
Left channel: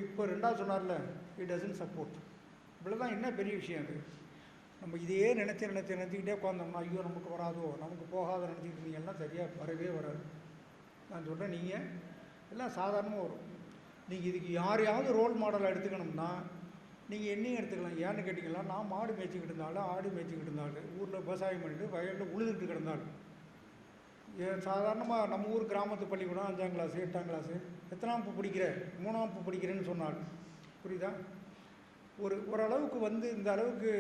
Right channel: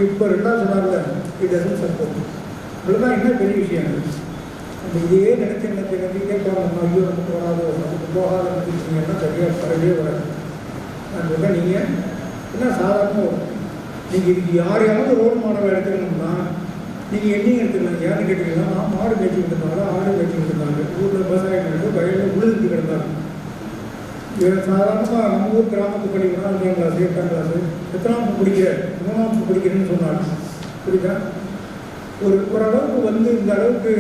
இப்போ ரெண்டாவது சொன்னார்ல இது சப்போர்ட் இதுதான் என்ன பெரிய விஷயம். நம்ம இதே நினைச்சு கேட்பாங்க, நம்ம ஐயோ நமக்கு வராதோ நமக்கு போகாத நினைச்சிங்கன்னா சரியாக வரவே வராது. நான் சொல்கிறேன், நீங்கள் என்ன சாதாரணமாக வரும். நீங்கள் இதுக்கு யாரையாவது ரோல் மாடலாக எடுத்துக்கணும்னா நீங்கள் என்னையும் எடுத்துக்கலாம். யாருன்னு கேட்டீங்கன்னா நான் மாடு மேய்ச்சிக்கிட்டு இருந்தாலும் ஆடு மேய்ச்சிக்கிட்டு இருந்தாங்க, ஊரில் விவசாயம் நடந்து வயலில் உழுதுட்டு கிடந்தாங்க. சாதாரணமாக நம்ம ஊர் கிராமத்து படிக்கணும் 5ஆம் கிளாஸ் 8ஆம் கிளாஸு எத்தனாம் படிக்கிற 3ஆம் படிக்கிறேன்னு சொன்னாங்க. புரியுதா? ஓரளவுக்கு வந்து இந்த அளவுக்கு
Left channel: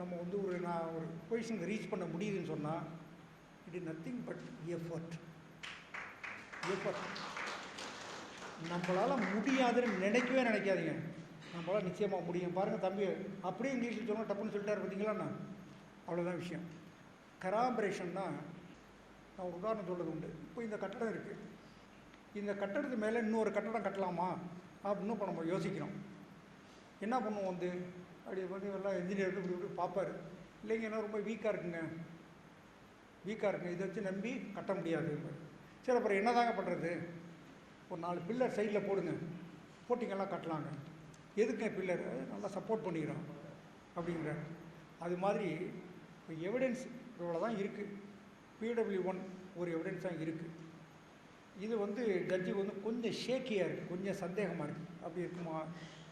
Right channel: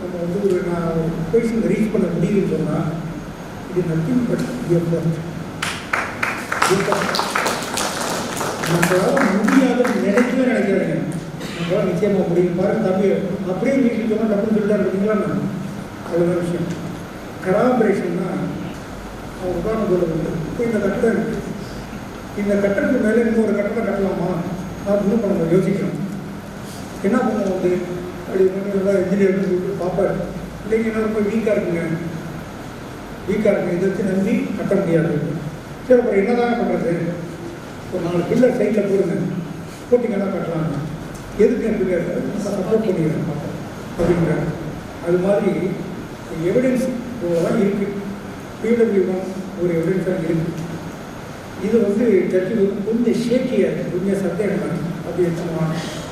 நம்ம வந்து ஒரு நான் பொசிஷன் ரீச் பண்ண முடியுதுன்னு சொன்னால் இது நத்திங் பட் நம்மளால முடியாதுன்னு நினைக்கவே நினைக்காதுங்க. நம்மளால் நிச்சயமாக முடியும். பாருங்க தம்பி அப்படியே வீட்டுக்கு சொன்னால் டப்புன்னு சொல்லிட்டா இருக்கீங்களா? நான் அவ்வளோதான் விஷயம். கராபரேஷன்னா அவங்க உதாரணம் சொல்லுறது. இப்போ இந்த கட்டடம் இருக்குது, இந்த கட்டடத்துக்கு மேலே இன்னும் ஒரு கட்டடம் கட்டலாமா அப்படின்னு இப்போ நம்ம யோசிக்கணும். என்ன பண்ணுவோம் வந்து அப்படி கொஞ்சம் இன்ஜினியர் சொல்லிட்டு பார்ப்பார், இல்லைங்க என்ன ரொம்ப வீக்காக இருக்குங்க இதை வச்சு நம்பி கட்ட முடியாது. சரி அப்புறம் என்ன தாங்க பண்ணுறது? ஒரு 4 பில்லர் சைடில் போடுங்க, போட்டிங்கன்னா கட்டலாங்க. எதுக்கு என் பில்லர் சப்போர்ட் பண்ணிடுறேன் அப்படிங்கிறாங்க. அது மாதிரி எவிடன்ஸ் இவ்வளோதான் இருக்குது. பிடபிள்யூ ஒரு எவிடன்ஸாக இருக்குது. இது வந்து ஜட்ஜி வந்து கொஞ்சம் ஷேக்கியாக கொஞ்சம் சந்தேகம் அப்படி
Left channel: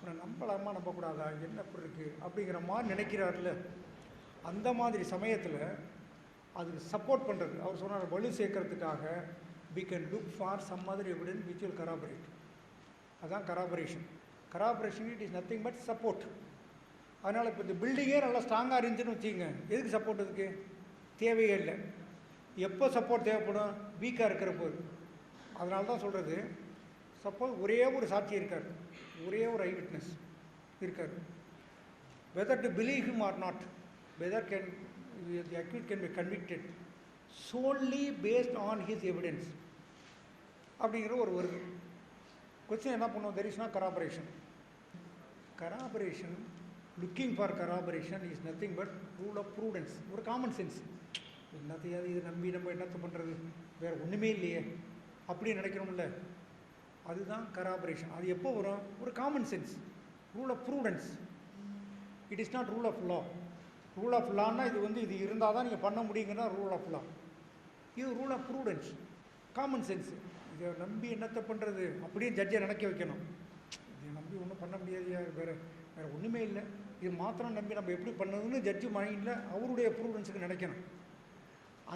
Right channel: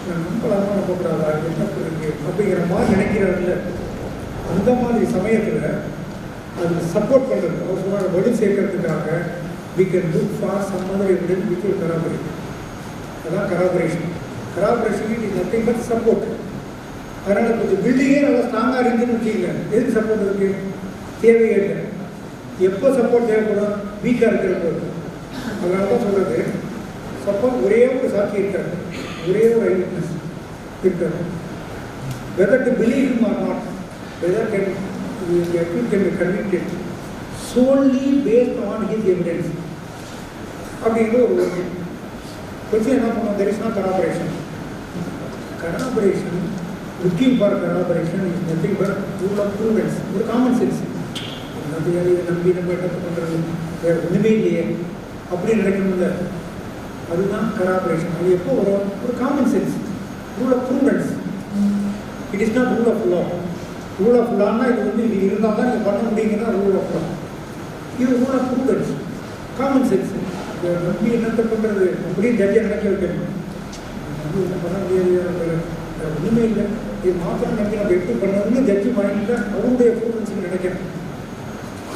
நம்பலாமா நம்பக்கூடாதா என்ன இருக்கு அப்படிங்கிற மாதிரி நினைக்கிறாருல. அந்த மாதிரி சமயத்தில் அது சப்போர்ட் பண்ணுறது அவர் சொன்ன வலு சேர்க்கறதுக்காக we can look for some other evidence which will corroborate. அதான் கராபரேஷன். கராபரேஷன் இஸ் நத்திங் பட் சப்போர்ட். அதனால் இப்போ இந்த பில்டிங்கே நல்லா ஸ்ட்ராங்காக இருந்துன்னு வச்சுக்கோங்க, எதுக்கு சப்போர்ட் இருக்குது? தேவையே இல்லை. எப்போ சப்போர்ட் தேவைப்படும்? வீக்காக இருக்கிற போது. அதனால தான் சொல்கிறது, சப்போர்ட் ஒரே ஒரு சாட்சி இருக்காது, ஒரே ஒரு ஐவிட்னஸ் இருக்காது. Weather to believe him or not, whether can be convicted solely based on his evidence அப்படிங்கிற ஒரு கொஸ்டின் என்ன பண்ணுவோம்? there is no corroboration. Corroboration, looking for corroboration is nothing but rule of prudence, ஒரு common sense. இதை நம்பி நம்ம என்ன பண்ணுறது, வேறு ஒன்றுமே இல்லையே அப்படின்னு நினைக்கணும்ல, அதுதான் கராபரேஷன். அது எப்போ வரும்? ஒரு common sense, rule of prudence. It is not rule of law. Rule of லான்னா இது வந்து இது இருந்தால் தான் நீங்கள் பண்ண முடியுங்கன்னா ரூல் ஆஃப் லா. இது rule of prudence, common sense. நம்பி என்னத்தை பண்ணுறது அப்படின்னு ஜட்ஜை நினைக்க வைக்கணும். நம்பி என்ன பண்ண முடியாது, ஒன்றுமே இல்லை, இது மாத்திரம் நம்பி நம்ம எப்படி பண்ணணும்னு ஜட்ஜி மைண்டில் அவருடைய ப்ரூடன்ஸ்ன்னு நினைக்கணும்.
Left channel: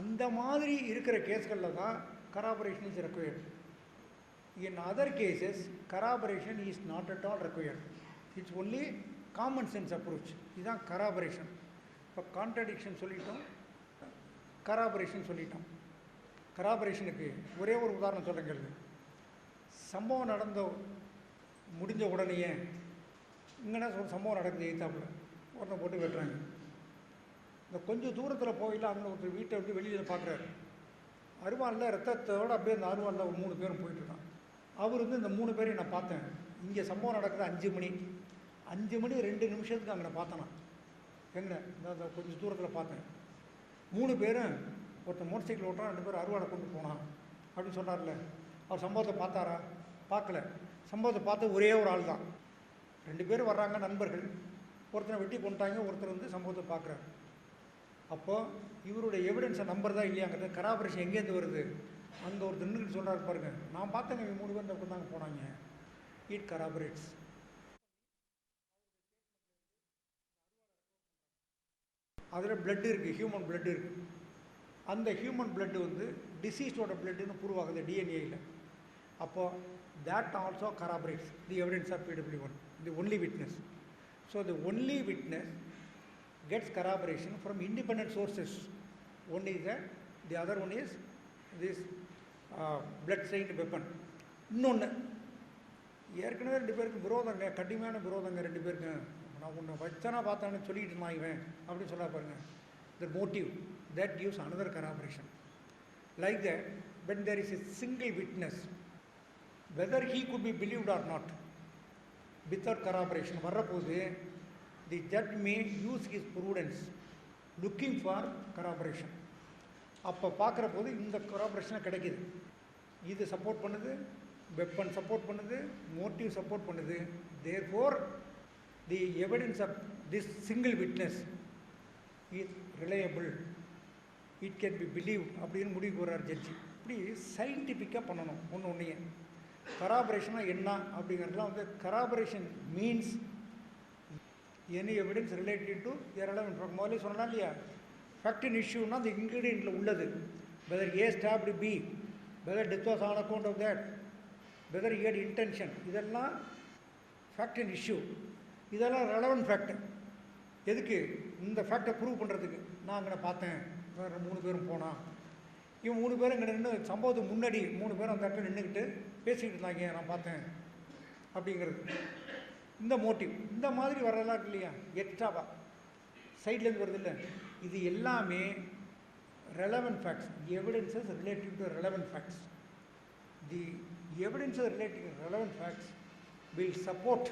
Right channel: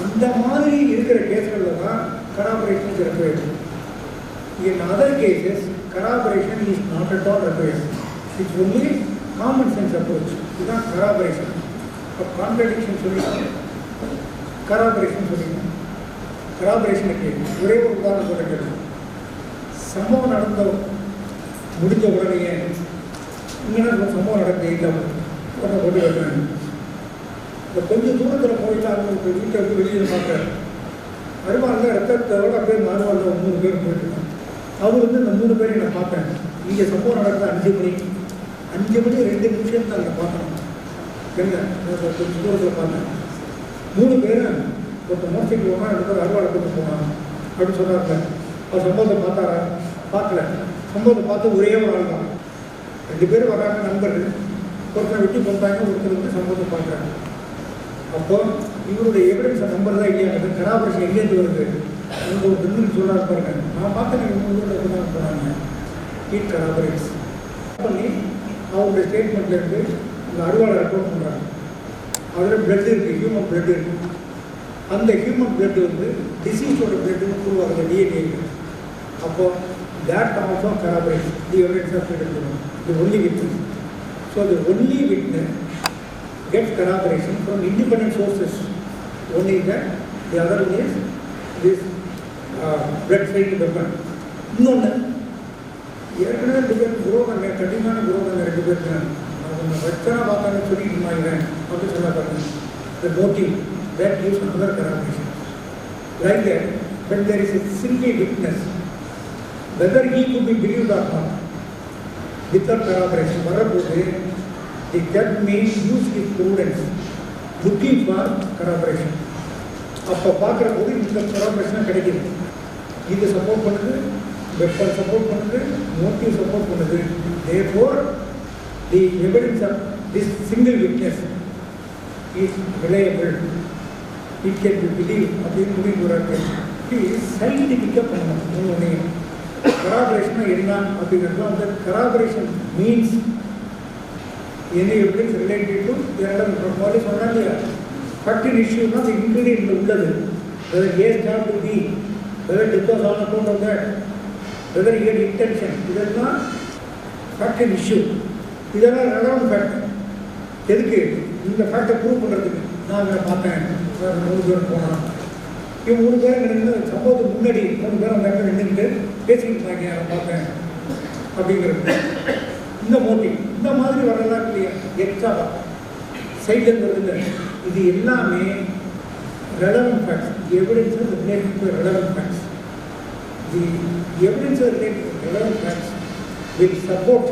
அந்த மாதிரி இருக்கிற கேஸ்களில் தான் கராபரேஷன் required. In other cases, corroboration is not at all required. It's only common sense approach. இதுதான் corroboration. இப்போ கான்ட்ரடிக்ஷன் சொல்லிக்கலாம், கராபரேஷன் சொல்லிக்கலாம். கராபரேஷனுக்கு ஒரே ஒரு உதாரணம் சொல்லிக்கிறது. சம்பவம் நடந்த முடிஞ்ச உடனேயே இங்கே சம்பவம் நடந்த உடனே போட்டு வைக்கிறாங்க. இப்போ கொஞ்சம் தூரத்தில் போயிட்டு அவங்க வீட்டை வந்து வெளியே பார்க்குறாரு. அருமாரில் ரத்தத்தோட அப்படியே நார்மலில் 3 பேர் போயிட்டுருக்காங்க. அவர் வந்து இந்த 3 பேரையும் நான் பார்த்தேன். இங்கே சம்பவம் நடந்த 5 மணி 2 நிமிஷம் தான் அங்கே பார்க்கணும். என்ன கொஞ்சம் தூரத்தில் பார்த்தேன். 3 பேரும் ஒருத்தர் மோட்டர் சைக்கிள் போனால் 2 பேர் அருவாளை கொண்டு போனான் அப்படின்னு சொன்னாங்க. அவர் சம்பவத்தை பார்த்தாரா? பார்க்கல. சம்பவத்தை பார்த்து ஒரே ஒரு ஆள் தான். 2 பேர் வராங்க நண்பர்கள். ஒருத்தர் விட்டு போட்டாங்க, ஒருத்தர் வந்து சம்பவத்தை பார்க்குறாங்க. அப்போ இவருடைய எவிடன்ஸை நம்பர் தான் இல்லையா? கராபரேஷன் எங்கேருந்து வருது? எனக்கு ஒரு பில்லுன்னு சொல்கிறாரு பாருங்க, நான் பார்த்தேன் 3 பேர் எப்படிதான் போனாங்க. இட் கராபரேட்ஸ் பண்ணி அவருடைய ஸ்டேட்மெண்ட்லேருந்து இந்த அறுவாளை ரெக்கார்ட் பண்ணுறாங்க. அதில் பிளட் இருக்குது, ஹியூமன் பிளட் இருக்குது. அந்த ஹியூமன் பிளட் வந்து டிசீஸோட பிளட்டுன்னு உருவாகுது, டிஎன்ஏ. அப்போது that also corroborates the evidence of the only witness. So the only witness gets corroboration from independent sources. One is that, the other one is this blood stained weapon. இன்னொன்று ஏற்கனவே 2 பேருக்கு குரோதங்க, கடினமான குரோதங்க 2 பேருக்கு. அவங்க வெச்சனா பார்த்தாலும் சொல்லிட்டு இருந்தாங்க அப்படின்னு சொல்ல பாருங்க. The motive that gives another corroboration. Like that, when there is a single witness, whether he could be believed or not, without corroboration, வரப்போது the judge may use his prudence looking for corroboration. அப்போ பார்க்குற போது இந்த corroboration கிடைக்குது. இது support பண்ணுது, weapon support பண்ணுது, motive support பண்ணுது. Therefore, the evidence of this single witness is reliable. It can be believed. அப்படின்னு முடிவு வராது. இது சயின்டிஃபிக்காக பண்ணணும். ஒன்று corroboration என்ன அப்படிங்கிறதுலாம் வந்து corroboration means any evidence related to the சொன்னாங்க இல்லையா, ஃபேக்டரி இஷ்யூனா அந்த இன்க்ரீடியன்ட் உள்ளது. whether A have to be, whether it was on account of that, whether he had intention, இதெல்லாம் ஃபேக்டரி இஷ்யூ. இதெல்லாம் ரெலவெண்ட் ஃபேக்டர். எதுக்கு? இந்த ஃபேக்டை ப்ரூவ் பண்ணுறதுக்கு. நான் அதை பார்த்தேன், வேறு 3 பேர் போனான், இவங்க 3 பேர் நின்று சம்பவத்துக்கு முன்னாடி 3 பேர் அந்த இடத்துல நின்றுட்டு பேசிக்கிட்டு இருந்தாங்க, அதை பார்த்தேன் அப்படிங்கிறது. இந்த மோட்டிவ் இந்த மாதிரி வரலாம் இல்லையா, எக்ஸ்ட்ரா சைடில் வருது. இது எல்லாமே relevant facts. The evidence is related to relevant facts. The evidence related to relevant facts will support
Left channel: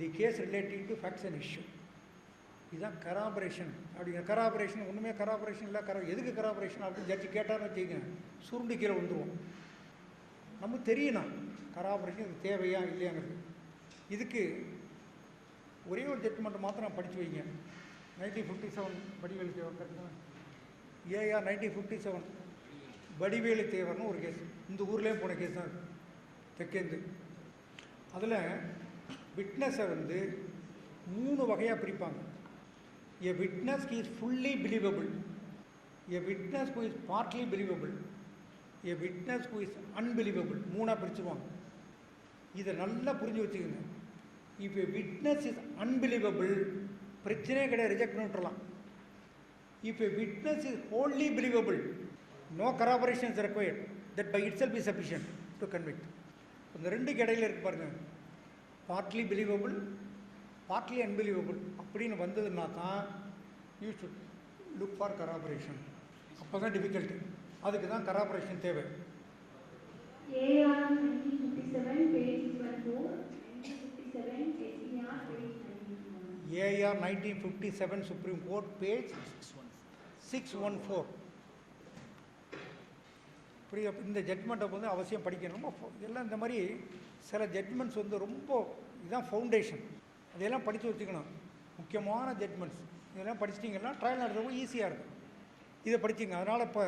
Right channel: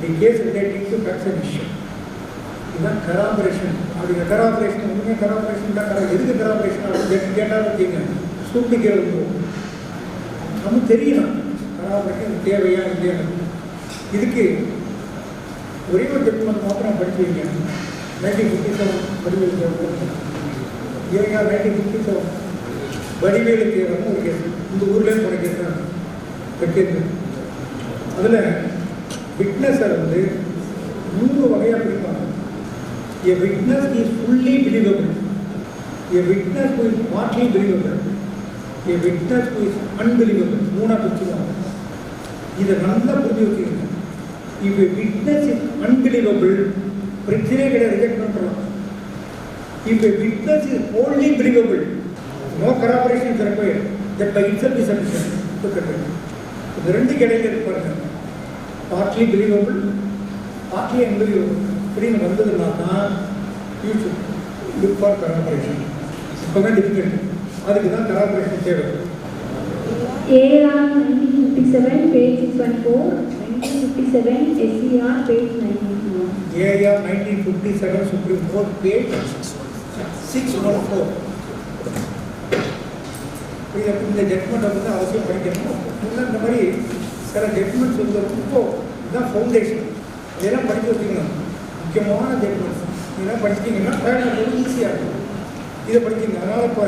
the case relating to facts and issue. இதுதான் கராபரேஷன். அப்படி கராபரேஷன் உண்மையாக கராபரேஷன் தான். எதுக்கு கராபரேஷன் அப்படின்னு கேட்டாலும் வச்சுங்க, சூட்டு கேள்வி நமக்கு தெரியணும் கராபரேஷன் தேவையா இல்லையா. இதுக்கு ஒரே ஒரு ஜட்மெண்ட் மாத்திரம் படிச்சு வைங்க. 1957 வடிவேலு தேவர், ஏங்க 1957 வடிவேலு தேவர்னு ஒரு கேஸ் இந்த ஊர்லேயே போன கேஸ் தான் கேட்குது. அதில் விட்னஸை வந்து 3 வகையாக பிரிப்பாங்க. A witness is fully believable, a witness who is partly believable, a witness who is unbelievable. 3 பிரிச்சுவாங்க. இதை நல்லா புரிஞ்சு வச்சுக்கோங்க. If a witness is unbelievable, பிரச்சனையே கிடையாது, ரிஜெக்ட் பண்ணுறோம். If a witness is only believable, no corroboration is required, that by itself is sufficient. இந்த 2 category இருப்பாங்க. partly believable, partly unbelievable. இப்படின்னு வந்ததுன்னா தான் ஃபியூச்சர் லுக் ஃபார் corroboration. இப்போவே டிஃபிகல்ட். அதுக்கு தான் corroboration தேவை. AR 1957 page 614, 1957 SCR page 991. AR 1957 Supreme Court page 614. இந்த ஜட்மெண்ட் வந்து அவசியம் படிக்கணும். இந்த மாதிரி சில ஜட்மெண்ட்ஸ் வந்து ரொம்ப இதுதான் ஃபவுண்டேஷன். இதெல்லாம் படித்து வச்சுக்கணும். முக்கியமான ஜட்மெண்ட்ஸ் இதெல்லாம் படிச்சிட்டிங்கன்னா ட்ரையல் ஈஸியாக இருக்கும். இதை படிச்சிங்க. அதனால் இப்போ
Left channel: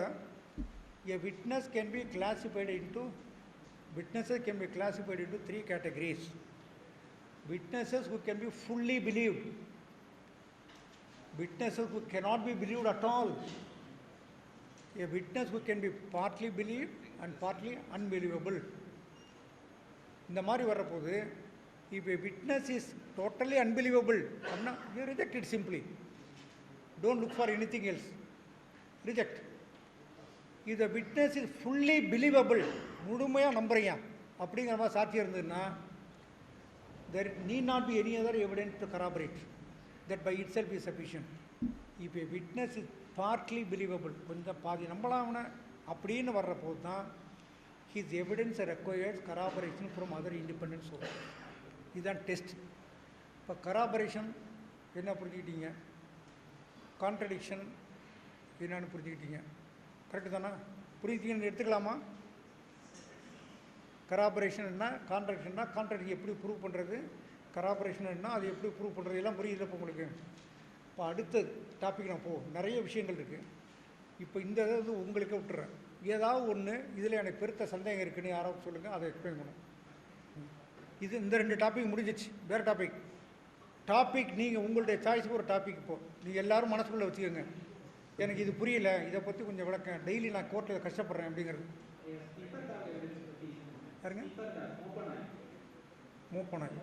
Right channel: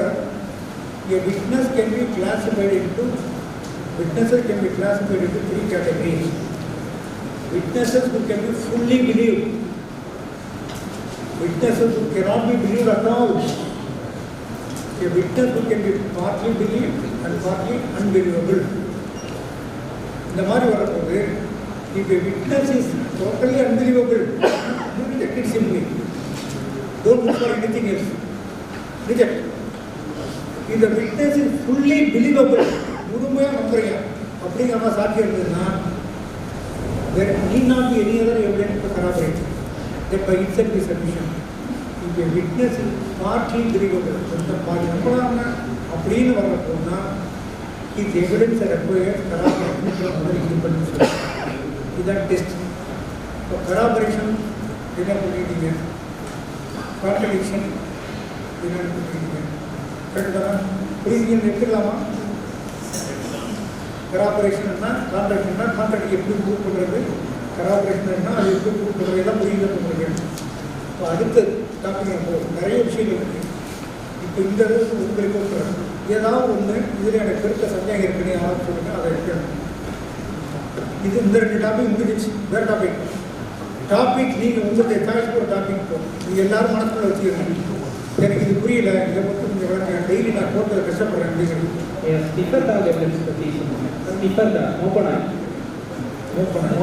witnesses can be classified into 3 categories. Witnesses who can be fully believed, witnesses who cannot be believed at all, a witness who can be partly believed and partly unbelievable. இந்த மாதிரி வரும்போது if a witness is totally unbelievable, reject it simply. Don't look for anything else. Reject. If the witness is fully believable, முழுமையாக நம்புறீங்க அப்படிங்கிற சாத்தியம் இருந்ததுன்னா there need not be any other evidence to corroborate. That by itself is sufficient. If a witness is partly believable, கொஞ்சம் பாதி நம்பலாம்னா அப்படின்னு வரப்போனா இது evidence required corroboration. இதான் டெஸ்ட். இப்போ corroboration என்ன பண்ணிட்டீங்க, கான்ட்ரடிக்ஷன் என்ன பண்ணிட்டீங்க, கரெக்டாக புரியுதுன்னு எடுத்துக்கலாமா? கராபரேஷன்னா கான்ட்ராக்ட் எப்படி ப்ரூவ் பண்ணுறது, கராபரேஷன்னா அது எப்படி ப்ரூவ் பண்ணுறது எல்லாம் புரியுது பண்ணுறேன். இப்போ அடுத்த டாபிக் நிறைய விஷயங்கள் இருக்குது. இப்போ இந்த அளவுக்கு உங்களுக்கு கொடுக்குறேன். ஏதாவது ஒன்று இதில் எனக்கு பெருத்த சந்தேகம் இருக்குன்னு யாராவது சொல்லுங்க, அதை எடுக்கணும். இது இந்த 2 டாபிக் முடிஞ்சிச்சு. வேறு டாபிக் நீங்கள் உங்களுடைய சாய்ஸ் ஒரு டாபிக் போகும். நீங்கள் எல்லாரும் மனசுக்குள்ள வச்சுக்கணும். எனக்கு இது புரியல, இதை மட்டும் கொஞ்சம் வேறு டெய்லி நான் கோர்ட்டில் கஷ்டப்படுறேன் அப்படிங்கிறது.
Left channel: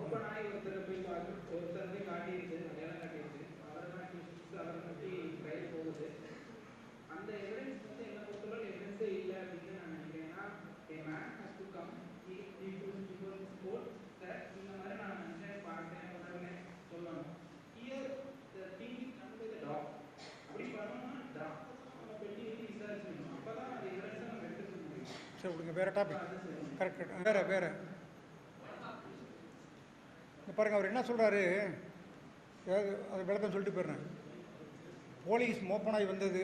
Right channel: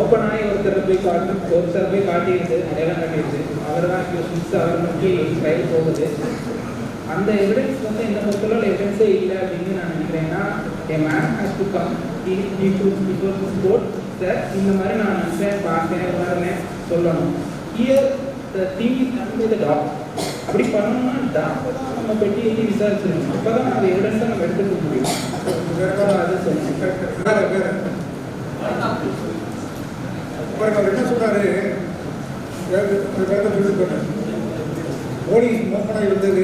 ஓப்பன் ஆகி ஒருத்தர் போய் காட்டிடுது, அடையாளம் காட்டிடுது. அவர் தான் அவர் நோக்கி ட்ரையல் போகுது. அந்த எவிடன்ஸ் வந்து இந்த பொறுத்தளவு எவிடன்ஸே இல்லை அப்படின்னு நான் நினைக்கிறேன்னா, a man has to come before this court, sir இந்த மாதிரி நான் நினைச்சேன், பார்த்தேன், உணர்ந்தேன், ஸோ சொல்லணும். Here the thing is done by the doctor. அப்படி பண்ணணும்னா டாக்டர் தான் நம்ம பெட்டி எட்டி விசாரிச்சிருக்கணும். அப்போ தான் அந்த எவிடன்ஸை நம்ம எடுத்துக்க முடியும். வேறு அது சொல்லணும். வேற பாருங்க, அவர் என்ன சொல்றாரு, சொல்லிட்டு போட்டார். போலீஸ் மோசனாக இருந்தது,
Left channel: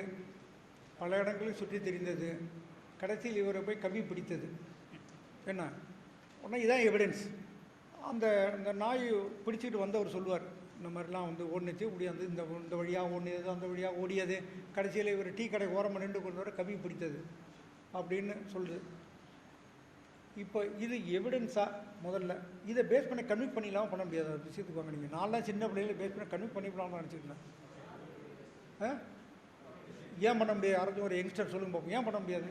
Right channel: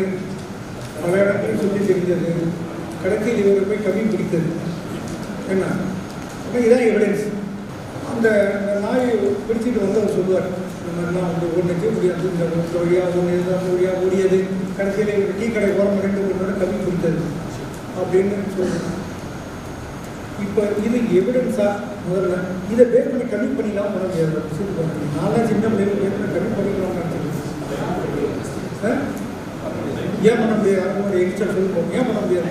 பல இடத்துல சொல்லி தெரிஞ்சது, கடைசியில் இவரை போய் கவி பிடித்தது என்ன. அப்போ இதான் எவிடன்ஸ். அந்த நாய் பிடிச்சிட்டு வந்து அவர் சொல்லுவார், இந்த மாதிரிலாம் வந்து ஒன்றுக்கு முடியாது, இந்த வழியாக ஒன்று அந்த வழியாக ஓடியது, கடைசியில் இவர் டீ கடை ஓரம் 2 1 கவி பிடித்தது அப்படின்னு சொல்லுவாங்க. இப்போ இது எவிடன்ஸா? முதல்ல இதை பேஸ் பண்ணி கம்மி பண்ணிக்கலாம் பண்ண முடியாது. நான்லாம் சின்ன பிள்ளைங்க பேஸ் பண்ணி கம்மி பண்ணிக்கலாம் ஏன் பண்ண முடியாது? அவங்களோட எக்ஸ்ட்ரா சொல்லுவோம், ஏன் பண்ண முடியாது?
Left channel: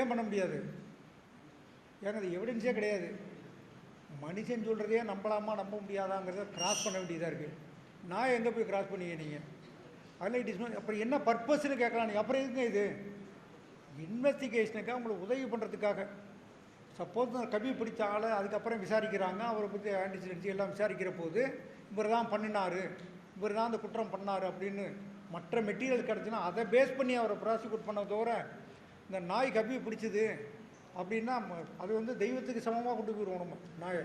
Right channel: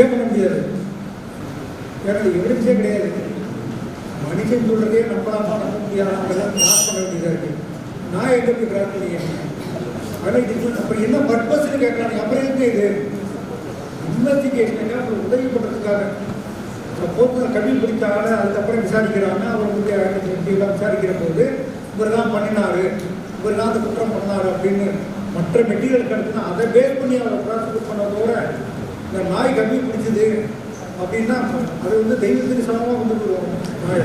ஏன் பண்ண முடியாது? ஏன்னா எவிடன்ஸே கிடையாது. மனுஷன் சொல்றதே நம்பலாமா நம்ப முடியாதவங்கெல்லாம் கிராஸ் பண்ண வேண்டியதாக இருக்கு. நான் எங்கே போய் கிராஸ் பண்ணிக்கிறேன்? ஆனால் அப்புறம் என்ன பர்பஸ்ன்னு கேட்கலாம். அப்புறம் எங்க இது இன்வெஸ்டிகேஷனுங்க ஒரு உதவி பண்ணுறதுக்காக போக்குவரத்து கல்வி பிடித்தாங்க. அதுக்கப்புறம் விசாரிக்கிறாங்க. அவர் வந்து எல்லாம் விசாரிக்கிற போது இவர் தான் பண்ணினாரு, இவர் தான் அந்த குற்றம் பண்ணாரு அப்படின்னு மற்ற மெட்டீரியல் கிடச்சுன்னா அதை பேஸ் பண்ணி அவரை ப்ராசிக்யூட் பண்ணதோட இந்த நாய் கல்வி பிடிச்சது அப்படின்னா அது வந்து தெய்வத்தின் சமமாக வந்து நாய்.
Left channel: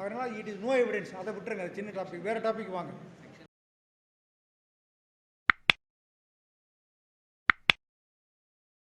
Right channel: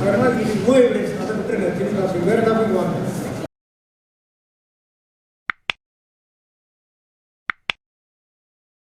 அதனால் இது நோ எவிடன்ஸ். அதை விட்டுருங்க. வேறு டாபிக் வாங்க.